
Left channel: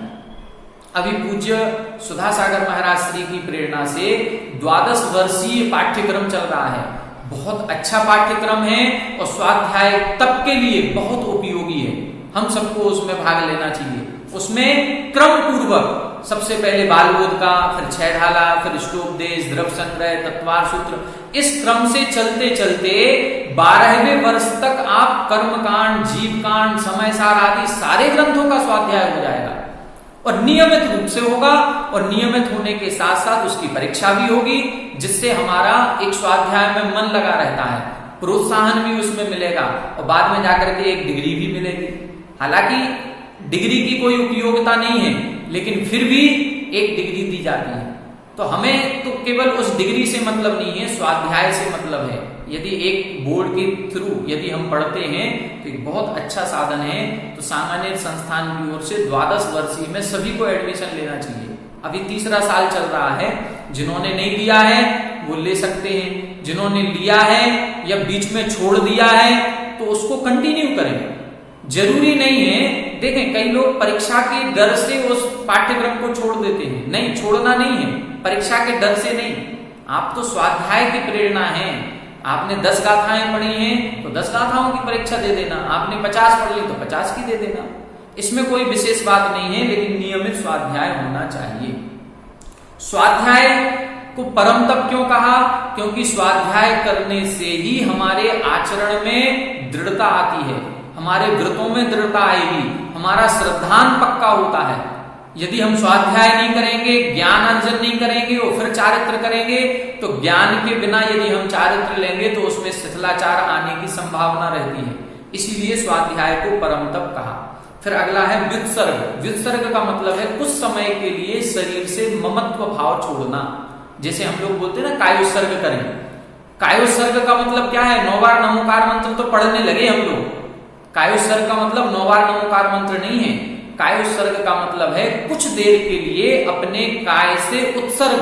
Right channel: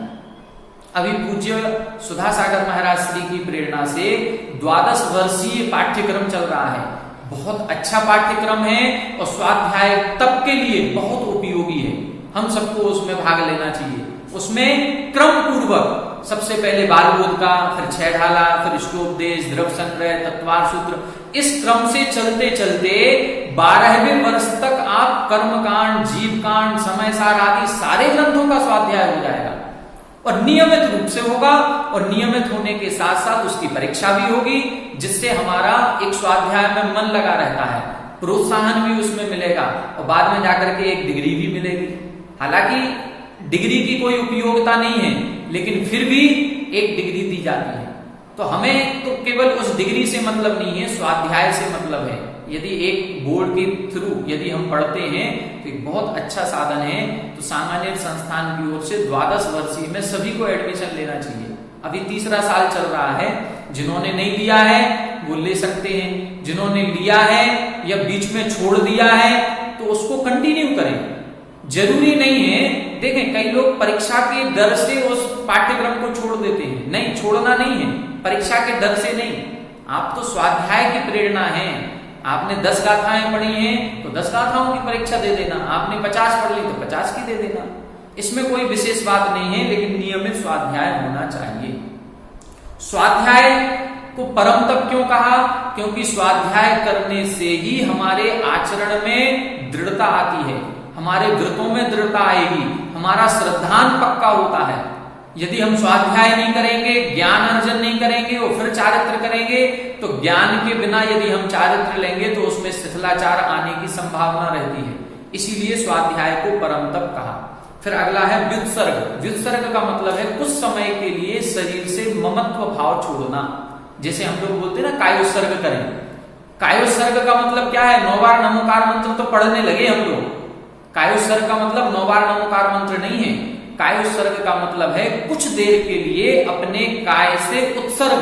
अभी पूज्य सुधासागर महाराज श्री की प्रेरणा से 12 वर्षीय पाठ्यक्रम चल रहा है। बहुत अच्छा पाठ्यक्रम है और स्वाध्याय तप के लिए बहुत उपयोगी है। हम सबको उसमें भाग लेना चाहिए। उसमें क्रम पूर्वक सबसे पहले बालबोध का, फिर छह ढाला, फिर इष्टोपदेश, द्रव्य संग्रह, तत्वार्थ सूत्र, इस क्रम से चलते चलते 12वें वर्ष तक आप कर्मकांड, जीवकांड, समयसार आदि सारे ग्रंथों का स्वाध्याय हो जाएगा और नियमित रूप से होगा। और नियमित होने के साथ साथ उसकी परीक्षा भी होगी, जिससे हमारा एक स्वाध्याय में मन लगा रहता है, प्रोत्साहन भी उसमें मिलेगा और बाद में जाकर के एक डिग्री भी मिलेगी। हालांकि डिग्री की कोई उपयोगिता नहीं है, लेकिन फिर भी एक डिग्री दी जाती है। तो हमें तो केवल उस डिग्री से मतलब नहीं है, स्वाध्याय से मतलब है। यदि एक बोर्ड के थ्रू यदि हम पढ़ते हैं तो एक बहुत अच्छा साधन है। तो सामान्य संस्थान की ओर से 12 वर्षीय में सभी को एडमिशन लेना चाहिए। अभी 3रा साल चल रहा है, जिन्होंने नहीं लिया है वो ले सकते हैं, जिन्होंने लिया है या बीच में छोड़ दिया है तो उसको कंटिन्यू करें। जरूरी नहीं है, देखें कई लोग परीक्षा के डर से उस पाठ्यक्रम को छोड़ देते हैं। नहीं, छोड़ना नहीं है, परीक्षा के डर से नहीं। आप तो स्वाध्याय की प्रेरणा है। आपने 10 गाथाएं पढ़ी हैं तो 10 गाथाओं की परीक्षा दे देना, आपने 50 पढ़ ली तो 50 की दे देना। इसमें कोई विशेष बात नहीं है, लेकिन नियमित स्वाध्याय होना चाहिए। स्वाध्याय को परम तप क्यों कहा? क्योंकि स्वाध्याय करने से ही हमारे आचरण में दृढ़ता आती है, हमारे व्रतों में दृढ़ता आएगी, हमारा श्रद्धान पक्का होता है। यदि हम स्वाध्याय नहीं करेंगे, ज्ञान अर्जन नहीं करेंगे और फिर चारित्र करेंगे, तो ज्ञान के बिना यदि हम चारित्र लेंगे तो उसमें शिथिलाचार आने की संभावना रहती है। इसीलिए स्वाध्याय को परम तप कहा। फिर अगला है व्युत्सर्ग। व्युत्सर्ग का मतलब है कुछ समय के लिए शरीर से ममत्व भाव छोड़ना। जैसे हम लोग बोलते हैं ना कायोत्सर्ग करें। कायोत्सर्ग का मतलब क्या है? 9 बार नमोकार मंत्र तो पढ़ने लगे हम लोग। कायोत्सर्ग का मतलब 9 बार नमोकार मंत्र नहीं है। कायोत्सर्ग का मतलब है कुछ देर के लिए अपने काय से उत्सर्ग,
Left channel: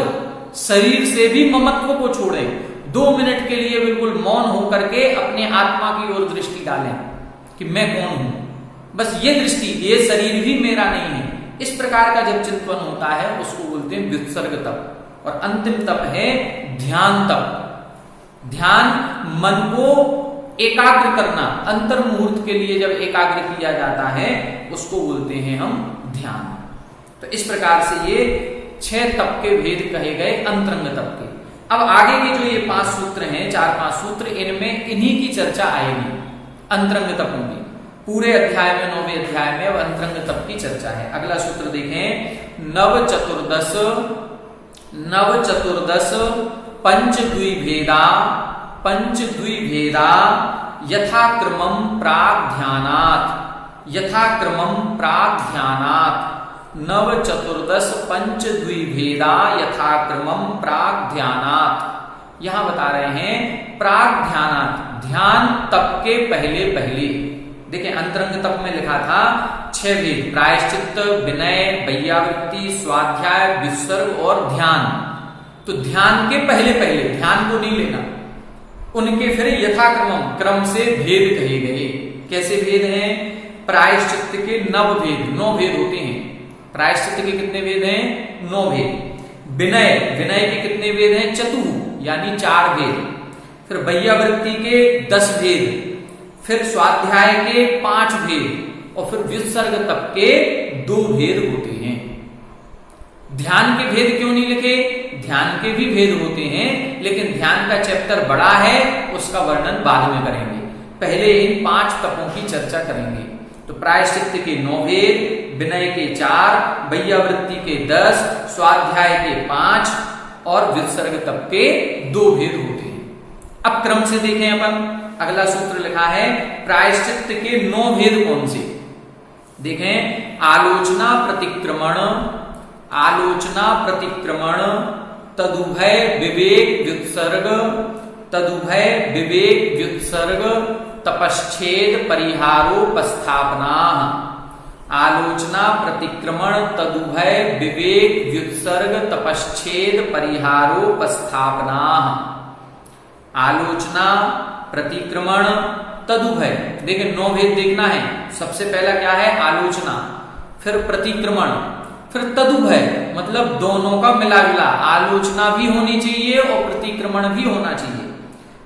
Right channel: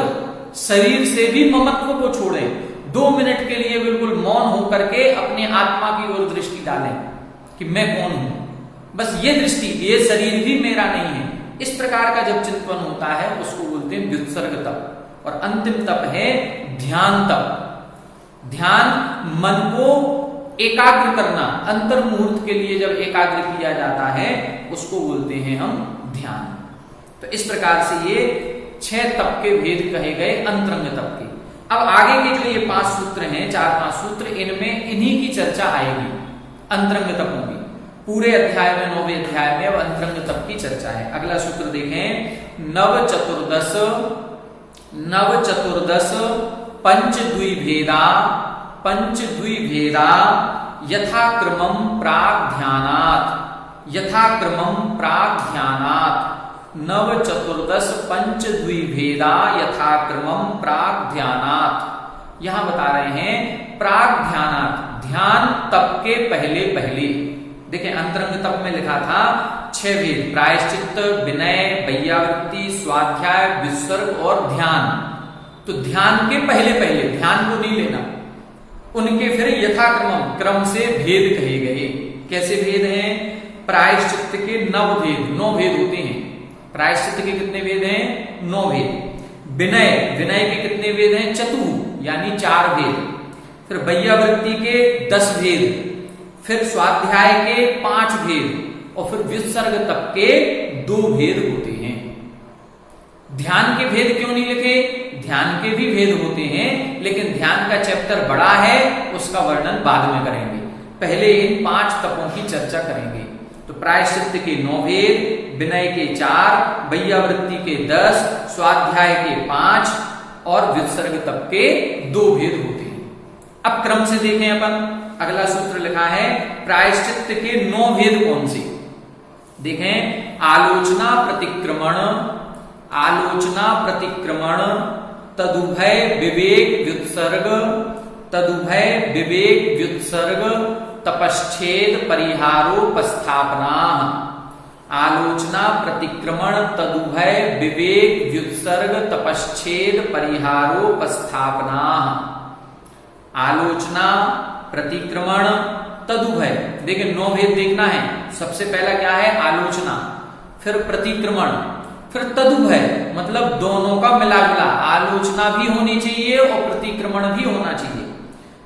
शरीर से भी ममत्व को छोड़ें। 2 मिनट के लिए बिल्कुल मौन होकर के अपने आत्मा की ओर दृष्टि डालें कि मैं कौन हूं। बस ये दृष्टि, ये शरीर भी मेरा नहीं है। इस प्रकार का जब चिंतन होता है उसको बोलते हैं व्युत्सर्ग तप। और अंतिम तप है ध्यान तप। ध्यान मन को एकाग्र करना, अंतर मुहूर्त के लिए जब एकाग्र किया जाता है उसको बोलते हैं हम ध्यान। तो इस प्रकार से ये 6 तप के भेद कहे गए अंतरंग तप के। अब आगे के जो ये 5 सूत्र हैं, 4-5 सूत्र, इनमें इन्हीं की चर्चा आएगी, अंतरंग तपों की। पूरे अध्याय में, 9वें अध्याय में अब अंतरंग तप की चर्चा है। अगला सूत्र देखें, नव चतुर्दश पंचद्विभेदा यथाक्रमं प्राग्ध्यानात् नव चतुर्दश पंचद्विभेदा यथाक्रमं प्राग्ध्यानात्। यहां बता रहे हैं प्राग्ध्यानात्, ध्यान तप के पहले पहले। देखें अंतरंग तप में लिखा था 6 भेद, प्रायश्चित्त, विनय, वैयावृत्ति, स्वाध्याय, विसर्ग और ध्यान। तो ध्यान के पहले पहले, ध्यान को नहीं लेना, उनके फिर यथाक्रम, क्रम से भेद कहे गए। कैसे भेद हैं? प्रायश्चित्त के 9 भेद, 9 भेद होते हैं। प्रायश्चित्त के कितने भेद हैं? 9 भेद। विनय के कितने भेद हैं? चतुः, यानी 4 भेद। फिर वैयावृत्ति के 10 भेद, फिर स्वाध्याय के 5 भेद और फिर विसर्ग तक के 2 भेद होते हैं। ध्यान के भेद क्यों नहीं लिखे? ध्यान के भी भेद होते हैं, लेकिन ध्यान का चैप्टर बड़ा है, उसका वर्णन बाद में करेंगे। पहले इन 5 तपों की चर्चा करेंगे। तो प्रायश्चित्त के 9 भेद, विनय के 4, वैयावृत्ति के 10, स्वाध्याय के 5 और विसर्ग तप के 2 भेद होते हैं। अब क्रम से देखें अपन। अगला सूत्र लिखा है प्रायश्चित्त के 9 भेद कौन से? देखें, आलोचना प्रतिक्रमण, तदुभय विवेक व्युत्सर्ग, तपश्चेद परिहारोपस्थापना। आलोचना, प्रतिक्रमण, तदुभय विवेक व्युत्सर्ग, तपश्चेद परिहारोपस्थापना। आलोचना, प्रतिक्रमण, तदुभय। देखिए 9 भेद देखना है। सबसे पहला क्या है? आलोचना, फिर प्रतिक्रमण, फिर तदुभय, मतलब दोनों का मिला जुला। आलोचना भी होनी चाहिए और प्रतिक्रमण भी होना चाहिए।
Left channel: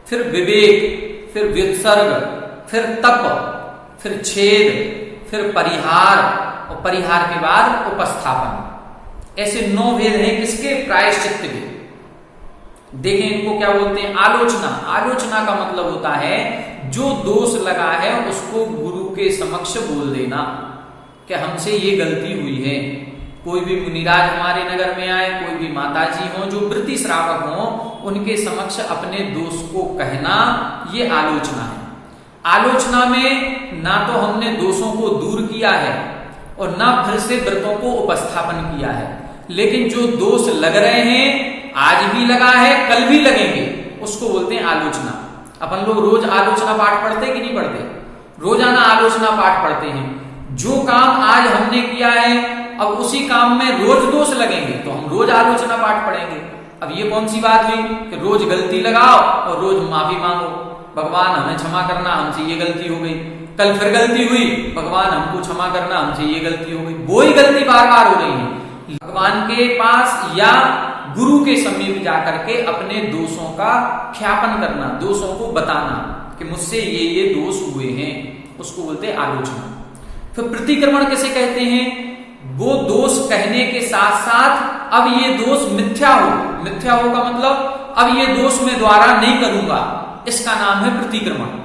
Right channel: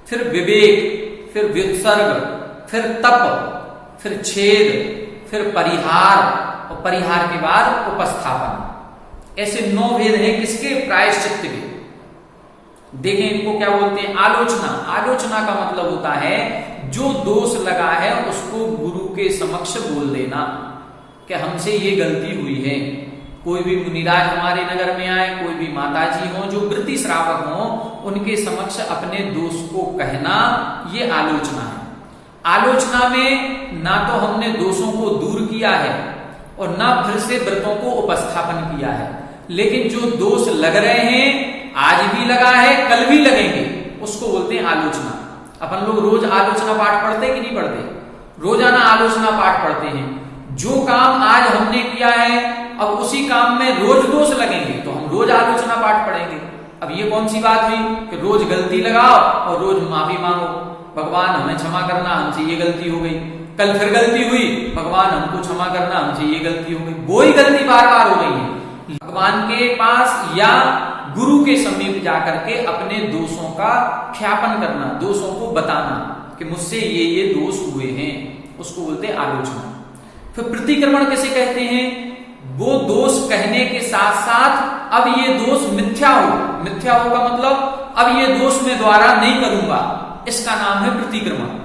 फिर विवेक, फिर व्युत्सर्ग, फिर तप, फिर छेद, फिर परिहार और परिहार के बाद उपस्थापन। ऐसे 9 भेद हैं किसके? प्रायश्चित्त के। देखें इनको क्या बोलते हैं? आलोचना। आलोचना का मतलब होता है जो दोष लगा है उसको गुरु के समक्ष बोल देना कि हमसे ये गलती हुई है। कोई भी मुनिराज हमारे नगर में आए, कोई भी माताजी हो जो वृत्ति श्रावक हो, उनके समक्ष अपने दोष को कहना, ये आलोचना है। आलोचना में ना तो हमने दोषों को दूर किया है और ना फिर से व्रतों को उपस्थापन किया है, लेकिन जो दोष लग रहे हैं, आज भी लगा है, कल भी लगेंगे, उसको बोलते हैं आलोचना। अपन लोग रोज आलोचना पाठ पढ़ते हैं कि नहीं पढ़ते? रोजाना आलोचना पाठ पढ़ते हैं। जो काम आज हमने किया है, अब उसी काम में रोज दोष लगेंगे तो हम रोज आलोचना पाठ पढ़ेंगे। अब ये कौन सी बात हुई कि रोज गलती लगाओ और रोज माफी मांगो, भगवान हमें क्षमा करना, हमसे ये गलती हो गई। कल फिर गलती हुई, भगवान हमको क्षमा करना, हमसे ये गलती हो गई। वो ही गलती बार बार हो रही है। भगवान के पास या गुरु के समीप जाकर के अपने दोषों का ख्यापन करना, दोषों को बताना कि मुझसे ये दोष हुए हैं, उसको बोलते हैं आलोचना। फिर प्रतिक्रमण किसे कहते हैं? वो दोष कहने के साथ साथ अब ये दोष मिथ्या हो, मिथ्या होगा मतलब अब ये दोष मैं दोबारा नहीं करूंगा, इसका नाम है प्रतिक्रमण।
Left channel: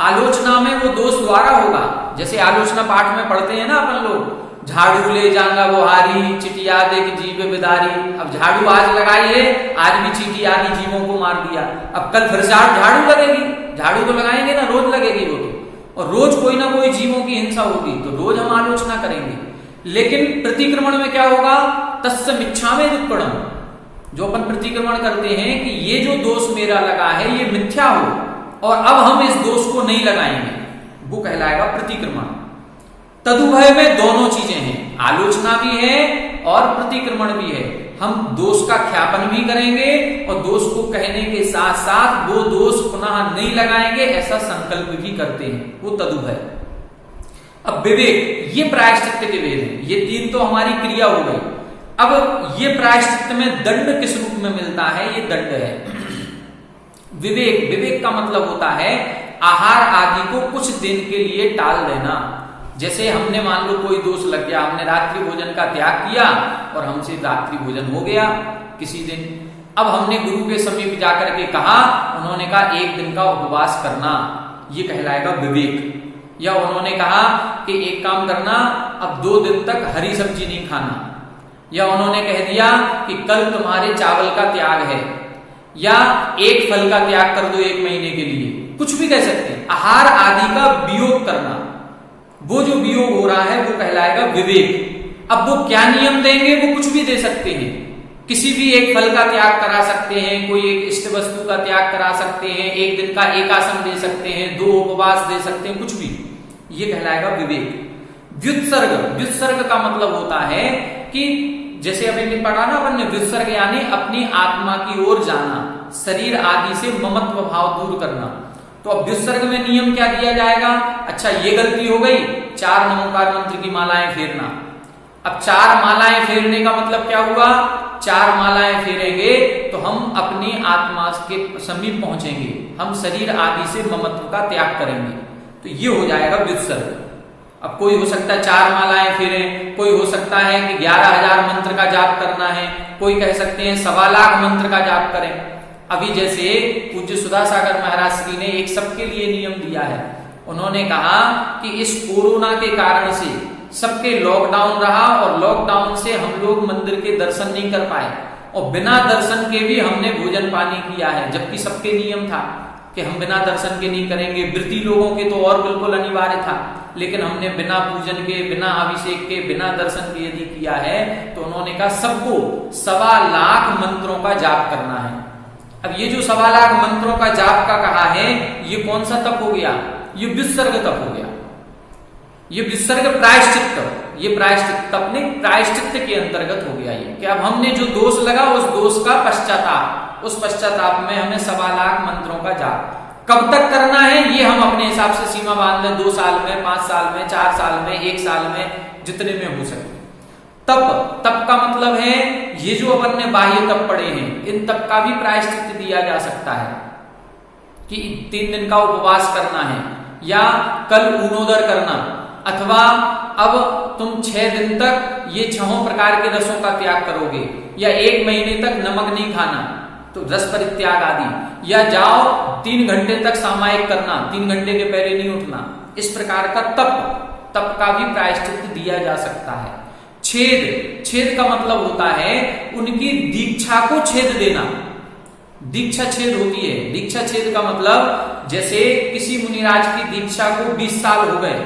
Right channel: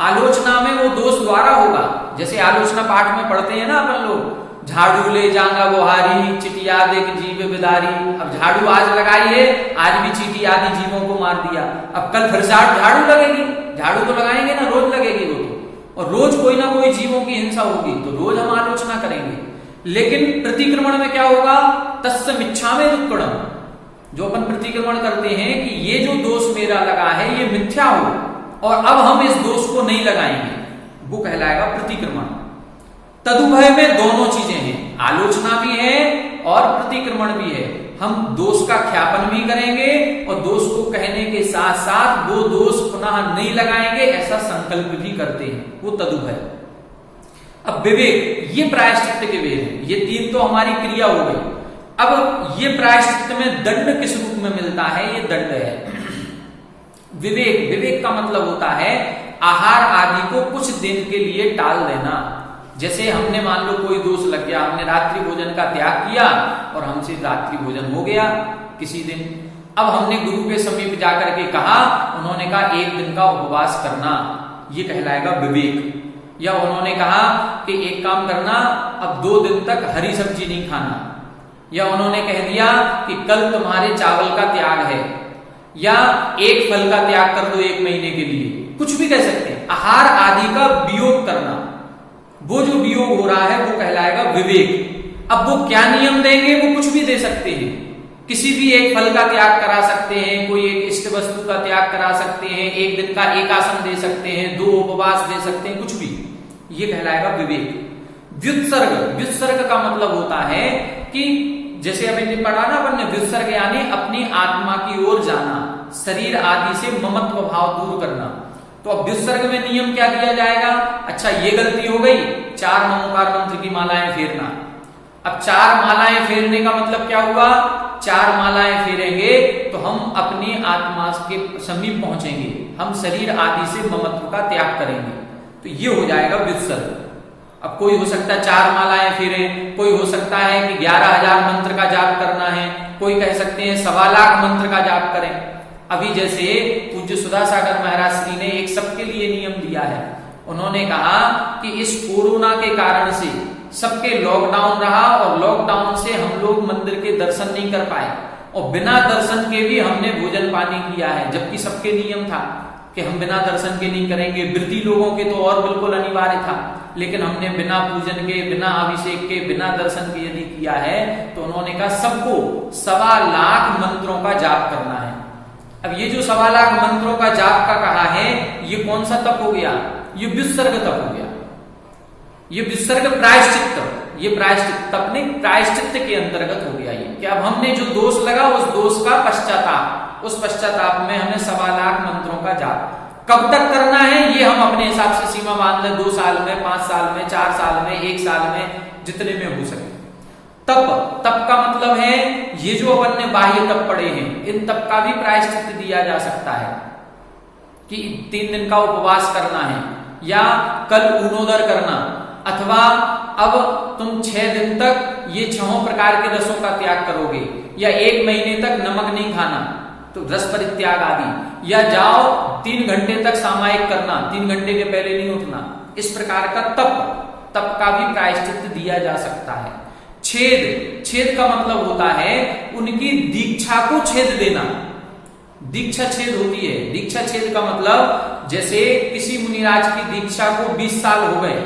आलोचना में वो दोष दोबारा होगा, जैसे आलोचना पाठ में पढ़ते हैं ना अपन लोग, झाड़ू ले जांगा बुहारी चिटिया देख जीव बिदारी। अब झाड़ू आज लगाई है, आज भी चीटी आदि जीवों को मार दिया, अब कल फिर से झाड़ू लगेगी, झाड़ू तो लगाएंगे ना, रोज लगेगी वो तो, और रोज कोई ना कोई जीवों की हिंसा होगी, तो रोज हम आलोचना करेंगे। लेकिन प्रतिक्रमण में क्या होगा, तस्य मिच्छामि दुक्कड़म, जो अपन प्रतिक्रमण करते हैं कि ये जो दोष मेरा लगा है ये मिथ्या हो और अब हम इस दोष को नहीं लगाएंगे, वो कहलाएगा प्रतिक्रमण। तदुभय में दोनों चीजें हैं, आलोचना भी है और प्रतिक्रमण भी है। हम दोष का ख्यापन भी करेंगे और दोष को कहने के साथ साथ वो दोष पुनः नहीं लगाएंगे, ऐसा संकल्प भी करते हैं, वो तदुभय। अब विवेक, ये प्रायश्चित्त के वेद हैं, ये तीन तो हमारी क्रिया हो गई। अब ये प्रायश्चित्त में दंड किस रूप में मिलता है, ये दंड है। विवेक, विवेक का मतलब होता है आहार आदि को कुछ दिन के लिए टाल देना। जैसे हमने मान लो कोई दोष लग गया, हमने रात्रि भोजन का त्याग किया और हमसे रात्रि भोजन हो गया किसी दिन, अब हमने गुरु के समीप जाकर के कहा, उन्होंने कहा 1 दिन का उपवास करना, ये कहलाएगा विवेक। या उन्होंने कहा कि एक काम करना, अब 2 दिन तक हरी सब्जी नहीं खाना, या उन्होंने कह दिया कि कल तुम्हारे चावल का त्याग है, या 1 फल का त्याग कर दो 1 महीने के लिए, कुछ भी कह सकते हैं। आहार आदि का वियोग करना, वो जो वियोग हो रहा है वो कहलाएगा विवेक। अब वो क्या नियम देंगे, वो कुछ भी दे सकते हैं, किसी भी एक फल का त्याग करा सकते हैं, कोई एक इष्ट वस्तु का त्याग करा सकते हैं, 1 दिन का एकासन दे सकते हैं, 2 उपवास दे सकते हैं, कुछ भी, ये कहलाएगा विवेक। व्युत्सर्ग, व्युत्सर्ग का मतलब होता है कि जैसे अभी पढ़ा ना अपन ने, व्युत्सर्ग यानी अपनी आत्मा की ओर जाना, शरीर आदि से ममत्व भाव दूर करना। तो अब व्युत्सर्ग में नियम क्या दिया जाएगा, अच्छा ये गलती हो गई, 4 नमोकार मंत्र की मालाएं फेरना। अब 4 मालाएं फेरने का मतलब क्या हुआ, 4 मालाएं फेरेंगे तो हम अपनी आत्मा के समीप पहुंचेंगे, हम शरीर आदि से ममत्व का त्याग करेंगे, तो ये हो जाएगा व्युत्सर्ग। अब कोई हो सकता है 4 मालाएं फेरें, कोई हो सकता है कि 11,000 मंत्र का जाप करना है, कोई कह सकते हैं 1.25 लाख मंत्र का जाप करें। अभी जैसे पूज्य सुधासागर महाराज श्री ने एक सबके लिए नियम दिया है, उन्होंने कहा कि इस कोरोना के कारण से सबके लॉकडाउन रहा और लॉकडाउन से हम लोग मंदिर के दर्शन नहीं कर पाए और बिना दर्शन के भी हमने भोजन पानी किया है, जबकि सबके नियम था कि हम बिना दर्शन के नहीं करेंगे। व्रती लोगों के तो और बिल्कुल अनिवार्य था, लेकिन हमने बिना पूजन के, बिना अभिषेक के, बिना दर्शन के यदि किया है तो उन्होंने कहा सबको 1.25 लाख मंत्रों का जाप करना है। अब ये जो 1.25 लाख मंत्रों का जाप का कहा है, ये कौन सा तप हो गया, ये व्युत्सर्ग तप हो गया, ये व्युत्सर्ग प्रायश्चित्त, ये प्रायश्चित्त तप नहीं, प्रायश्चित्त के अंतर्गत हो गया ये कि अब हमने जो दोष लगा उस दोष का पश्चाताप, उस पश्चाताप में हमें 1.25 लाख मंत्रों का जाप कब तक करना है, ये हम अपने हिसाब से सीमा बांध लें, 2 साल में, 5 साल में, 4 साल में, 1 साल में, जितने में हो सके। तप, तप का मतलब है ये जो अपन ने बाह्य तप पढ़े हैं, इन तप का भी प्रायश्चित्त दिया जा सकता है कि 3 दिन का उपवास करना है, या कल ऊनोदर करना, अथवा अब तुम 6 दिन तक ये 6 प्रकार के रसों का त्याग करोगे, या 1 महीने तक नमक नहीं खाना, तो रस परित्याग आदि, या जाओ 3 घंटे तक सामायिक करना, 3 घंटे के पहले नहीं उठना। इस प्रकार का तप का भी प्रायश्चित्त दिया जा सकता है। छेद, छेद का मतलब होता है उनकी दीक्षा को छेद देना, दीक्षा छेद होती है। दीक्षा छेद का मतलब जैसे किसी मुनिराज की दीक्षा को 20 साल हो गए,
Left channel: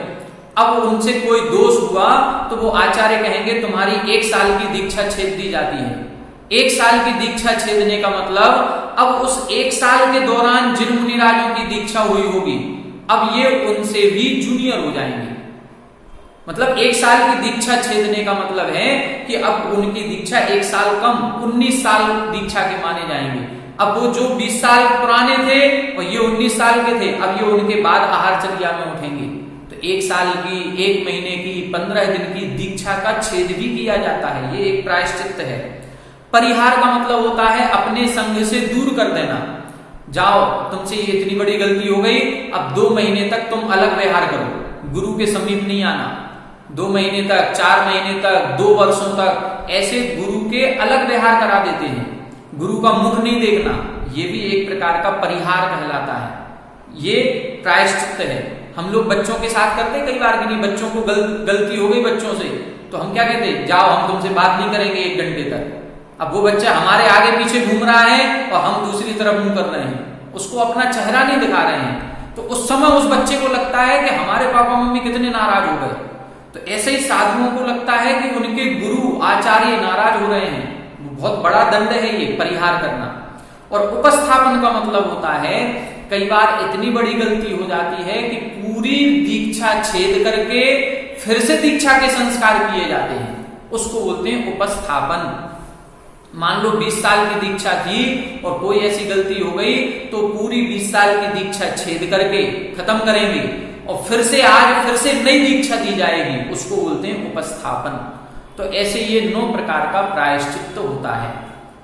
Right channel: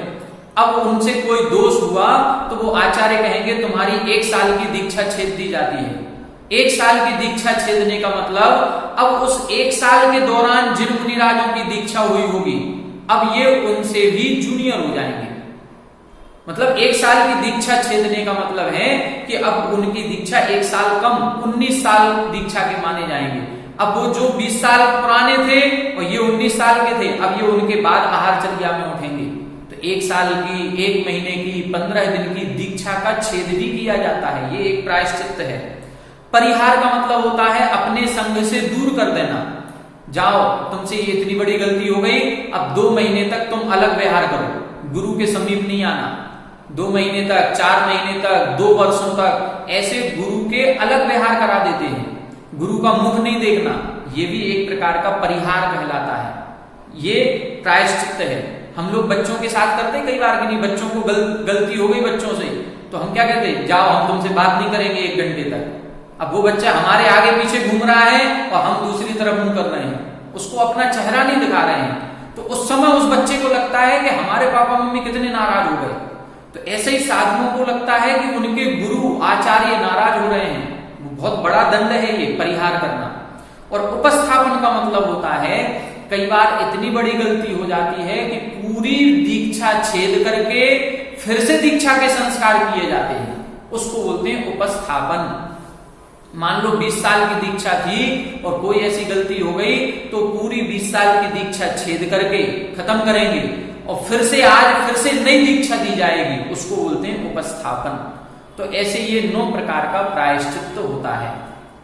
अब उनसे कोई दोष हुआ तो वो आचार्य कहेंगे तुम्हारी 1 साल की दीक्षा छेद दी जाती है। 1 साल की दीक्षा छेदने का मतलब अब उस 1 साल के दौरान जिन मुनिराजों की दीक्षा हुई होगी, अब ये उनसे भी जूनियर हो जाएंगे। मतलब 1 साल की दीक्षा छेदने का मतलब है कि अब उनकी दीक्षा 1 साल कम 19 साल दीक्षा के माने जाएंगे। अब वो जो 20 साल पुराने थे और ये 19 साल के थे, अब ये उनके बाद आहारचर्या में उठेंगे, तो 1 साल की, 1 महीने की, 15 दिन की दीक्षा का छेद भी किया जाता है, ये एक प्रायश्चित्त है। परिहार का मतलब होता है अपने संग से दूर कर देना, जाओ तुमसे ये इतनी बड़ी गलती हो गई, अब 2 महीने तक तुम अलग व्यवहार करो, गुरु के समीप नहीं आना, 2 महीने तक, 4 महीने तक, 2 वर्षों तक, ऐसे गुरु के अलग व्यवहार करा देते हैं। गुरु का मुख नहीं देखना, ये भी एक प्रकार का परिहार कहलाता है। ये प्रायश्चित्त है। हम लोग बच्चों के साथ करते हैं कई बार कि नहीं, बच्चों को गलती हो गई बच्चों से, तो हम क्या कहते हैं, जाओ हम तुमसे बात नहीं करेंगे 1 घंटे तक। अब वो बच्चा हमारे आगे पीछे घूम रहा है और हम दूसरी तरफ मुंह कर रहे हैं, उसको अपना चेहरा नहीं दिखा रहे हैं, तो उस समय उस बच्चे को लगता है कि हमारे पापा मम्मी कितने नाराज हो गए। तो ऐसे ही साधुओं को लगता है कि उनके गुरु आचार्य नाराज हो रहे हैं। बहुत बड़ा दंड है ये परिहार करना। और उपस्थापन का मतलब होता है, कई बार इतनी बड़ी गलती हो जाती है कि पूरी दीक्षा छेद करके फिर से दीक्षा के संस्कार किए जाते हैं, उसको बोलते हैं उपस्थापन। मान लो 20 साल की दीक्षा थी और कोई ऐसी गलती हो गई तो पूरी 20 साल की दीक्षा छेद करके खत्म करेंगे और फिर से आज फिर से नई दीक्षा दी जाएगी, उसको बोलते हैं उपस्थापन। तो ऐसे ये 9 प्रकार का प्रायश्चित्त होता है।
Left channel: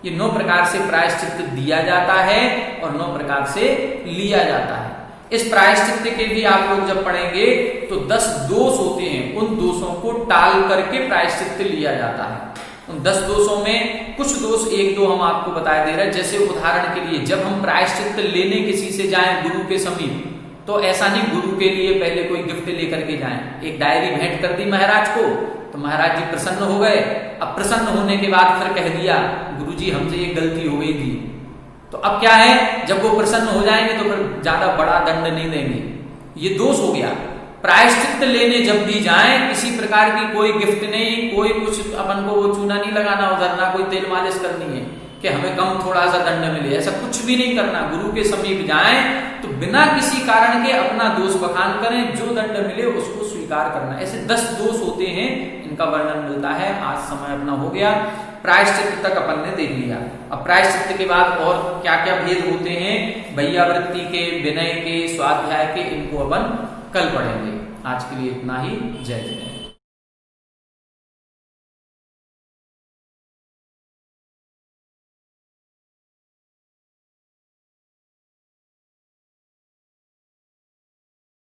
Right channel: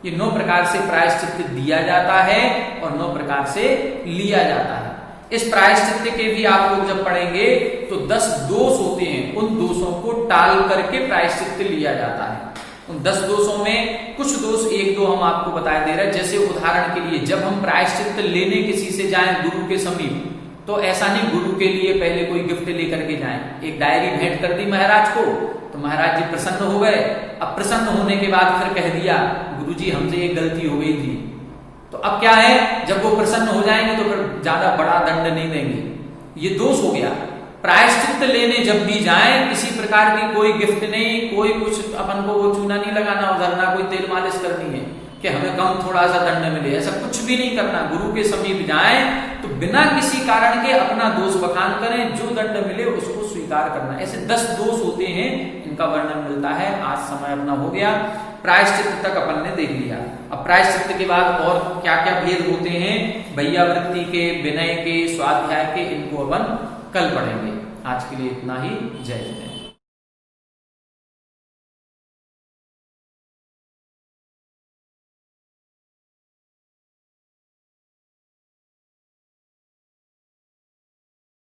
ये 9 प्रकार से प्रायश्चित्त दिया जाता है और 9 प्रकार से लिया जाता है। इस प्रायश्चित्त के भी आप लोग जब पढ़ेंगे तो 10 दोष होते हैं, उन दोषों को टाल करके प्रायश्चित्त लिया जाता है। उन 10 दोषों में कुछ दोष 1-2 हम आपको बता दे रहे हैं। जैसे उदाहरण के लिए, जब हम प्रायश्चित्त लेने किसी से जाएं गुरु के समीप, तो ऐसा नहीं गुरु के लिए पहले कोई गिफ्ट लेकर के जाएं। एक डायरी भेंट कर दी महाराज को, तो महाराज जी प्रसन्न हो गए। अब प्रसन्न होने के बाद फिर कह दिया गुरुजी हमसे ये गलती हो गई थी, तो अब क्या है, जब वो प्रसन्न हो जाएंगे तो फिर ज्यादा बड़ा दंड नहीं देंगे। ये दोष हो गया। प्रायश्चित्त लेने जब भी जाएं, किसी प्रकार की कोई गिफ्ट नहीं, कोई कुछ अपन को वो चूना नहीं लगाना उधर, ना कोई तेल मालिश करनी है कि हमें कम थोड़ा सा दंड मिले, ऐसा कुछ भी नहीं करना। गुरु के समीप जाएं तो बिना किसी कारण के अपना दोष बखान करें, जो दंड मिले उसको स्वीकार करना। ऐसे 10 दोष होते हैं, इनका वर्णन मिलता है। आज समय अपना हो गया, प्रायश्चित्त तक अपन ने देख लिया। अब प्रायश्चित्त के बाद और क्या क्या भेद होते हैं, वैयावृत्ति के, विनय के, स्वाध्याय के, इनको अपन कल पढ़ेंगे। आज के लिए इतना ही। जय जय।